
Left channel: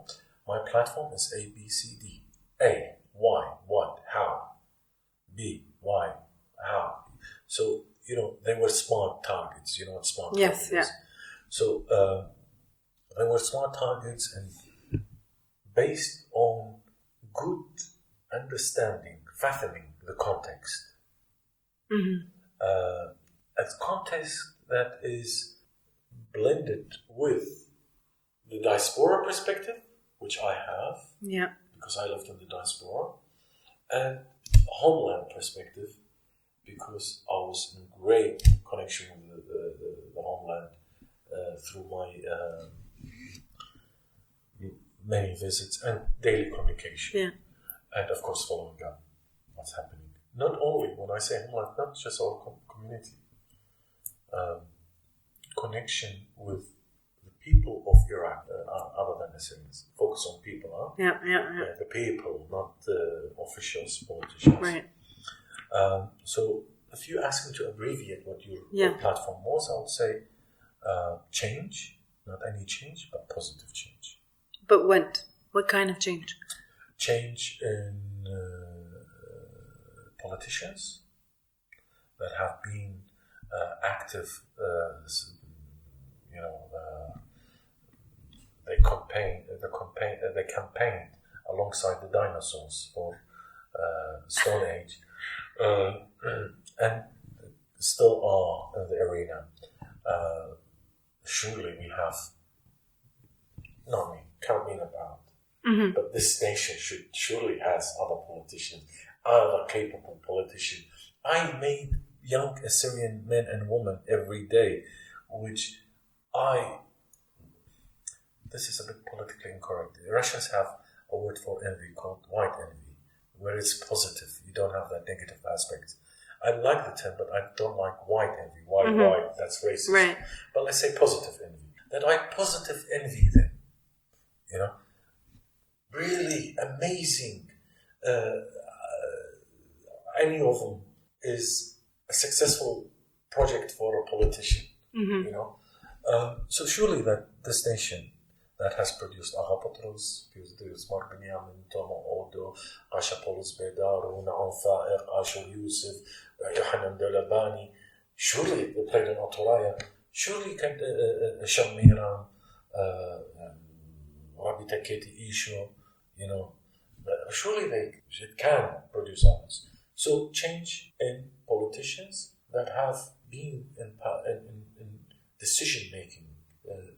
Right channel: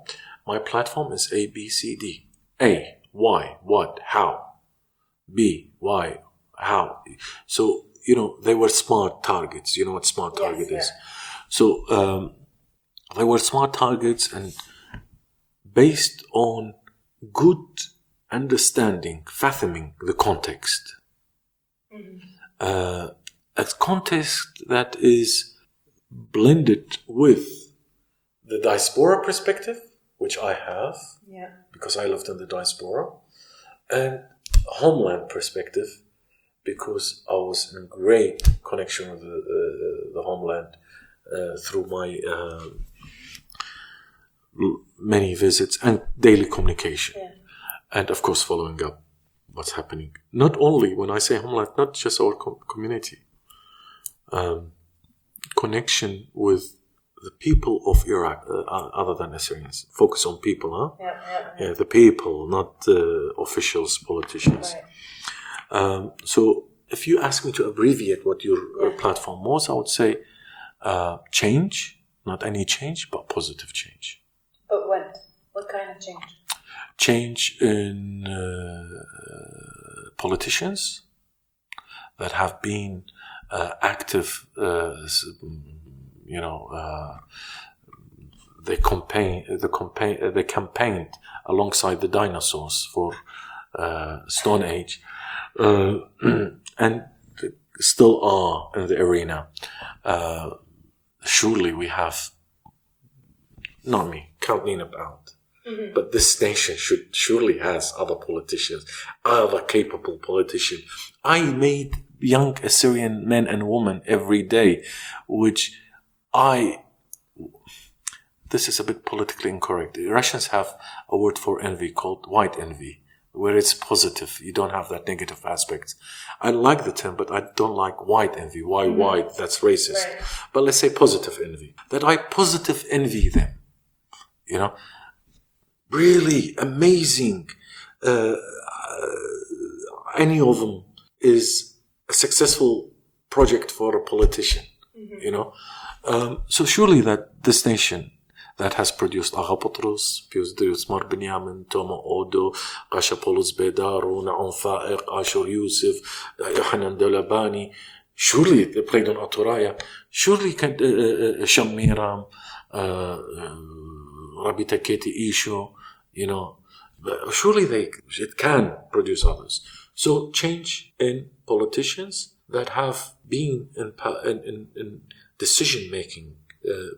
My platform is A, B, C, D. A, why, what, how. B, why, how. So, they were smart targets. You know what smart target is? So, they were smart targets, and based on good understanding, fathoming the context. A context that is blended with the diaspora perspective, which I have, because I lived in the diaspora, and homeland perspective, because I was in great connection with the homeland through my many visits and daily communication. And of course following up what's happening. Not only, when I say homeland, not just our community. Connection with the people of Iraq, other than Assyrians. Focus on people, huh? The people, not officials, politicians. Right. So if you ask me to abbreviate what your platform was, I would say change, not any change, but positive change. But what? What kind of change? Change in politicians that have been active, they campaigned alongside the dinosaurs for Stone Age, and still are in the arena. Surely we have, not me, count Nineb out. But this nation surely has other politicians, other capable politicians. I meet young Assyrian men and women every day, this is a bit politically incorrect. The Russians have a word for envy called white envy, where it's positive. You don't have that negative aspect. I like the term, but I don't like white envy. Why white? That's racist. Right. But let's say positive envy. That I positive envy them. Really amazing. Any of them is a successful project for a politician. So surely that this nation that has produced Agha Patros, produced Mar Binyamin, Toma Odo, Gasha Polus Bedaru, Na'um Fa'iq, Ashur Yusuf, Yohanan Dalabani, surely they played on Aturaya, surely Shamiram, Rabbi Taketi Isho, surely it can produce others. So change in politicians that have been in decision-making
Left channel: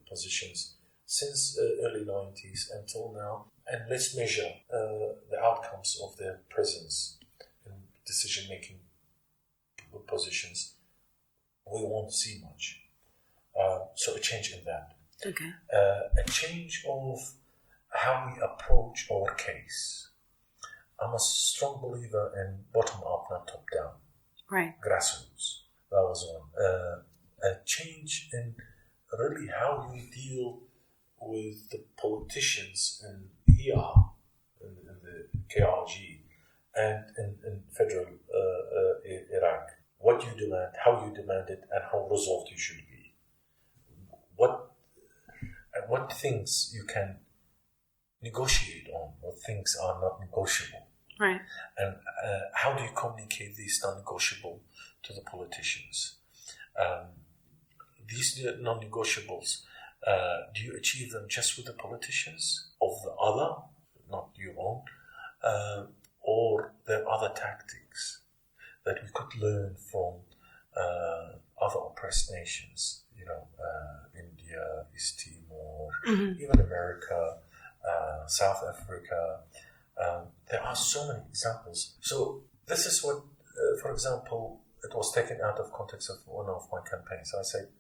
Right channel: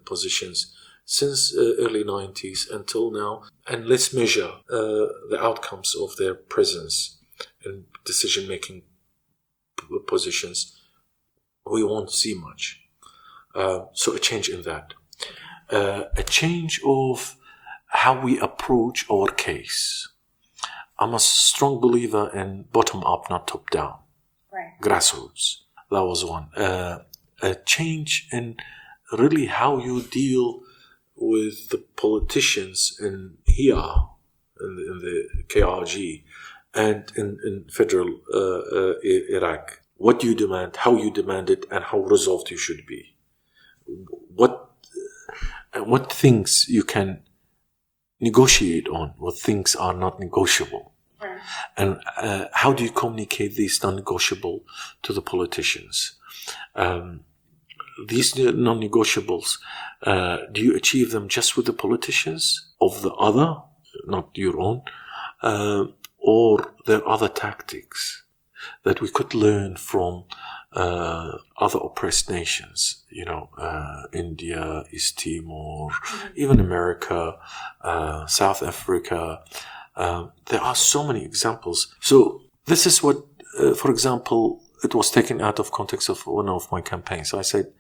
positions since early 90s until now, and let's measure the outcomes of their presence in decision-making positions. We won't see much. So a change in that. Okay. A change of how we approach our case. I'm a strong believer in bottom-up, not top-down. Right. Grassroots. That was one. A change in really how you deal with the politicians in here, in the KRG, and in federal Iraq. What do you demand, how you demand it, and how resolved you should be. What things you can negotiate on, what things are not negotiable. Right. And how do you communicate these non-negotiable to the politicians? These non-negotiables, do you achieve them just with the politicians of the other, not your own, or there are other tactics? that we could learn from other oppressed nations, India, East Timor, even America, South Africa. There are so many examples. So this is what, for example, it was taken out of context of one of my campaigns. I said,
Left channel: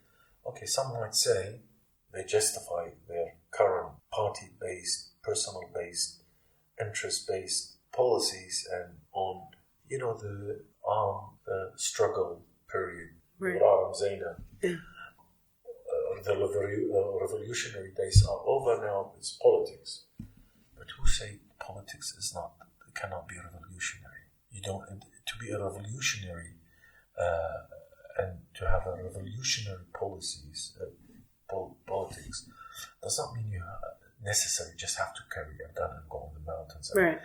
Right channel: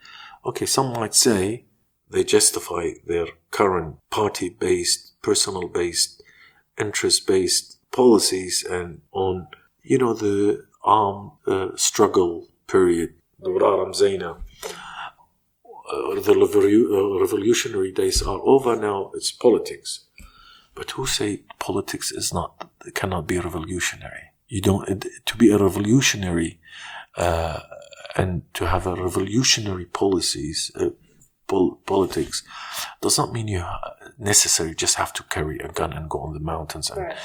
okay, some might say they justify their current party-based, personal-based, interest-based policies and on, the armed struggle period, the revolutionary days are over now. It's politics, but who say politics cannot be revolutionary? You don't to be a revolutionary and to have a revolutionary policies. Politics does not mean you necessarily just have to carry a gun and go on the mountains and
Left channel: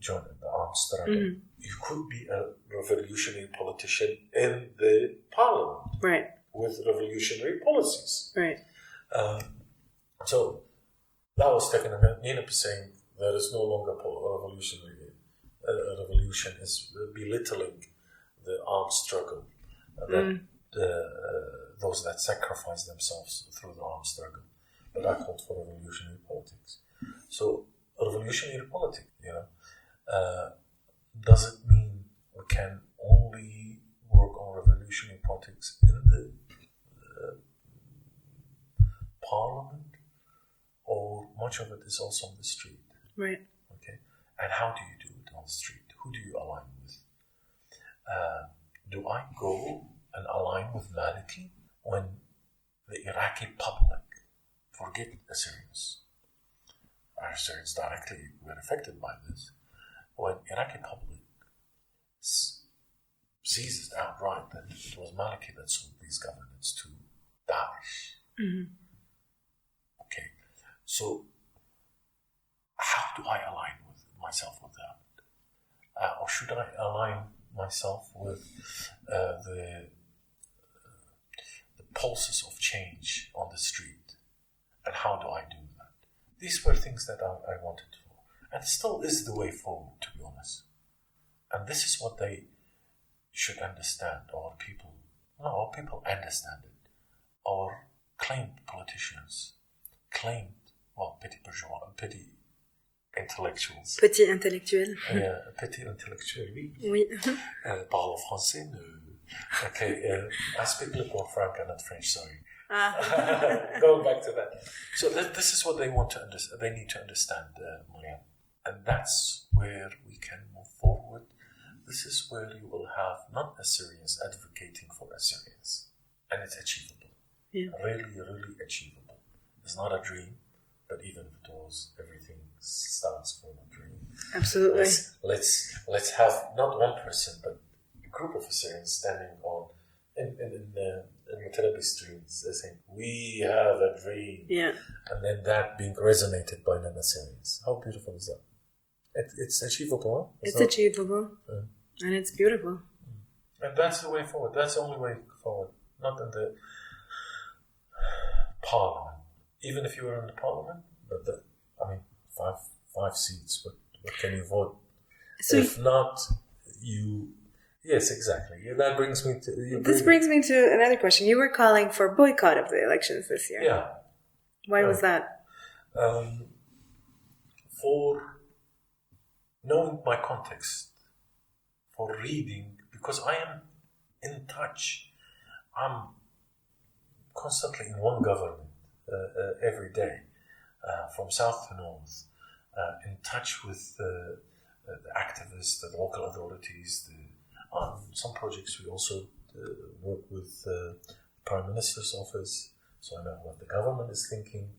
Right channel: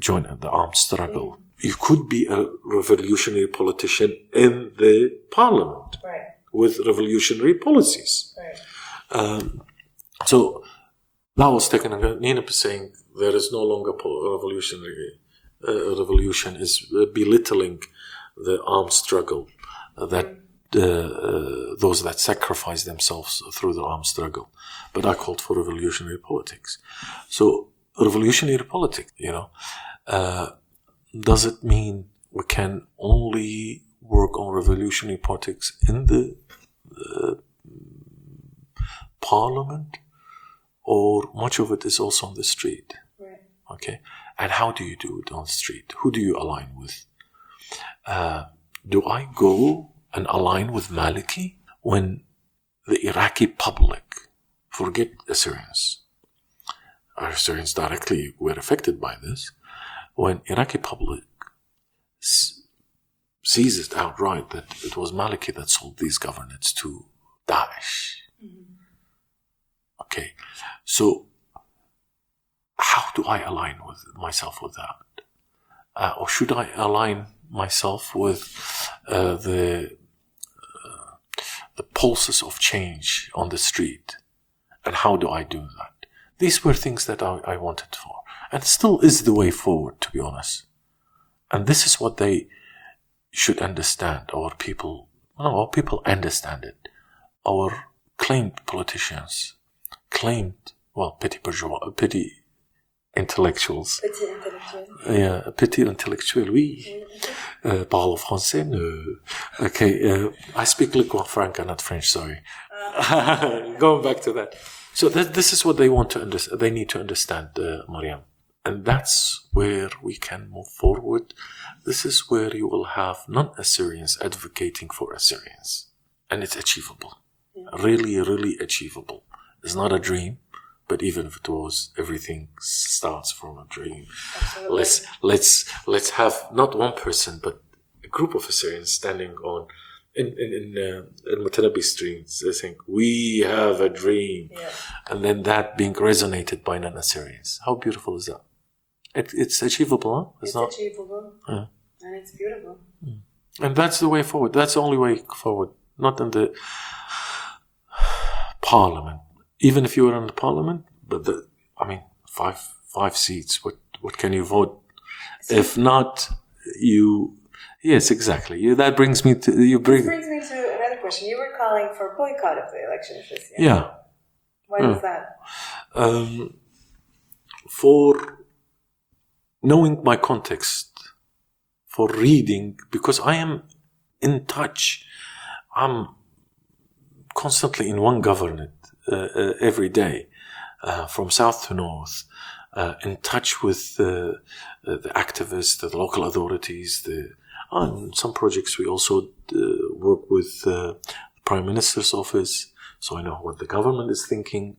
join the armed struggle. You could be a revolutionary politician in the parliament with revolutionary policies. So that was taken. Nineb is saying there is no longer revolutionary. Revolution is belittling the armed struggle that those that sacrifice themselves through the armed struggle. But I called for revolutionary politics. So revolutionary politics, does it mean we can only work on revolutionary politics in the parliament, or much of it is also on the street? Okay. And how do you do it on the street? Who do you align with? Do I go and align with Maliki when the Iraqi public, forget Assyrians, our Assyrians directly were affected by this, when Iraqi public sees it outright that it was Maliki that sold these governorates to Daesh. Okay, so how do I align with myself with that? Or should I align myself with the pulses of change on the street? And how do I do that? These were things that I wanted for. And still is the way forward, to be honest. And this is what they should understand. Our people understand it. Our claimed politicians, petty intellectuals. Petit intellectuel. Yeah, petit intellectuel, oui. Parle français, no. Okay, I speak lingua franca, not French, sorry. Going back to that. So this is what they want to understand. They need to understand, Mariam. And that's where we can move forward. This is where you will have non-Assyrians advocating for Assyrians. And it's achievable. Yeah. Really, really achievable. It's not a dream. But even if it was, everything starts from a dream. Absolutely. Let's have not one person, but a group of Assyrians standing on in Mutanabi streets. They think we have a dream, and then that being resonated by non-Assyrians. How beautiful is that? It's achievable, huh? It's achievable, and it's beautiful. And that's the way forward. That's the only way forward. Not in the parliament. Even if you were in the parliament, but five seats. What can you vote? So if not, you. Yes, exactly. That brings me to This brings me to another question. You were calling for boycott of the elections this year. Yeah. Why was that? For knowing my context, for reading, because I am in touch. I'm constantly in one government. Every day, from south to north, in touch with the activists, the local authorities. On some projects, we also work with the Prime Minister's office, so I know what the government is thinking,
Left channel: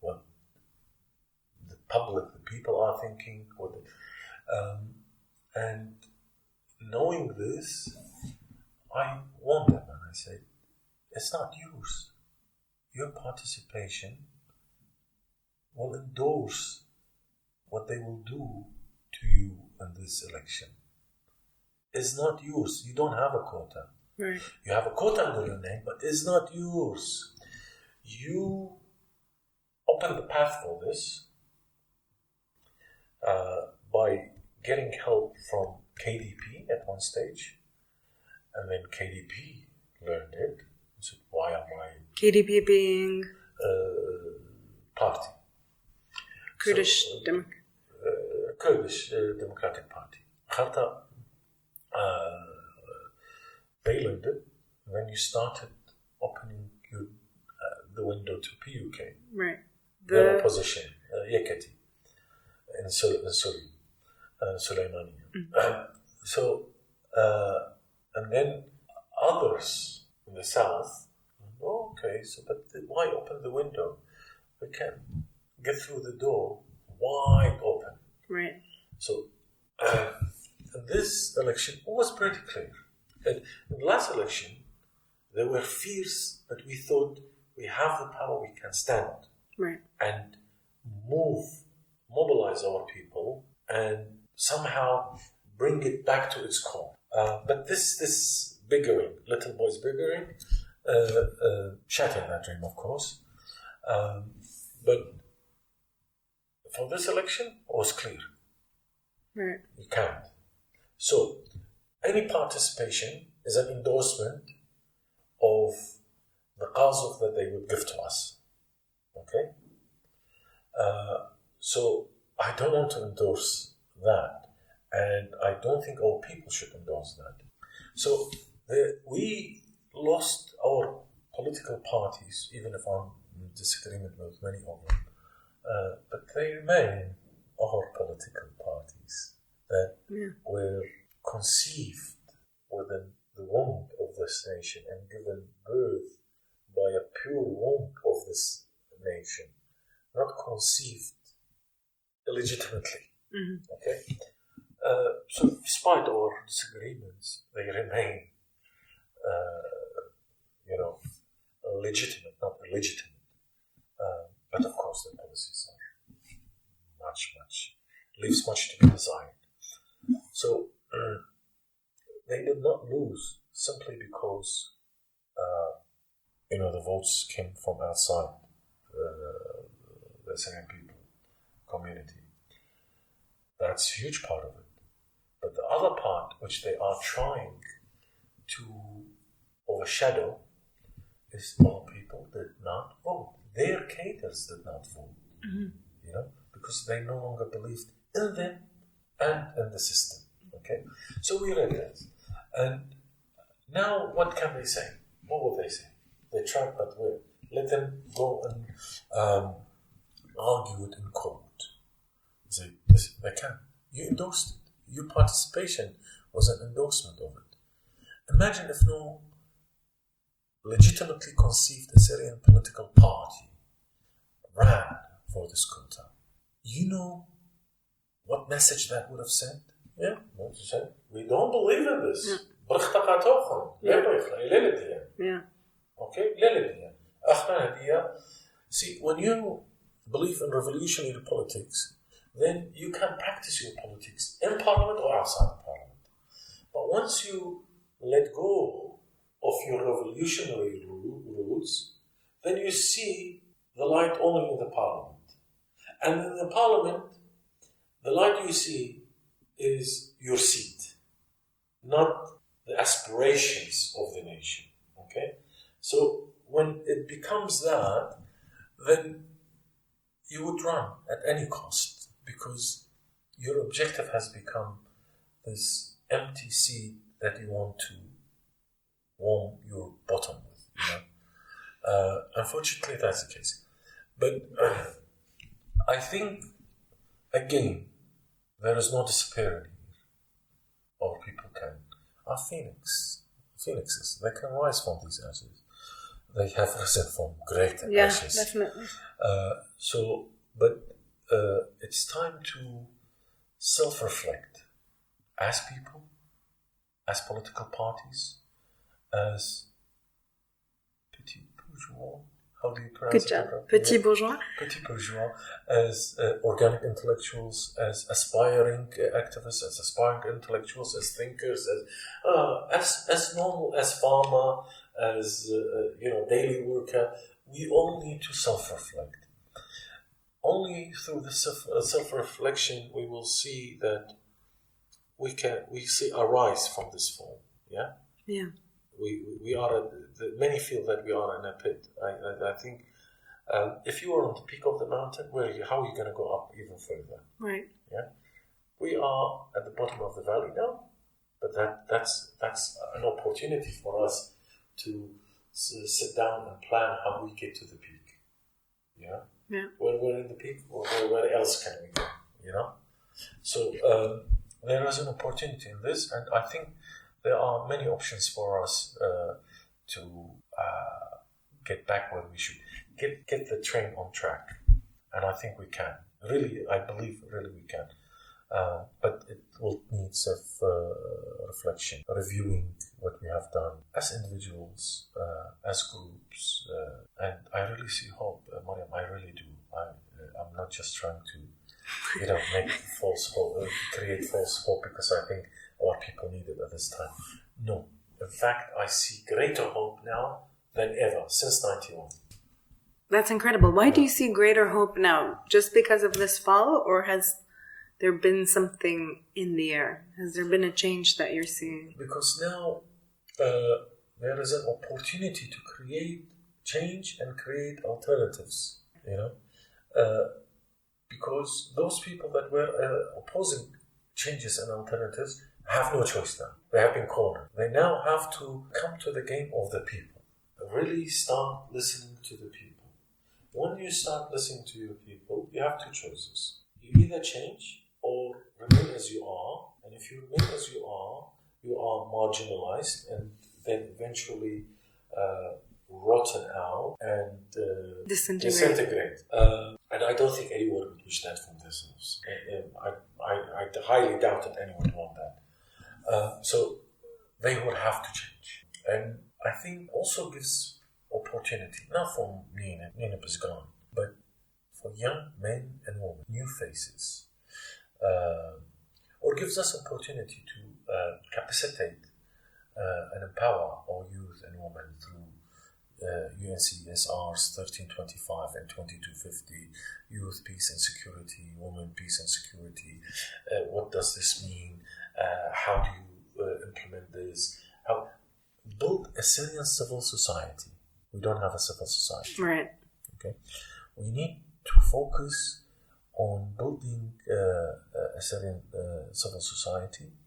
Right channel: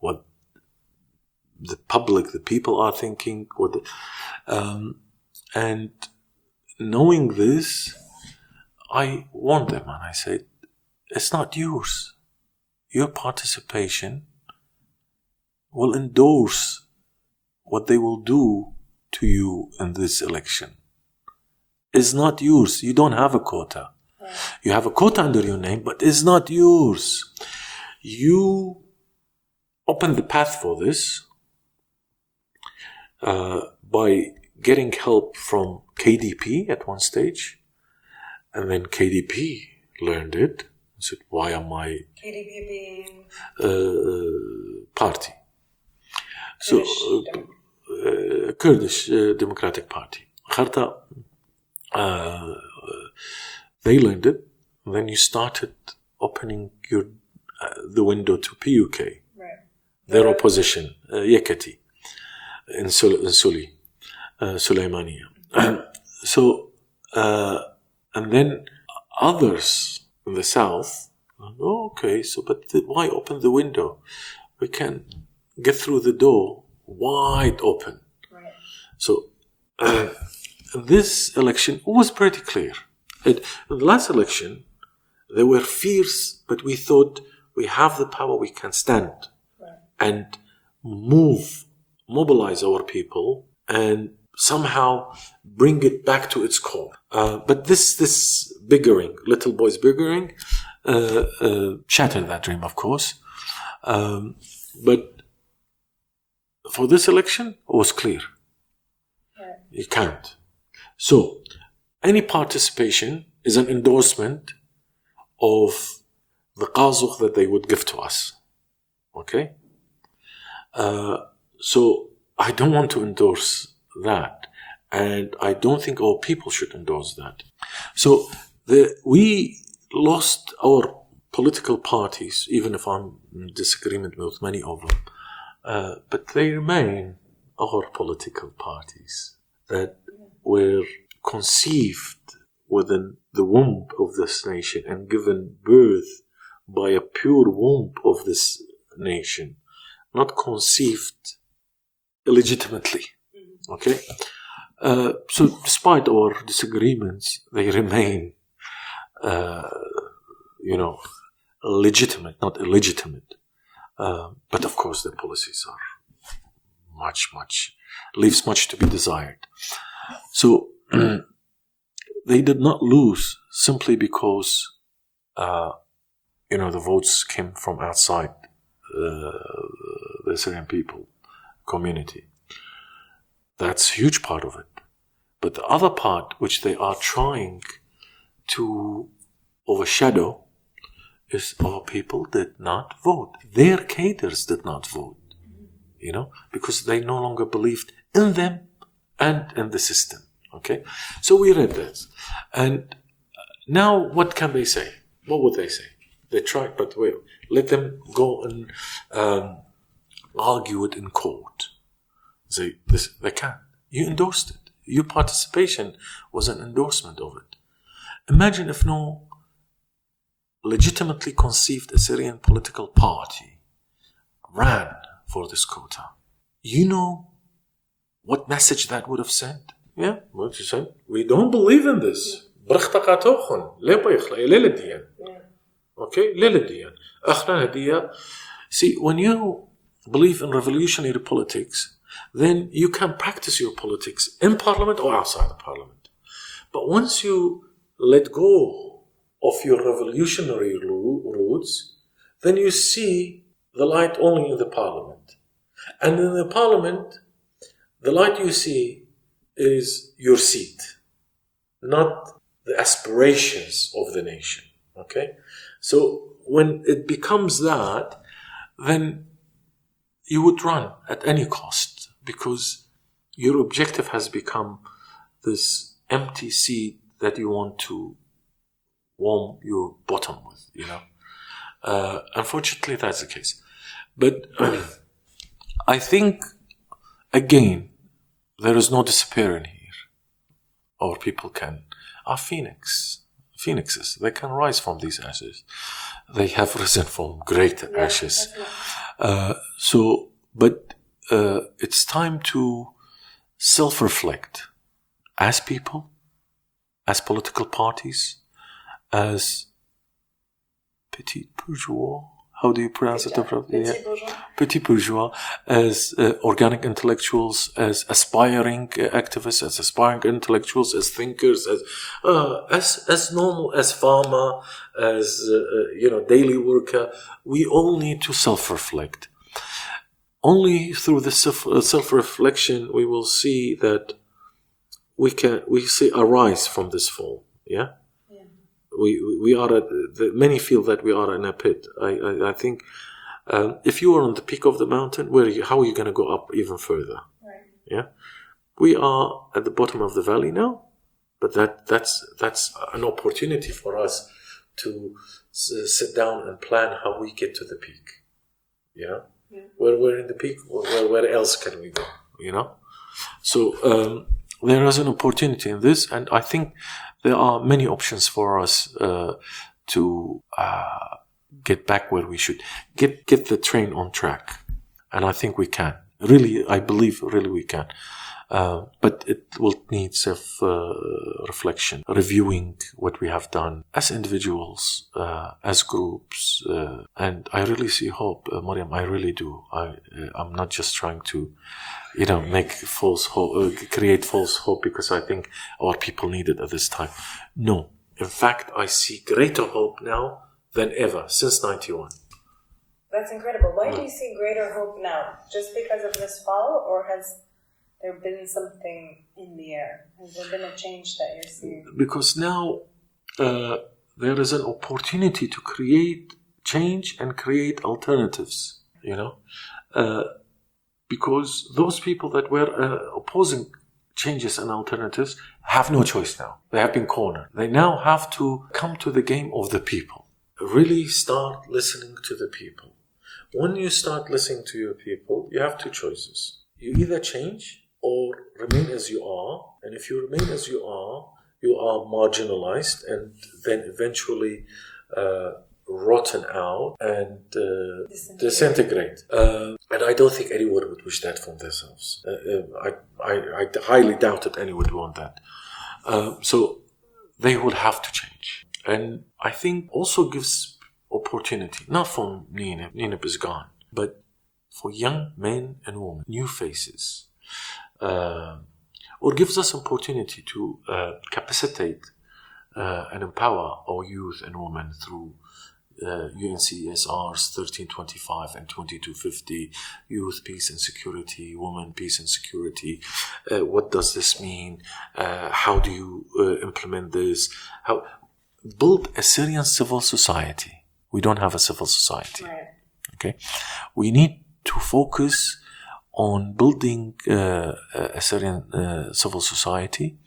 what the public, the people are thinking, and knowing this, I warned them and I said, "It's not yours. Your participation will endorse what they will do to you in this election. It's not yours. You don't have a quota. Right. You have a quota under your name, but it's not yours. You open the path for this by getting help from KDP at one stage, and then KDP learned it and said, why am I... KDP being? Party. Kurdish Kurdish Democratic Party. They learned it, and then you started opening the window to PUK. Right. Their opposition, Yekati, in Suli, Sulaimania. And then others in the south, but why open the window? We can get through the door wide open. Right. So this election was pretty clear. In the last election, there were fears, but we thought we have the power, we can stand. Right. And mobilize our people, and somehow bring it back to its core. But this bickering, little boys bickering, shattered that dream, of course. But for this election, it was clear. Right. You can't. So, any participation is an endorsement of the qazukh that they would give to us. Okay? So, I don't want to endorse that. And I don't think our people should endorse that. So, we lost our political parties, even if I'm in disagreement with many of them. But they remain our political parties that were conceived within the womb of this nation and given birth by a pure womb of this nation, not conceived illegitimately. Mm-hmm. Okay? So despite our disagreements, they remain, legitimate, not illegitimate. But of course, their policies are leaves much to be desired. So they did not lose simply because, the votes came from outside the Assyrian people community. That's a huge part of it. But the other part, which they are trying to overshadow, is our people did not vote. Their cadres did not vote, because they no longer believed in them and in the system. Okay? So we read this. And now what can they say? What would they say? They tried, but let them go and argue it in court. They can't. You endorsed it. Your participation was an endorsement of it. Imagine if no legitimately conceived Assyrian political party ran for this quota. You know what message that would have sent? Yeah, what you said? We don't believe in this. Yeah. Okay? See, when you believe in revolutionary politics, then you can practice your politics in parliament or outside the parliament. But once you let go of your revolutionary roots, then you see the light only in the parliament. And in the parliament, the light you see is your seat, not the aspirations of the nation. Okay? So when it becomes that, then you would run at any cost, because your objective has become this empty seat that you want to warm your bottom with. Unfortunately, that's the case. But I think, again, there is no despairing here. Our people are phoenixes. They can rise from these ashes. They have risen from great ashes. But it's time to self-reflect as people, as political parties, as petit bourgeois. How do you pronounce it? Petit bourgeois. Petit bourgeois, as organic intellectuals, as aspiring activists, as aspiring intellectuals, as thinkers, as normal, as farmer, as daily worker. We all need to self-reflect. Only through the self-reflection we will see that we see a rise from this fall. Yeah. Yeah. We are many feel that we are in a pit. I think if you are on the peak of the mountain, how are you going to go up even further? Right. Yeah. We are at the bottom of the valley now, but that's an opportunity for us to sit down and plan how we get to the peak. Yeah. Yeah. We're in the peak. Where else can we go? You know. So there is an opportunity in this, and I think there are many options for us to get back where we should get the train on track, and I think we can. Really, I believe really we can. But it will need self-reflection, reviewing what we have done as individuals, as groups, and I really see hope, Mariam. I really do. I'm not just trying to, make false hope, create false hope because I think our people need it at this time. No, in fact, I see greater hope now than ever since '91. That's incredible. Why do you see greater hope now? Just because of this fall, or has there been something in the air? Has there been a change that you're seeing? Because now there is an opportunity to create change and create alternatives, because those people that were opposing changes and alternatives have no choice now. They have been cornered. They now have to come to the game of the people. Really start listening to the people. When you start listening to your people, you have two choices. You either change or remain as you are, and if you remain as you are marginalized and then eventually rotten out and disintegrate. And I don't think anyone would wish that for themselves. I highly doubt that anyone would want that. So they would have to change. And I think also gives opportunity, not for Nineb. Nineb is gone, but for young men and women, new faces. Or gives us opportunity to capacitate and empower our youth and women through UNCSR's 1325 and 2250, Youth, Peace and Security, Women, Peace and Security. What does this mean? How do you implement this? How build a Syrian civil society. We don't have a civil society. Right. Okay. We need to focus on building a Syrian civil society,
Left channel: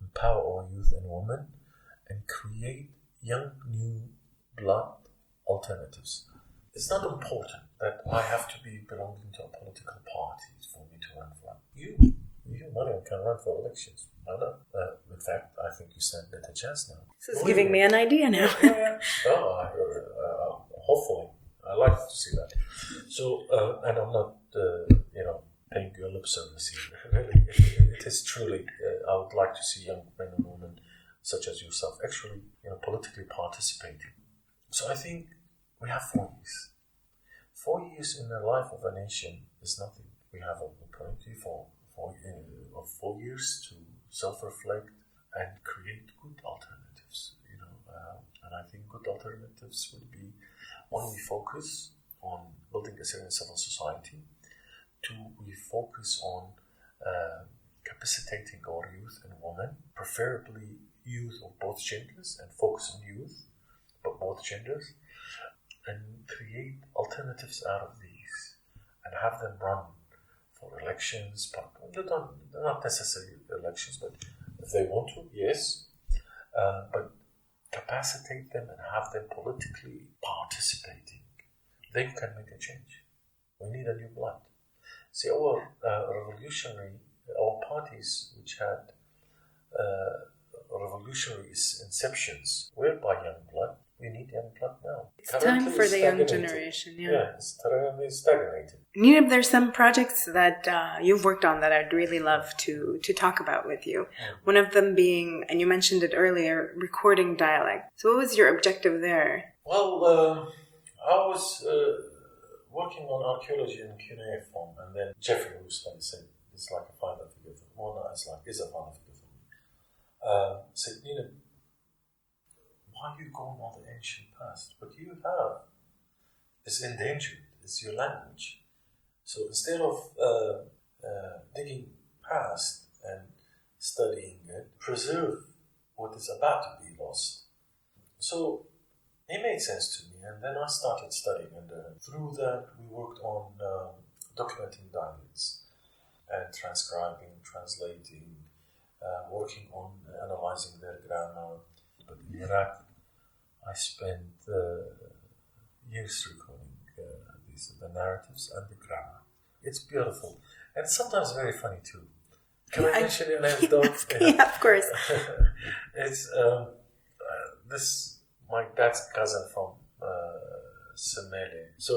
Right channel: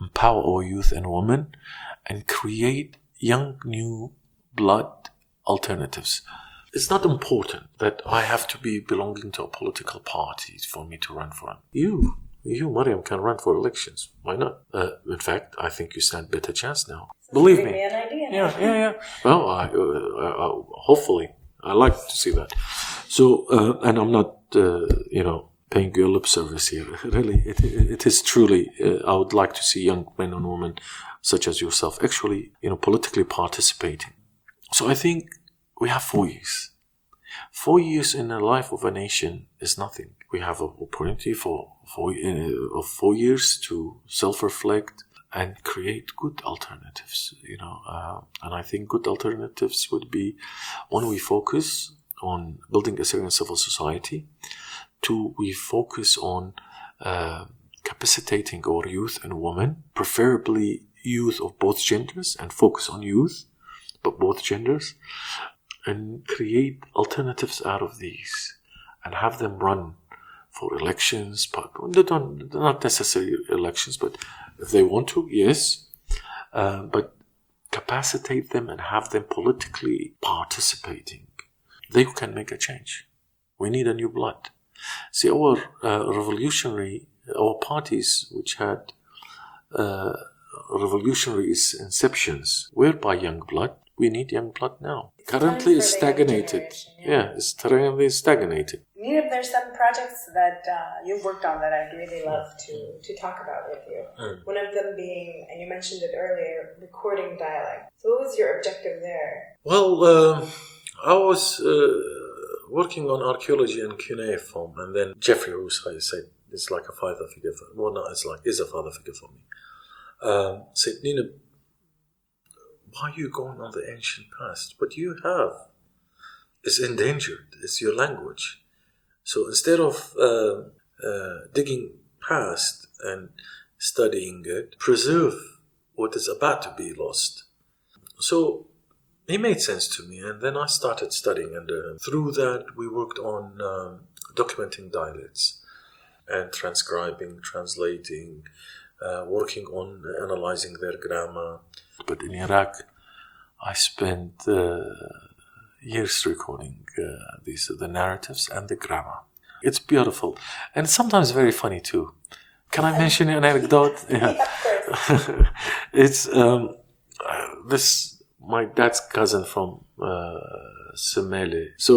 empower our youth and women, and create young, new blood alternatives. It's not important that I have to be belonging to a political party for me to run for it. You, Mariam, can run for elections. Why not? In fact, I think you stand better chance now. So believe me. An idea now. Yeah. Well, hopefully, I like to see that. So, and I'm not, paying you lip service here. Really, it is truly. I would like to see young men and women such as yourself actually, politically participating. So I think we have 4 years. 4 years in the life of a nation is nothing. We have an opportunity for 4 years to self-reflect and create good alternatives, and I think good alternatives would be, one, we focus on building a Syrian civil society. 2, we focus on capacitating our youth and women, preferably youth of both genders, and focus on youth, but both genders, and create alternatives out of these and have them run for elections, but not necessarily elections, but if they want to, yes, but capacitate them and have them politically participating. They can make a change. We need a new blood. See, our parties which had revolutionary inceptions were by young blood. We need young blood now. Currently, it's stagnated. It's currently stagnated. Nineb, there's some projects that you've worked on that I'd really love to talk about with you. One of them being, and you mentioned it earlier, recording dialect. So what was your objective there? Well, I was working on archaeology and cuneiform, and then Jeffrey Rousseau said, it's like a father figure for me. Well, no, is a father figure for me. Said, Nineb, why are you going on the ancient past? What you have is endangered. It's your language. So instead of digging past and studying it, preserve what is about to be lost. So it made sense to me, and then I started studying, and through that we worked on documenting dialects and transcribing, translating, working on analyzing their grammar. But in Iraq, I spent years recording the narratives and the grammar. It's beautiful, and sometimes very funny too. Can I mention an anecdote? Yeah, of course. It's my dad's cousin from Semele. So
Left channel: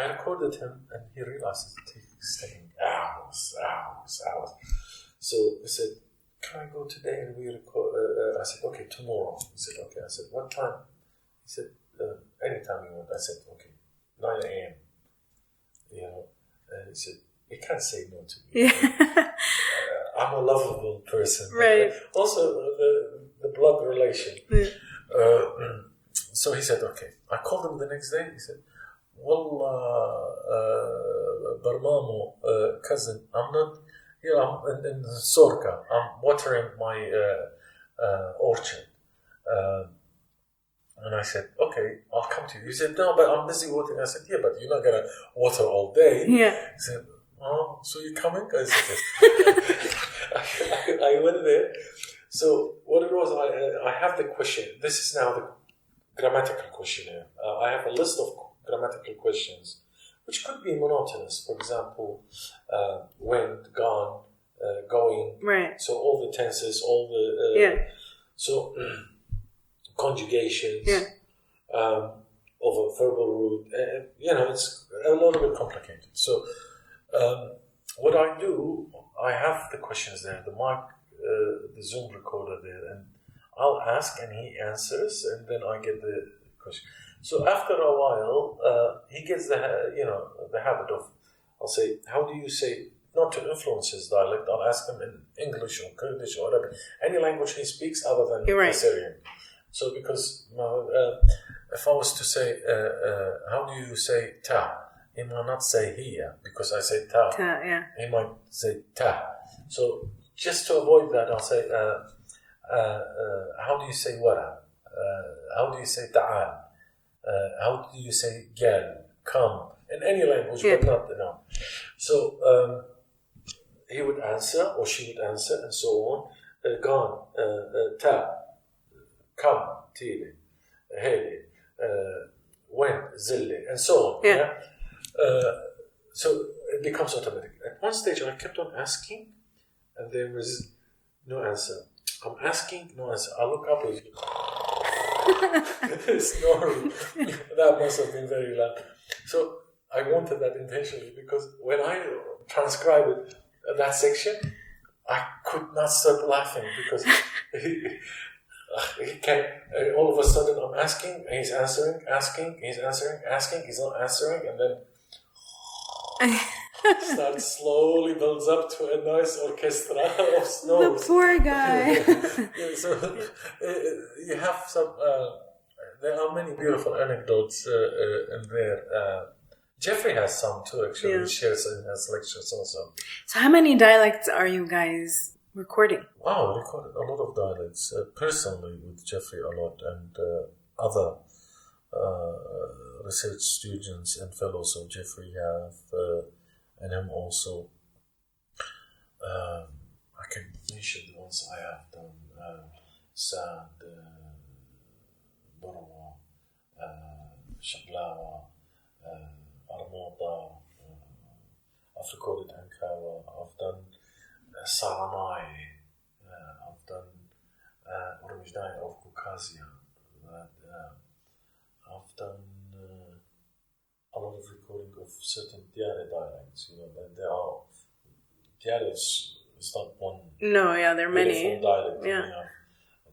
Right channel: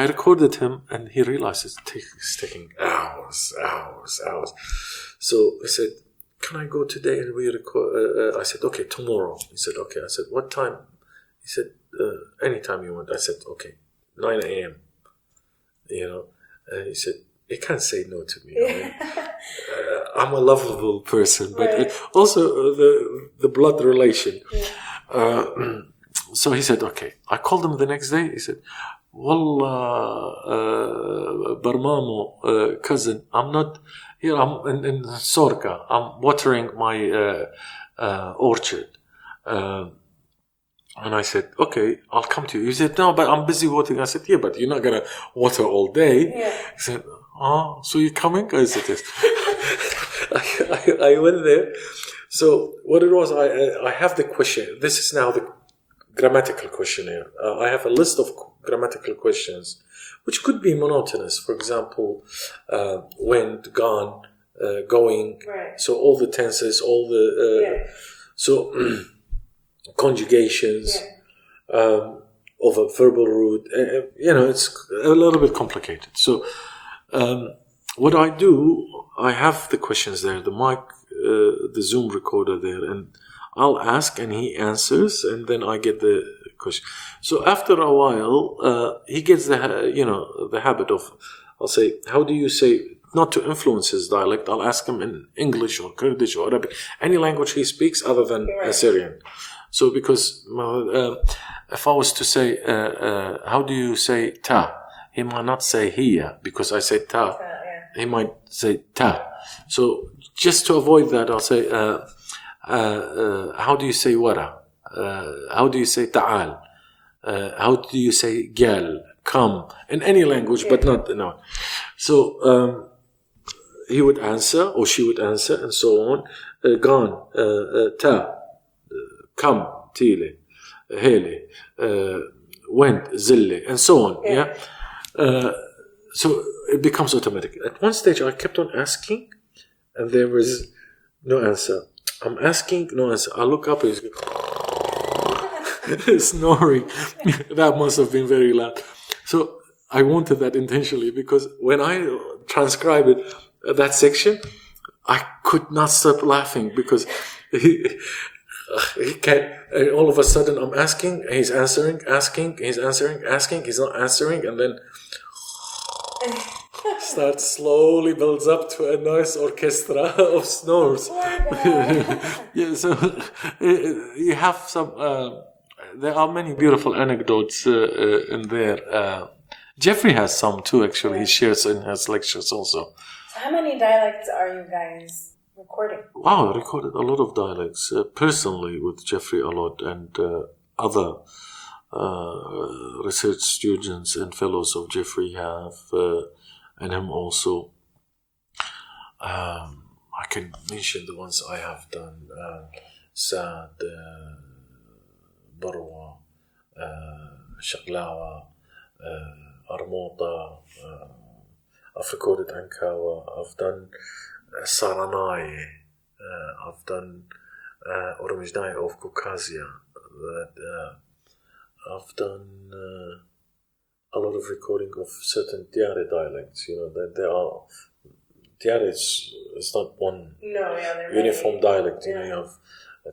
I recorded him, and he realized it's taking hours. So I said, "Can I go today?" And we record. I said, "Okay, tomorrow." He said, "Okay." I said, "What time?" He said, "Anytime you want." I said, "Okay, 9 a.m." And he said, "You can't say no to me." I'm a lovable person, but also the blood relation. Yeah. So he said, "Okay." I called him the next day. He said, "Wallah, Barmamo, cousin, I'm not here. I'm in Sorka. I'm watering my orchard." And I said, "Okay, I'll come to you." He said, "No, but I'm busy watering." I said, "Yeah, but you're not going to water all day." Yeah. He said, "Oh, so you're coming?" I said, "Yes." I went there. So what it was, I have the question. This is now the grammatical questionnaire. I have a list of grammatical questions, which could be monotonous. For example, went, gone, going. Right. So all the tenses, all the... So conjugations of a verbal root. It's a little bit complicated. So what I do, I have the questions there, the mic, the Zoom recorder there, and I'll ask and he answers, and then I get the question. So after a while, he gets the habit of, I'll say, "How do you say," not to influence his dialect, I'll ask him in English or Kurdish or Arabic, any language he speaks other than Assyrian. So because if I was to say, "How do you say ta?" He might not say hiya because I say ta. He might say ta. So just to avoid that, I'll say, "How do you say wara? How do you say ta'al? How do you say gal? Come?" In any language, but not no. So he would answer or she would answer, and so on. Gone, ta, come, tile, hele, went, zille, and so on. Yeah. So it becomes automatic. At one stage, I kept on asking, and there was no answer. I'm asking, no answer. I look up, he's snoring. That must have been very loud. So I wanted that intentionally, because when I transcribed it, that section, I could not stop laughing, because he can't. All of a sudden, I'm asking, he's answering, asking, he's answering, asking, he's not answering, and then starts slowly builds up to a nice orchestra of snores. The poor guy. Yeah, so you have some. There are many beautiful anecdotes in there. Jeffrey has some too. Actually, he shares in his lectures also. So, how many dialects are you guys recording? Wow, I recorded a lot of dialects personally with Jeffrey a lot, and other research students and fellows of Jeffrey have, and him also. I can mention the ones I have done: Saad, Barwa, Shaglawa, Armota. I've recorded Ankawa. I've done Saranai. I've done Oromijnai of Caucasia. I've done a lot of recording of certain Diare dialects. That there are Diare is not one. No, there are many uniform dialect. Yeah. You have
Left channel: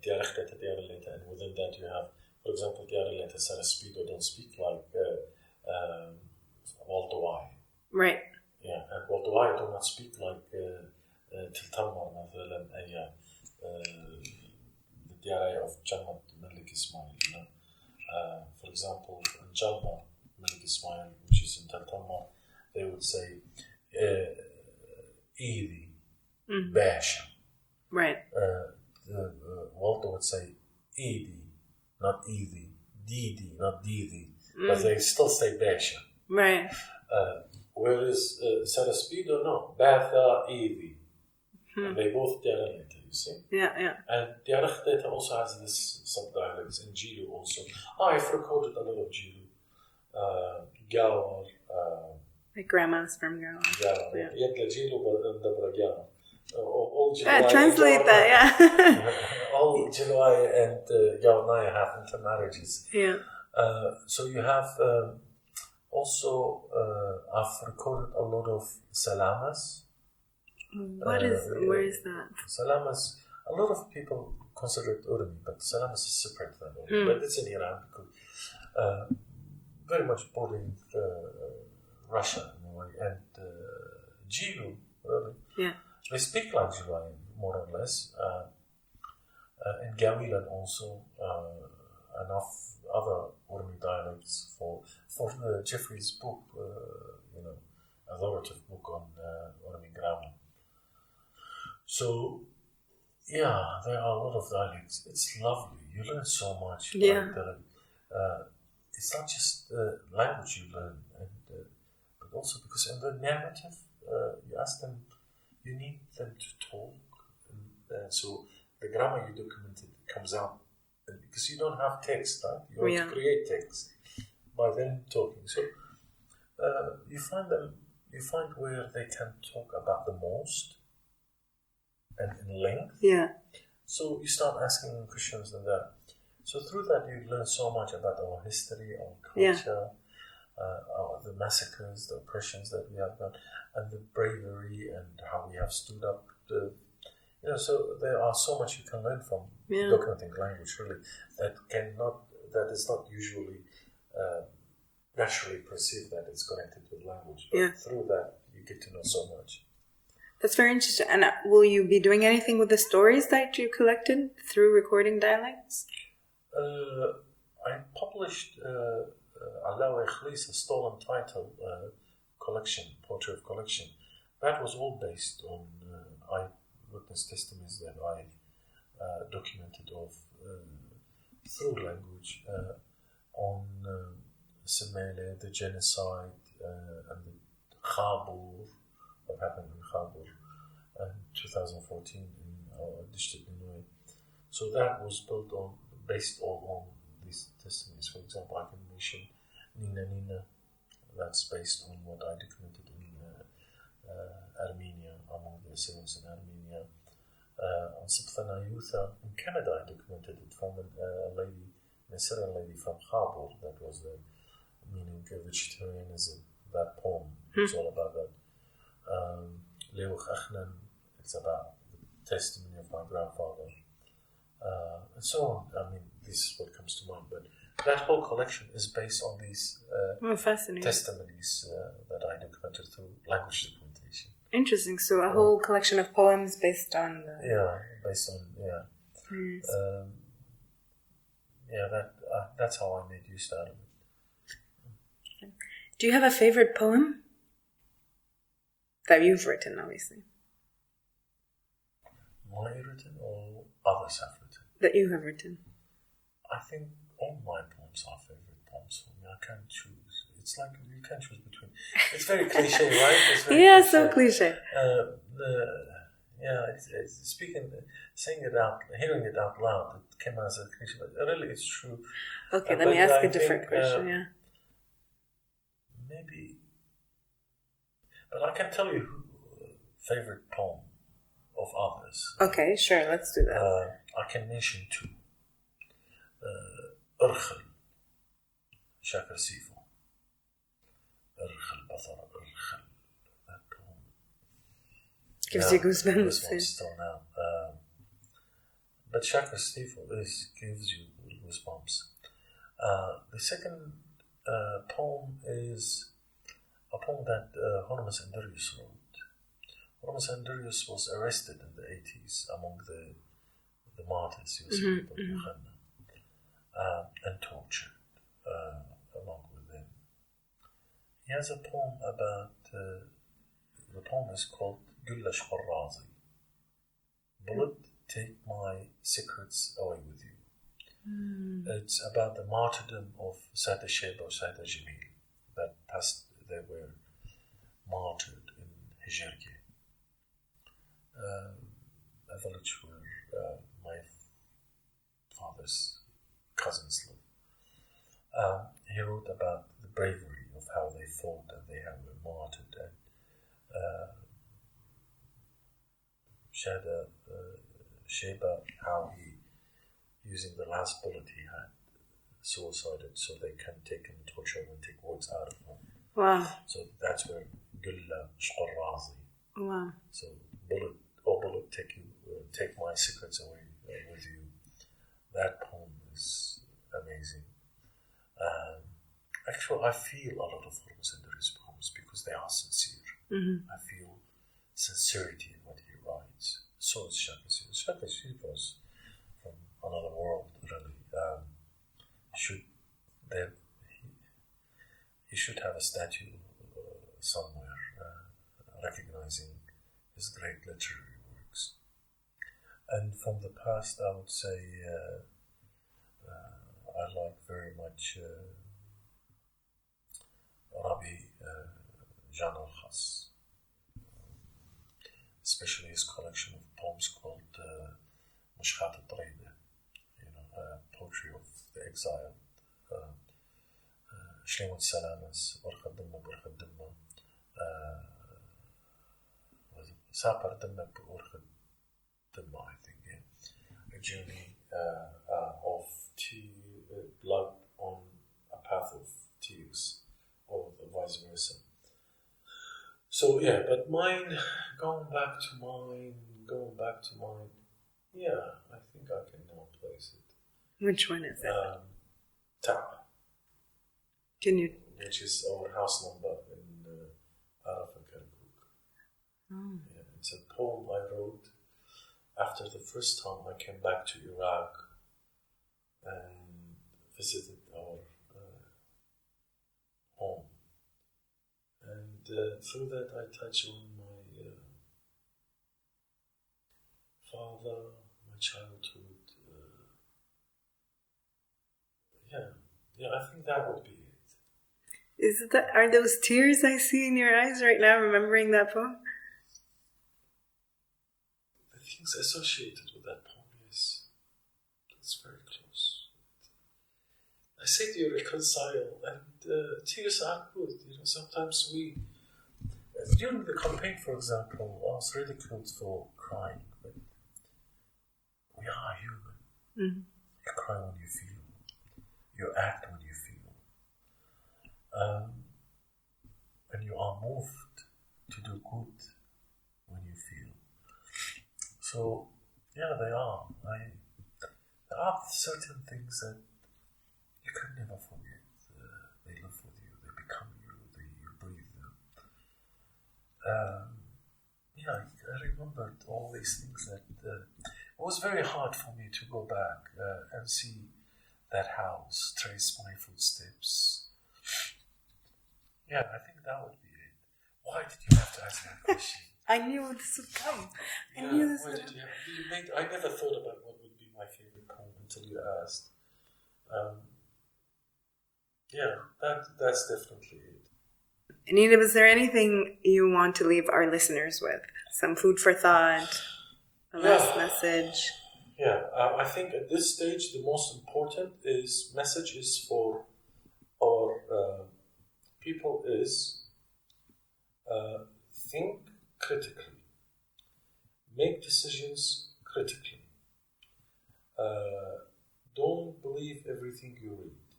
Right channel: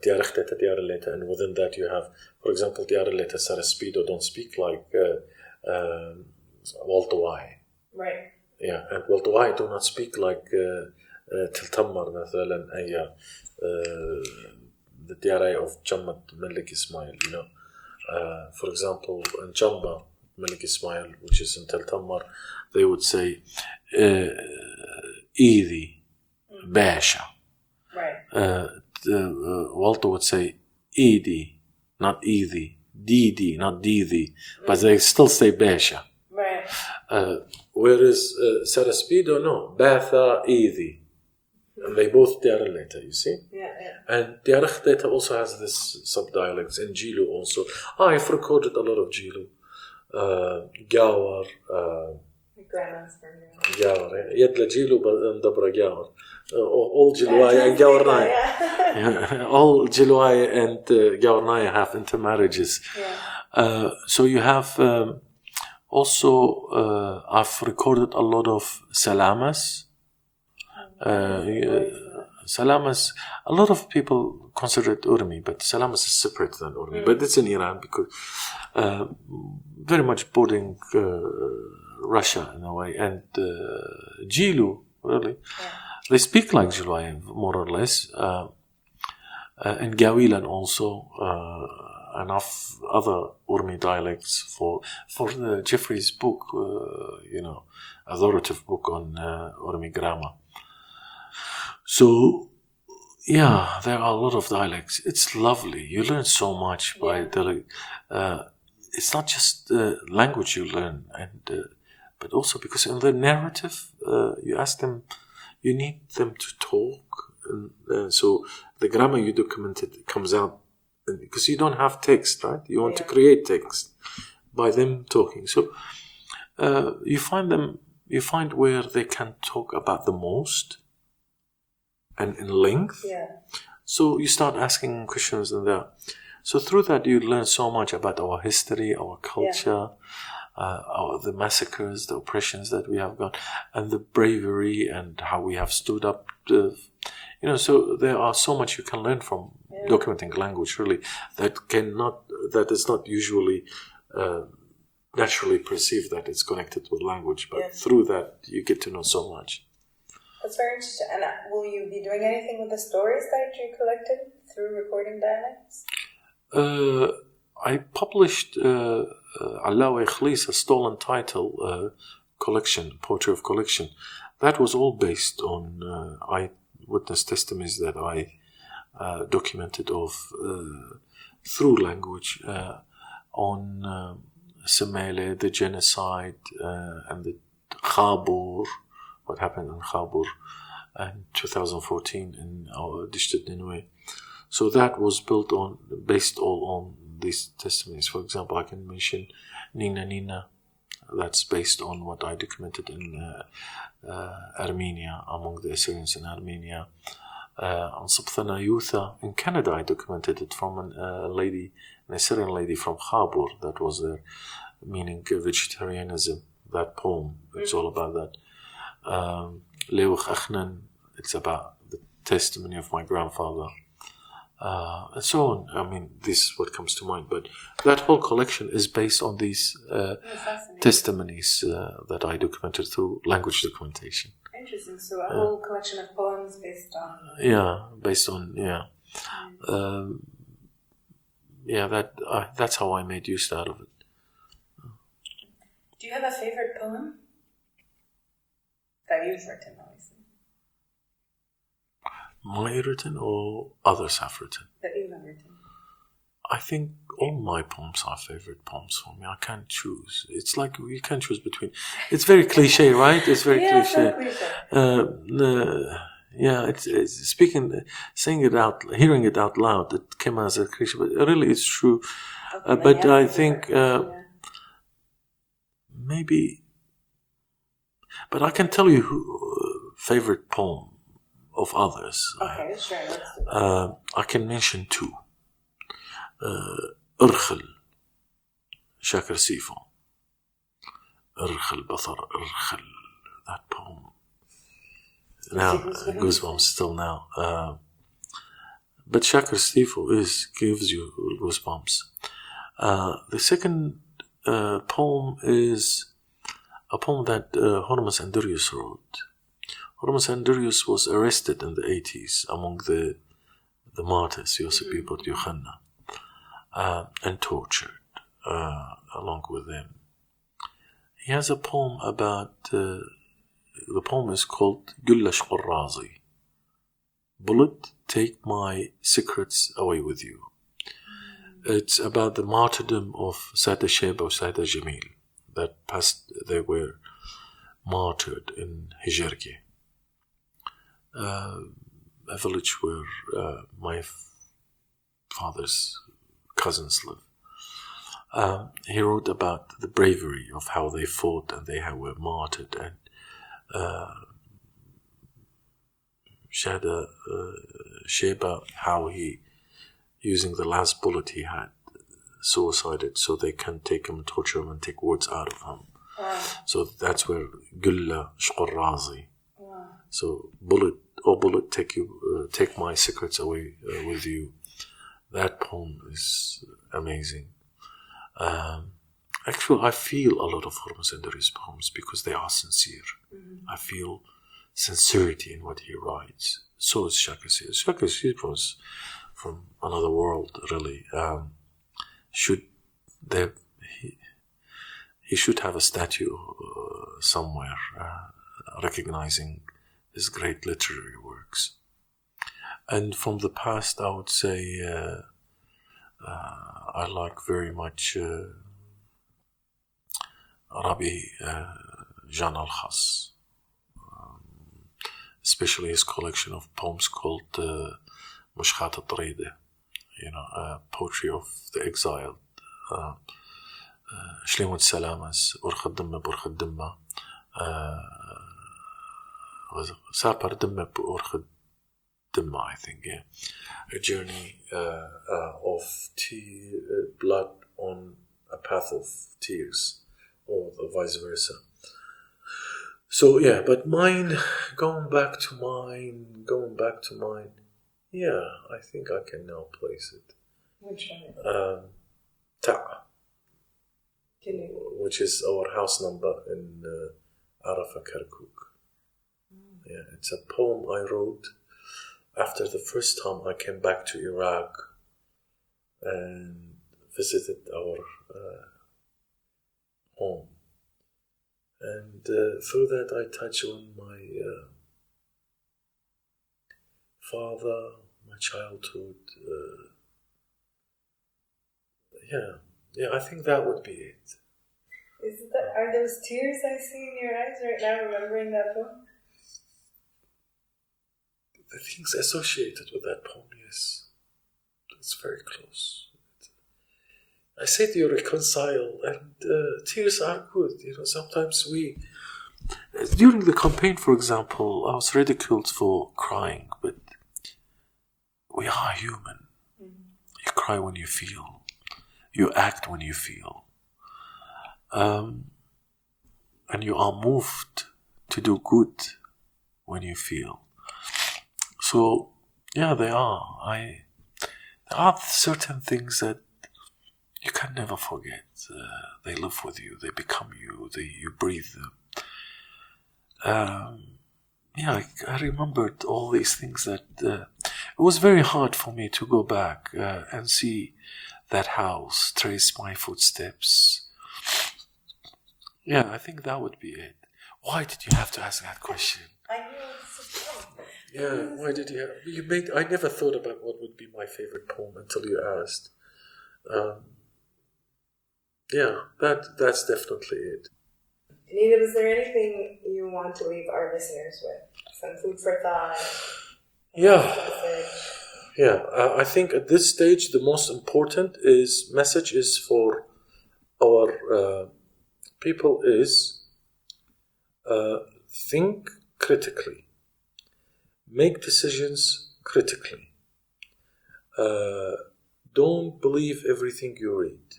Diarechtet, Diareleta, and within that you have, for example, Diareleta, Saraspido don't speak like Waltawai. Right. Yeah, and Waltawai do not speak like Tiltammar, مثلا, the Diare of Jammat Malik Ismail, for example, in Jamba, Malik Ismail, which is in Tiltammar, they would say Eidi, Basha. Right. Walter would say Edie, not Edie. Didi, not Didi. But they still say Besha. Right. Whereas Saraspido, no. Batha, Edie. They both Diarra later, you see? Yeah. And Diarra later also has this sub-dialects. And Jilu also. I've recorded a lot of Jilu. Gawar. My grandma's from Gawar. Gawar, yeah. Yedla Jilu and Dabra Gawar. All Jiluai and Translate Gawarnaya. that, yeah. All Jiluai and Gawarnaya have intermarriages. Yeah. So you have also, I've recorded a lot of Salamas. What is that? Salamas, a lot of people consider it Urmi, but Salamas is separate than Urmi. But it's in Iran because very much bordering Russia in a way. And Jilu, really. Yeah. They speak like Jiluai, more or less. And Gawilan also, enough other Urmi dialects for the Jeffrey's book, authoritative book on Urmi grammar. So, yeah, there are a lot of dialects. It's lovely. You learn so much by dialect. It's not just language you learn, but also because in the narrative, you ask them, you need them to talk. And so the grammar you documented comes out because you don't have text, right? You want to create text by them talking. So you find where they can talk about the most and in length. Yeah. So you start asking questions in there. So through that, you learn so much about our history, our culture, the massacres, the oppressions that we have got, and the bravery and how we have stood up. So there are so much you can learn from documenting language, really, that is not usually naturally perceived that it's connected with language. But through that, you get to know so much. That's very interesting. And will you be doing anything with the stories that you collected through recording dialects? I published Alawi Khlis, a stolen title collection, poetry of collection. That was all based on eyewitness testimonies that I documented through language on Semele, the genocide, and the Khabur, what happened in Khabur in 2014 in our district Ninue. So that was based all on these testimonies. For example, I can mention Nina, that's based on what I documented in Armenia, among the Assyrians in Armenia. On Sabthana Yutha in Canada, I documented it from an Assyrian lady from Khabur, that was their meaning vegetarianism, that poem, it's all about that. Lewich Achnan, it's about the testimony of my grandfather. And so on. I mean, this is what comes to mind. But that whole collection is based on these testimonies that I documented through language documentation. Interesting. So a whole collection of poems based on... that's how I made use out of it. Do you have a favorite poem that you've written, obviously? My written or others have written? That you have written. I think all my poems are favorite poems for me. I can't choose. It's like you can't choose between. It's very cliche, right? It's very cliche. So cliche. It's saying it out, hearing it out loud. It came as a cliche, but really it's true. Okay, but I think maybe. But I can tell you favorite poem of others. Okay, sure, let's do that. I can mention two. Urkhel, Shakir Sifo. Urkhel, Bathar, Urkhel. That poem. Now, goosebumps still now. But Shakir Sifo gives you goosebumps. The second poem is a poem that Hormuz Andurius wrote. Hormuz Andurius was arrested in the 80s among the martyrs, Yosip Ibn Yohanna, and tortured along with them. He has a poem about, the poem is called Gullash Qurrazi. Bullet, take my secrets away with you. It's about the martyrdom of Sada Sheba or Sada Jamil that passed. They were martyred in Hijrki, a village where my father's cousins live. He wrote about the bravery of how they fought and they were martyred, and Sada Sheba, how he, using the last bullet he had, suicided so they can take him, torture him, and take words out of him. Wow. So that's where Gulla Shqur Razi. Wow. So bullet, oh bullet, take my secrets away with you. That poem is amazing. Actually, I feel a lot of Hormuz in his poems because they are sincere. I feel sincerity in what he writes. So is Shakasir. Shakasir was from another world, really. He should have a statue somewhere recognizing his great literary works. And from the past, I would say I like very much Rabi Jan al-Khas, especially his collection of poems called Mushkhat al-Taride, poetry of the exiled. Shlimut Salamas, Burkhat Dimma, Burkhat Dimma, Sapar Dimma, Burkhat Dimma, I think, yeah. A journey of blood on a path of tears, or vice versa. So, yeah, but going back to mine, yeah, I think I can now place it. Which one is it? Ta'a. Can you? Which is our house number in Arafah, Kirkuk. Yeah, it's a poem I wrote after the first time I came back to Iraq and visited our home. And through that I touch on my father, my childhood. Yeah, I think that would be it. Are those tears I see in your eyes right now, remembering that poem? The things associated with that poem, yes. It's very close. I say to you, reconcile, and tears are good. Sometimes during the campaign, for example, I was ridiculed for crying, but we are human. You cry when you feel. You act when you feel. And you are moved to do good when you feel. So, yeah, they are. There are certain things that you can never forget. They live with you. They become you. You breathe them. I remembered all these things that it was very hard for me to go back and see that house, trace my footsteps. Yeah, I think that would be it. Why did you have to ask that question? I knew this was coming. Yeah, why did you? I never thought about what would be my favorite poem until you asked. That's definitely it. Nineb, is there anything you want to leave our listeners with? Some food for thought? Last message? Yeah, I think at this stage the most important message is for our people is think critically, make decisions critically. Don't believe everything you read.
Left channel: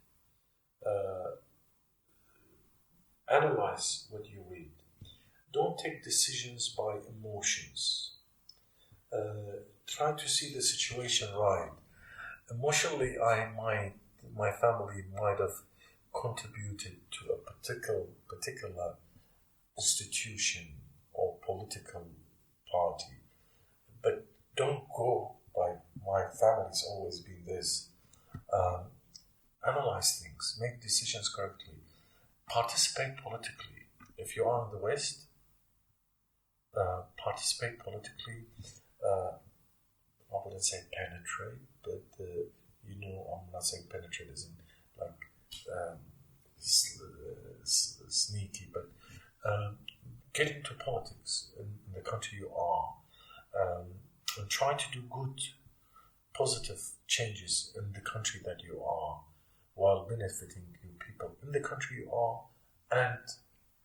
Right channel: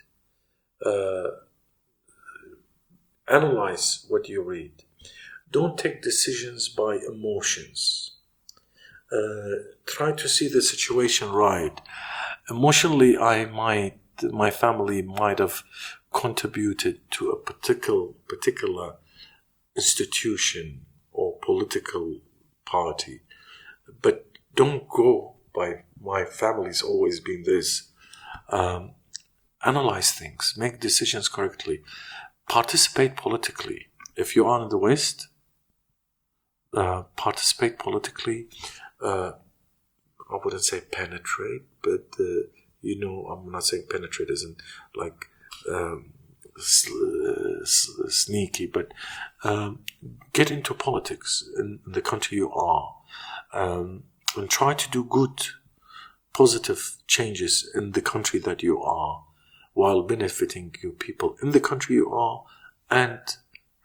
Analyze what you read. Don't take decisions by emotions. Try to see the situation right. Emotionally, my family might have contributed to a particular institution or political party, but don't go by my family's always been this. Analyze things, make decisions correctly, participate politically. If you are in the West, participate politically. I wouldn't say penetrate, but I'm not saying penetrate isn't like sneaky, but get into politics in the country you are, and try to do good, positive changes in the country that you are, while benefiting your people in the country you are and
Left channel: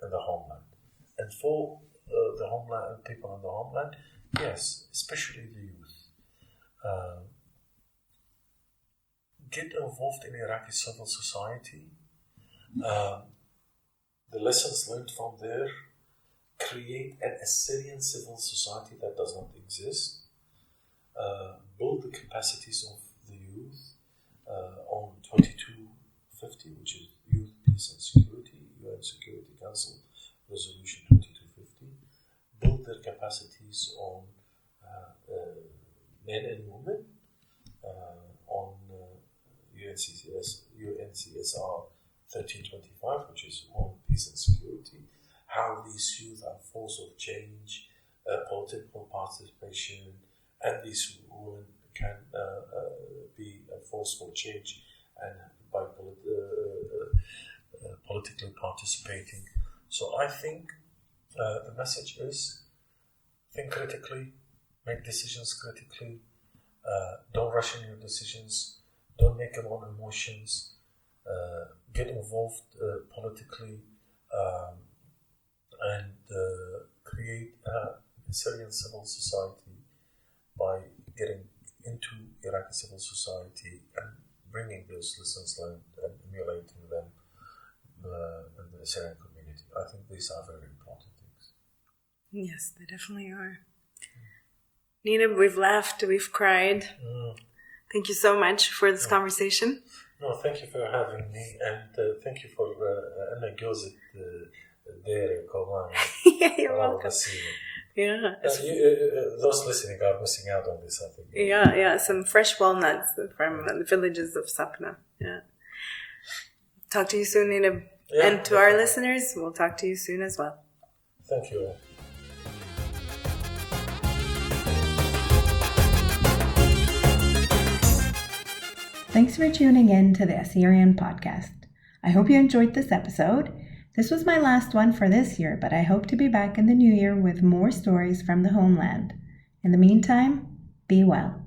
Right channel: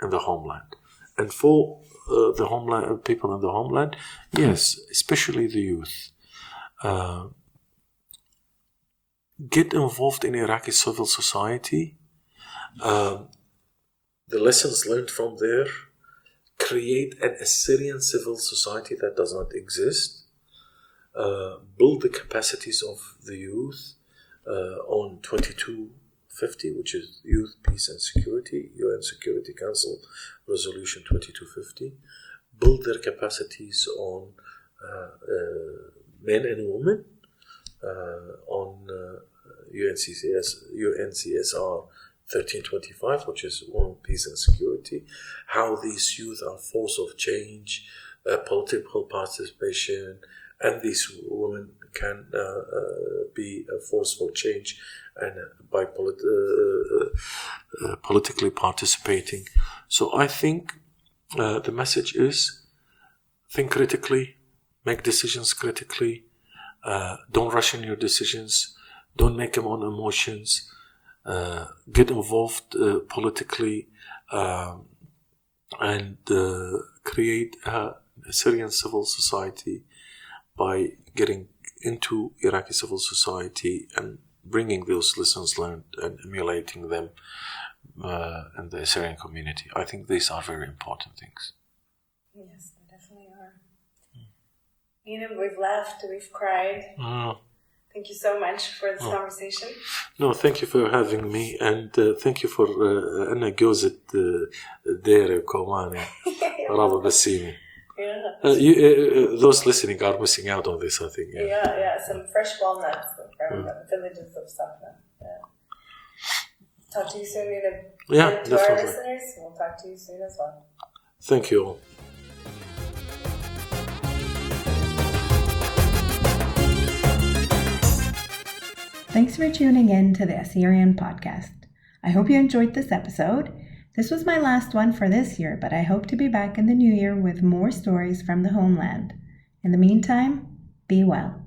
in the homeland. And for the homeland, people in the homeland, yes, especially the youth, get involved in Iraqi civil society. The lessons learned from there, create an Assyrian civil society that does not exist, build the capacities of the youth on 2250, which is Youth, Peace and Security, UN Security Council Resolution 2250, build their capacities on men and women, on UNCSR 1325, which is Women, Peace and Security, how these youth are force of change, political participation, and these women can be a force for change and by politically participating. So I think the message is think critically, make decisions critically, don't rush in your decisions, don't make them on emotions, get involved politically, and create a Syrian civil society by getting into Iraqi civil society and bringing those lessons learned and emulating them in the Assyrian community. I think these are very important things. Yes, they definitely are. Nineb, we've laughed, we've cried. Thank you so much for this conversation. No, thank you for having me, and thank you for أنا جوزة دير كمان رابط بسيني. Yeah. Those listening are missing out on this, I think. Yeah. Some fresh walnuts from the villages of Sapna. Yeah. Talk to you soon, Nineb. Yeah, and to definitely. our listeners, we'll talk to you soon as well. Thank you all. Thanks for tuning in to the Assyrian podcast. I hope you enjoyed this episode. This was my last one for this year, but I hope to be back in the new year with more stories from the homeland. In the meantime, be well.